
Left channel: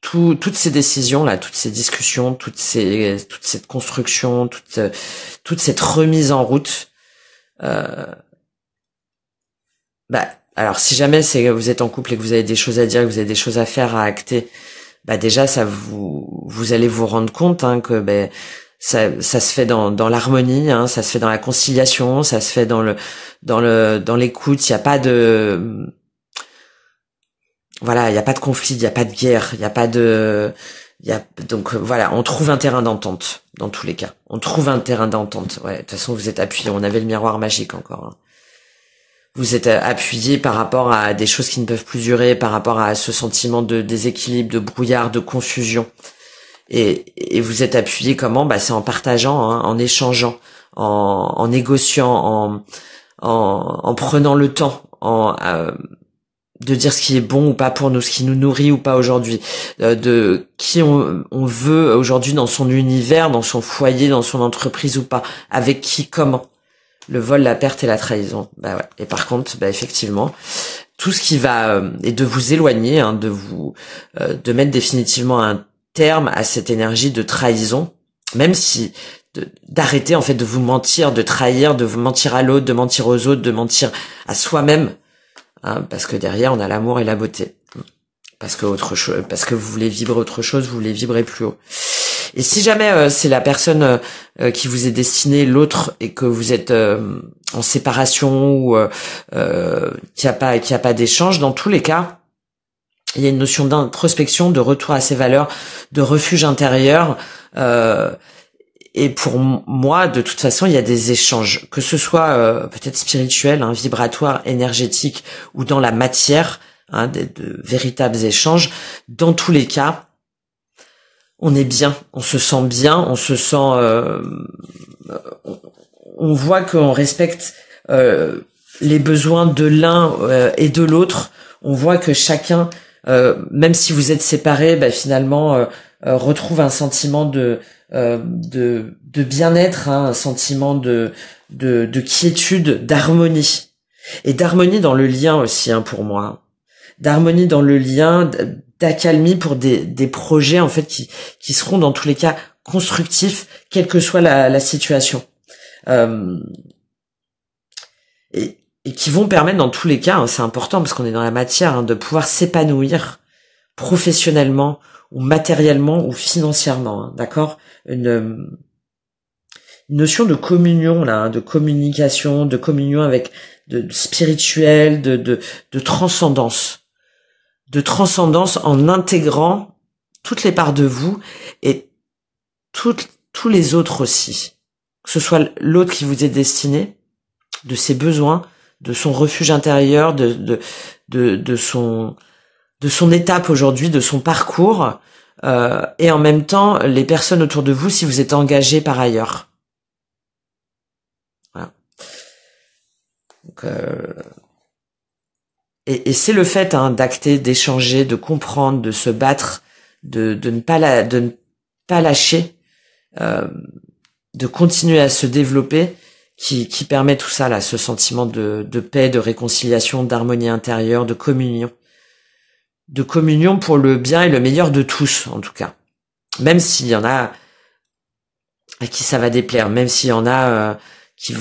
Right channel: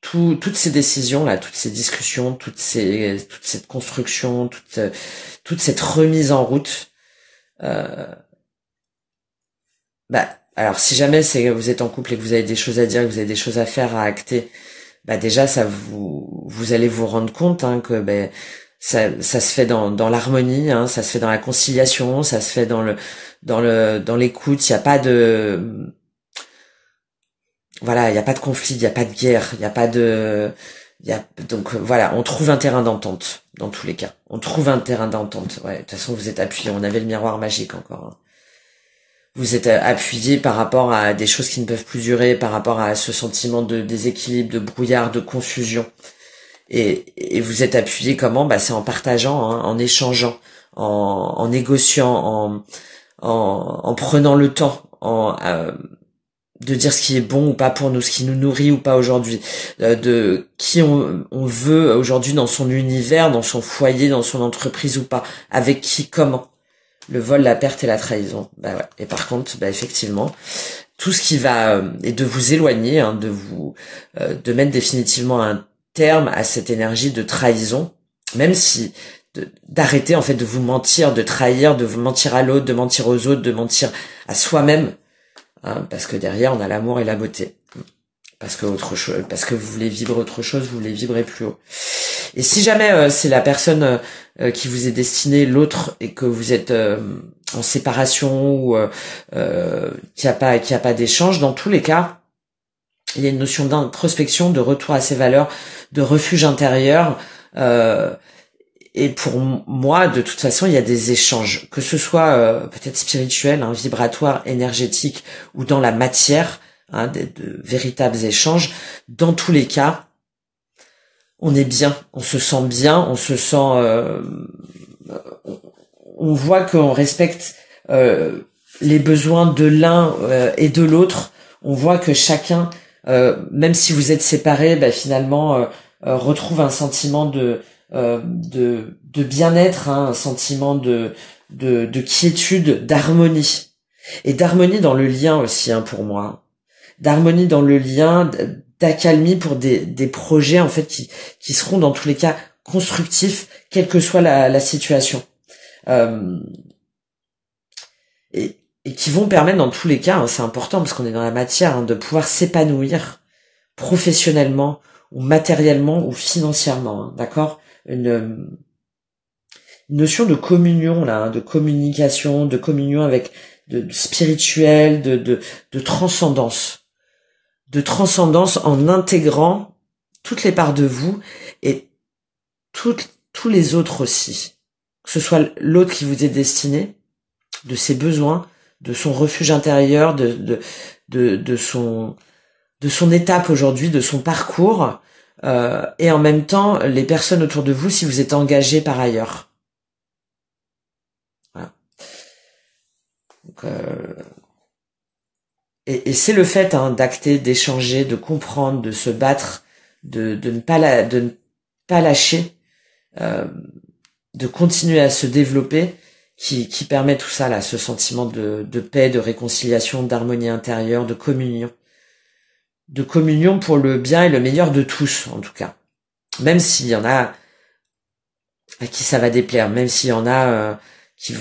Toutes ces décisions là, toutes ces discussions, toute cette construction, toute cette remise en route. Alors si jamais vous êtes en couple et que vous avez des choses à dire, que vous avez des choses à faire, à acter, déjà ça vous allez vous rendre compte que ça se fait dans l'harmonie, ça se fait dans la conciliation, ça se fait dans l'écoute. Il y a pas de il y a pas de conflit, il y a pas de guerre, donc voilà, on trouve un terrain d'entente dans tous les cas. On trouve un terrain d'entente. Ouais, de toute façon vous êtes appuyé, on avait le miroir magique encore. vous êtes appuyé par rapport à des choses qui ne peuvent plus durer, par rapport à ce sentiment de déséquilibre, de brouillard, de confusion. Et vous êtes appuyé comment? Bah, c'est en partageant, hein, en échangeant, en négociant, en prenant le temps, de dire ce qui est bon ou pas pour nous, ce qui nous nourrit ou pas aujourd'hui, de qui on veut aujourd'hui dans son univers, dans son foyer, dans son entreprise ou pas, avec qui, comment. Le vol, la perte et la trahison. Bah ouais. Et par contre, bah effectivement, tout ce qui va et de vous éloigner, hein, de mettre définitivement un terme à cette énergie de trahison, même si d'arrêter en fait de vous mentir, de trahir, de vous mentir à l'autre, de mentir aux autres, de mentir à soi-même, hein, parce que derrière on a l'amour et la beauté. Parce que vous voulez vibrer autre chose, vous voulez vibrer plus haut. Et si jamais c'est la personne qui vous est destinée, l'autre, et que vous êtes en séparation ou qu'il y a pas d'échange, dans tous les cas, il y a une notion d'introspection, de retour à ses valeurs, de refuge intérieur. Et pour moi, de toute façon, il y a des échanges, que ce soit peut-être spirituel, hein, vibratoire, énergétique, ou dans la matière, hein, de véritables échanges. Dans tous les cas, on est bien, on se sent bien, on se sent, on voit qu'on respecte les besoins de l'un et de l'autre. On voit que chacun, même si vous êtes séparés, bah, finalement retrouve un sentiment de bien-être, hein, un sentiment de quiétude, d'harmonie, et d'harmonie dans le lien aussi, hein, pour moi, d'harmonie dans le lien, d'accalmie pour des projets en fait qui seront dans tous les cas constructifs, quelle que soit la situation, et qui vont permettre dans tous les cas, hein, c'est important parce qu'on est dans la matière, hein, de pouvoir s'épanouir professionnellement ou matériellement ou financièrement, hein, d'accord, une notion de communion là, hein, de communication, de communion avec de spirituel, de transcendance. De transcendance en intégrant toutes les parts de vous et tous les autres aussi. Que ce soit l'autre qui vous est destiné, de ses besoins, de son refuge intérieur, de son étape aujourd'hui, de son parcours, et en même temps les personnes autour de vous si vous êtes engagé par ailleurs. Voilà. Donc, et c'est le fait, hein, d'acter, d'échanger, de comprendre, de se battre, de ne pas lâcher, de continuer à se développer, qui permet tout ça là, ce sentiment de paix, de réconciliation, d'harmonie intérieure, de communion pour le bien et le meilleur de tous, en tout cas. Même s'il y en a à qui ça va déplaire, même s'il y en a qui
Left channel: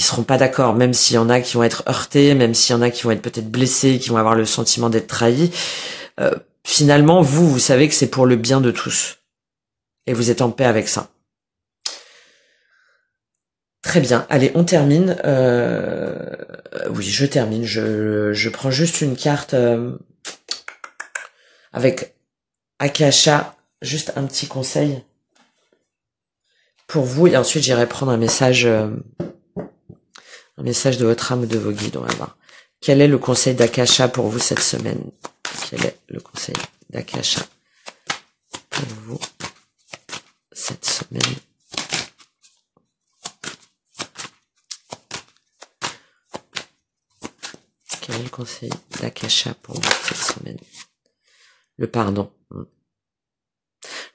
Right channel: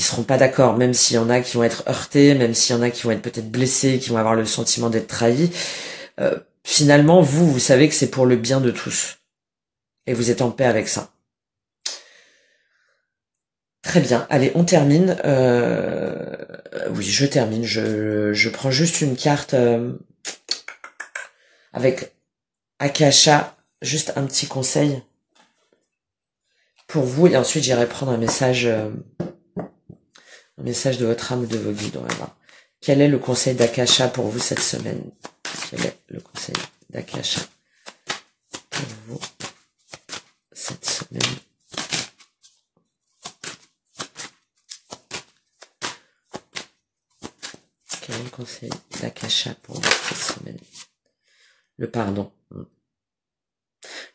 seront pas d'accord, même s'il y en a qui vont être heurtés, même s'il y en a qui vont être peut-être blessés, qui vont avoir le sentiment d'être trahis, finalement, vous savez que c'est pour le bien de tous. Et vous êtes en paix avec ça. Très bien. Allez, on termine. Oui, je termine. Je prends juste une carte avec Akasha, juste un petit conseil pour vous, et ensuite j'irai prendre un message de votre âme ou de vos guides. On va voir. Quel est le conseil d'Akasha pour vous cette semaine? Quel est le conseil d'Akasha pour vous cette semaine? Quel est le conseil d'Akasha pour vous cette semaine? Le pardon.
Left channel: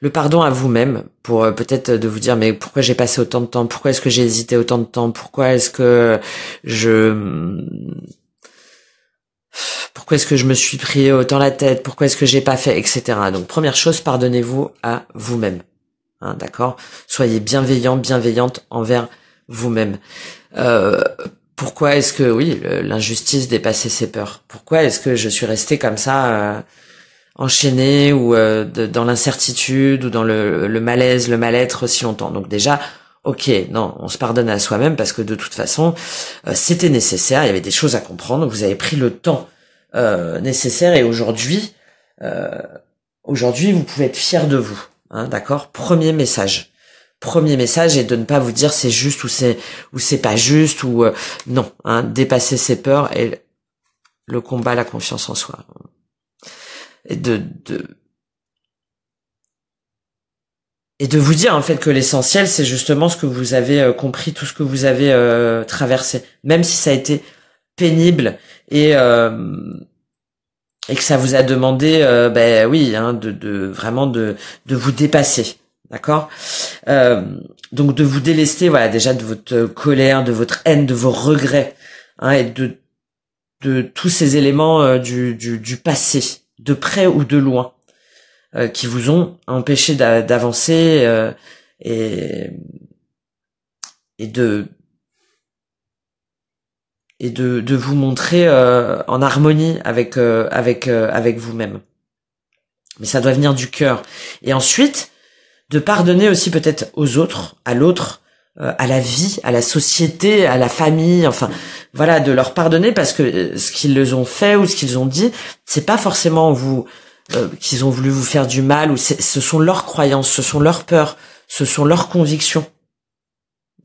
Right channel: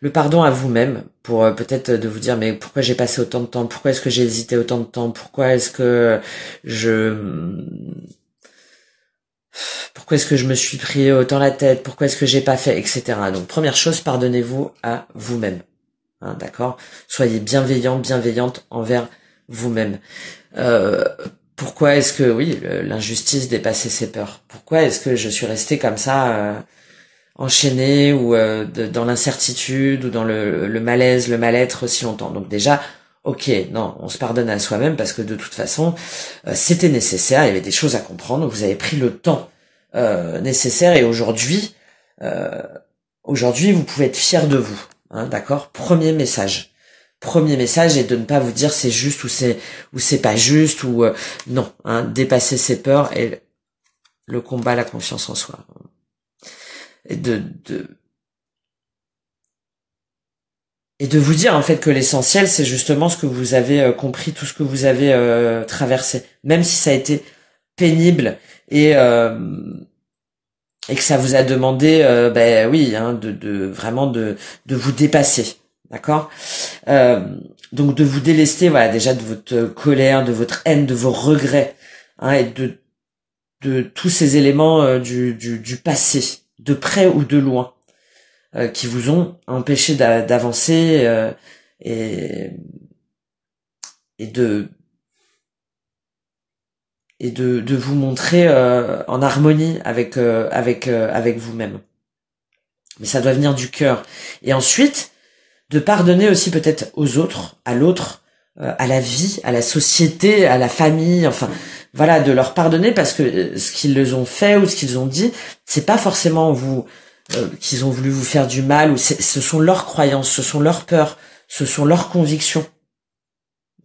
Le pardon à vous-même, pour peut-être de vous dire, mais pourquoi j'ai passé autant de temps? Pourquoi est-ce que j'ai hésité autant de temps? Pourquoi est-ce que je me suis pris autant la tête? Pourquoi est-ce que j'ai pas fait, etc. Donc première chose, pardonnez-vous à vous-même, hein, d'accord? Soyez bienveillant, bienveillante envers vous-même. Pourquoi est-ce que, oui, l'injustice dépassait ses peurs? Pourquoi est-ce que je suis resté comme ça, enchaîné, ou dans l'incertitude, ou dans le malaise, le mal-être si longtemps? Donc déjà, ok, non, on se pardonne à soi-même parce que de toute façon, c'était nécessaire, il y avait des choses à comprendre, vous avez pris le temps nécessaire, et aujourd'hui, vous pouvez être fier de vous, hein, d'accord? Premier message. premier message est de ne pas vous dire c'est juste ou c'est pas juste ou non, hein, dépasser ses peurs et le combat, la confiance en soi. Et de vous dire en fait que l'essentiel c'est justement ce que vous avez compris, tout ce que vous avez traversé, même si ça a été pénible et que ça vous a demandé ben oui hein, vraiment de vous dépasser, d'accord, donc de vous délester, voilà, déjà de votre colère, de votre haine, de vos regrets, hein, et de tous ces éléments du passé, de près ou de loin, qui vous ont empêché d'avancer et de vous montrer en harmonie avec vous-même. Mais ça doit venir du cœur. Et ensuite, de pardonner aussi peut-être aux autres, à l'autre, à la vie, à la société, à la famille, enfin voilà, de leur pardonner parce que ce qu'ils ont fait ou ce qu'ils ont dit, c'est pas forcément vous qu'ils ont voulu vous faire du mal, ou ce sont leurs croyances, ce sont leurs peurs, ce sont leurs convictions.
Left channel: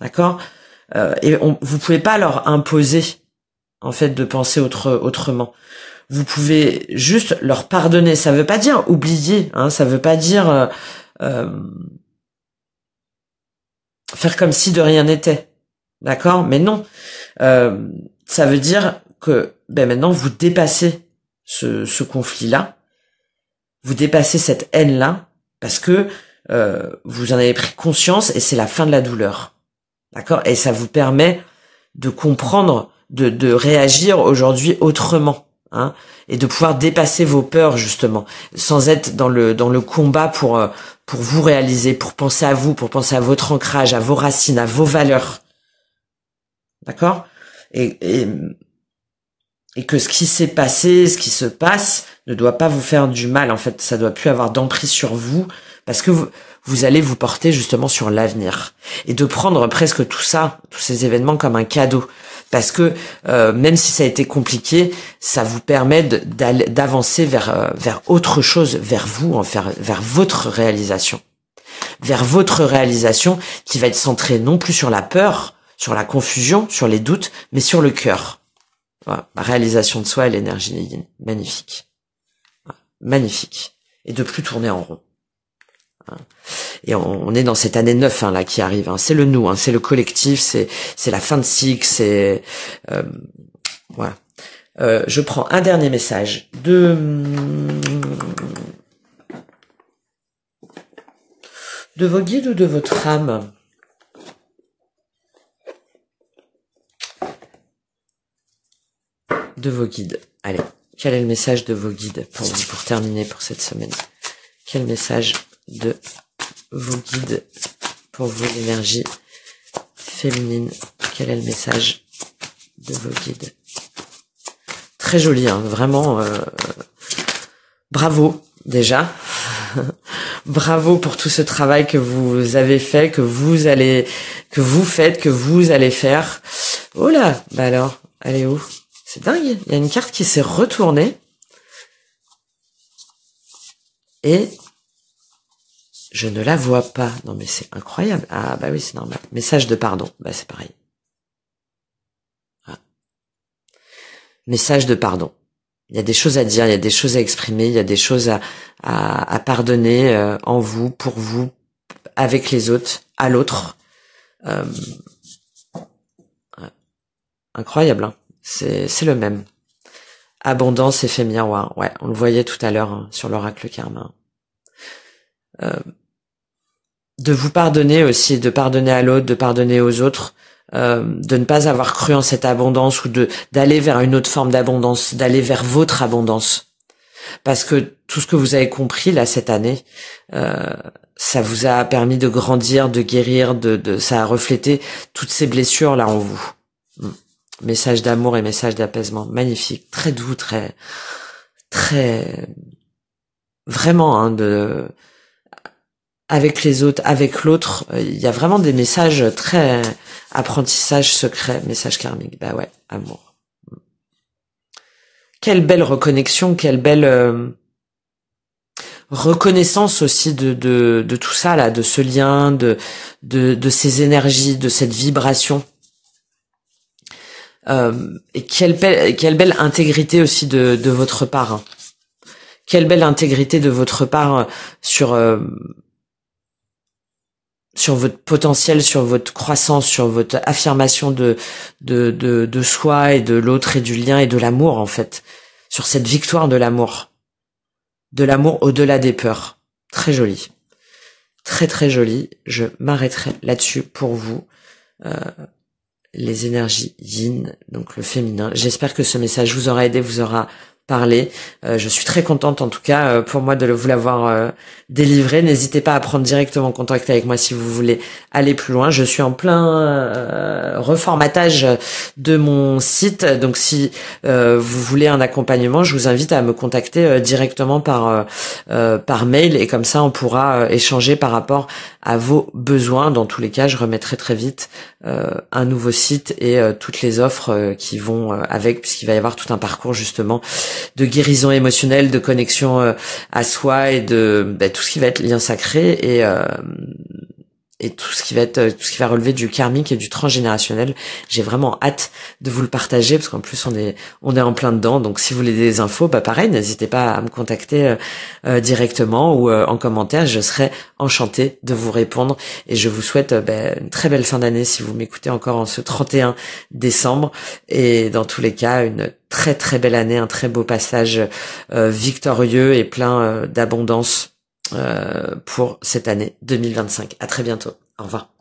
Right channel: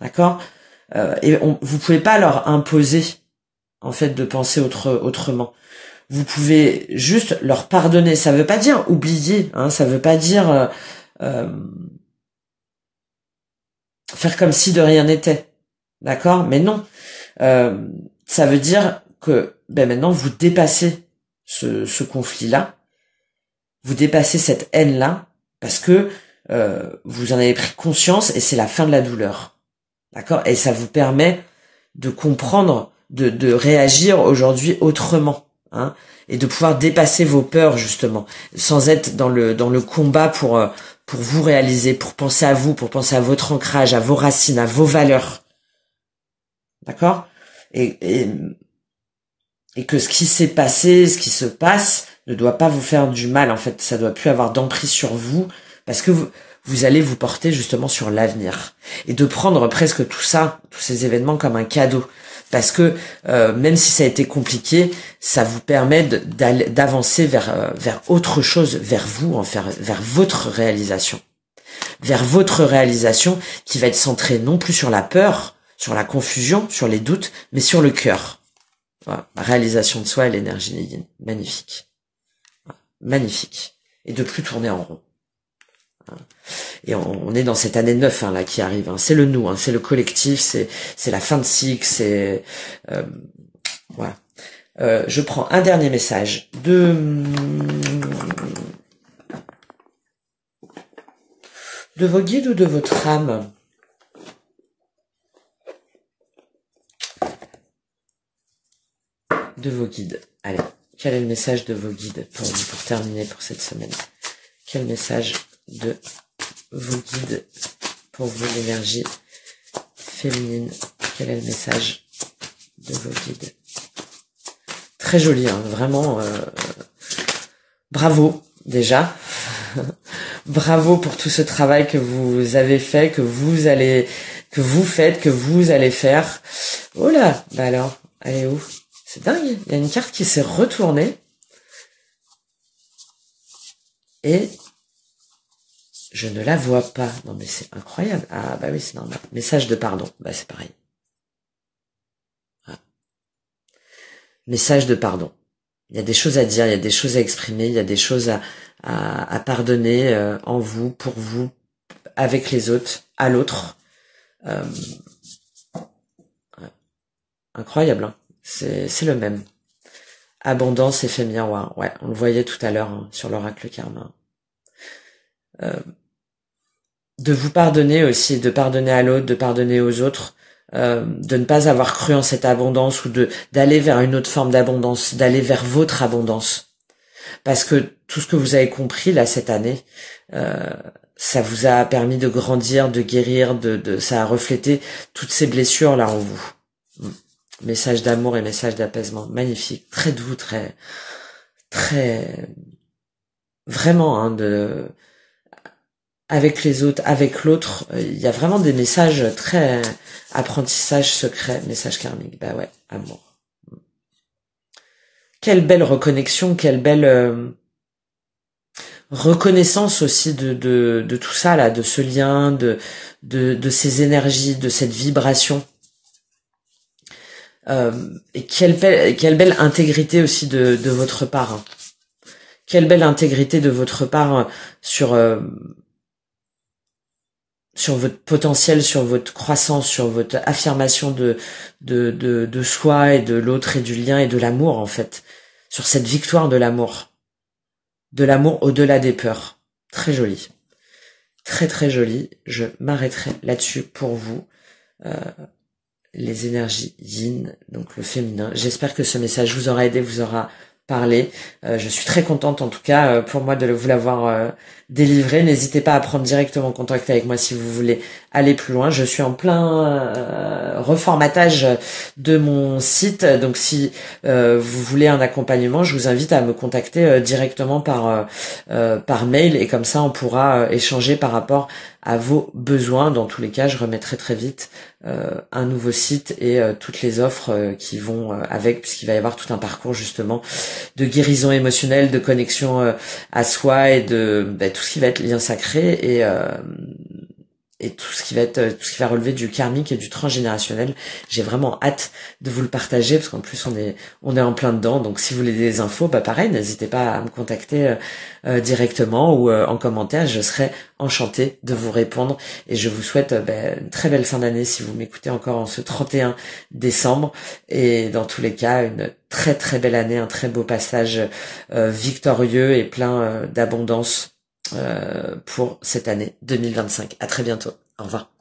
D'accord, et vous pouvez pas leur imposer en fait de penser autrement. Vous pouvez juste leur pardonner. Ça veut pas dire oublier, hein, ça veut pas dire faire comme si de rien n'était. D'accord, mais non. Ça veut dire que maintenant vous dépassez ce conflit-là. Vous dépassez cette haine-là parce que vous en avez pris conscience et c'est la fin de la douleur. D'accord? Et ça vous permet de comprendre, de réagir aujourd'hui autrement, hein, et de pouvoir dépasser vos peurs justement, sans être dans le combat pour vous réaliser, pour penser à vous, pour penser à votre ancrage, à vos racines, à vos valeurs. D'accord? Et que ce qui s'est passé, ce qui se passe, ne doit pas vous faire du mal, en fait. Ça doit plus avoir d'emprise sur vous, parce que vous allez vous porter justement sur l'avenir. Et de prendre presque tout ça, tous ces événements comme un cadeau. Parce que même si ça a été compliqué, ça vous permet d'avancer vers autre chose, vers vous, enfin, vers votre réalisation. Vers votre réalisation qui va être centrée non plus sur la peur, sur la confusion, sur les doutes, mais sur le cœur. Voilà, la réalisation de soi et l'énergie Yin. Magnifique. Voilà, magnifique. Et de plus tourner en rond. Et on est dans cette année 9 hein, là qui arrive. Hein. C'est le nous, hein, c'est le collectif, c'est la fin de cycle, c'est voilà. Je prends un dernier message de vos guides ou de votre âme. De vos guides. Allez, quel est le message de vos guides pour vous, pour terminer pour cette semaine? Quel message de vos guides pour vous, l'énergie féminine? Quel est le message de vos guides? Très joli, hein, vraiment. Bravo déjà. Bravo pour tout ce travail que vous avez fait, que vous faites, que vous allez faire. Oh là, bah alors, elle est où? C'est dingue, il y a une carte qui s'est retournée. Et je ne la vois pas. Non mais c'est incroyable. Ah bah oui, c'est normal. Message de pardon. Bah c'est pareil. Ah. Message de pardon. Il y a des choses à dire, il y a des choses à exprimer, il y a des choses à pardonner en vous, pour vous, avec les autres, à l'autre. Incroyable, hein. C'est le même. Abondance, effet miroir. Ouais, on le voyait tout à l'heure hein, sur l'oracle karma. De vous pardonner aussi, de pardonner à l'autre, de pardonner aux autres, de ne pas avoir cru en cette abondance ou d'aller vers une autre forme d'abondance, d'aller vers votre abondance. Parce que tout ce que vous avez compris là cette année, ça vous a permis de grandir, de guérir, ça a reflété toutes ces blessures là en vous. Message d'amour et message d'apaisement, magnifique, très doux, très vraiment hein, avec les autres, avec l'autre, il y a vraiment des messages très apprentissage secret, message karmique. Bah ouais, amour. Quelle belle reconnexion, quelle belle reconnaissance aussi de tout ça là, de ce lien, de ces énergies, de cette vibration. Et quelle belle intégrité aussi de votre part. Hein. Quelle belle intégrité de votre part sur votre potentiel, sur votre croissance, sur votre affirmation de soi et de l'autre et du lien et de l'amour en fait. Sur cette victoire de l'amour. De l'amour au-delà des peurs. Très joli. Très très joli. Je m'arrêterai là-dessus pour vous. Les énergies yin, donc le féminin. J'espère que ce message vous aura aidé, vous aura parlé. Je suis très contente en tout cas pour moi de vous l'avoir délivré. N'hésitez pas à prendre directement contact avec moi si vous voulez aller plus loin. Je suis en plein reformatage de mon site, donc si vous voulez un accompagnement, je vous invite à me contacter directement par mail et comme ça on pourra échanger par rapport à vos besoins. Dans tous les cas, je remettrai très vite un nouveau site et toutes les offres qui vont avec, puisqu'il va y avoir tout un parcours justement de guérison émotionnelle, de connexion à soi et de tout ce qui va être lien sacré et tout ce qui va relever du karmique et du transgénérationnel. J'ai vraiment hâte de vous le partager parce qu'en plus on est en plein dedans. Donc si vous voulez des infos, pareil, n'hésitez pas à me contacter directement ou en commentaire. Je serai enchantée de vous répondre et je vous souhaite une très belle fin d'année si vous m'écoutez encore en ce 31 décembre et dans tous les cas une très très belle année, un très beau passage victorieux et plein d'abondance pour cette année 2025. À très bientôt. Au revoir.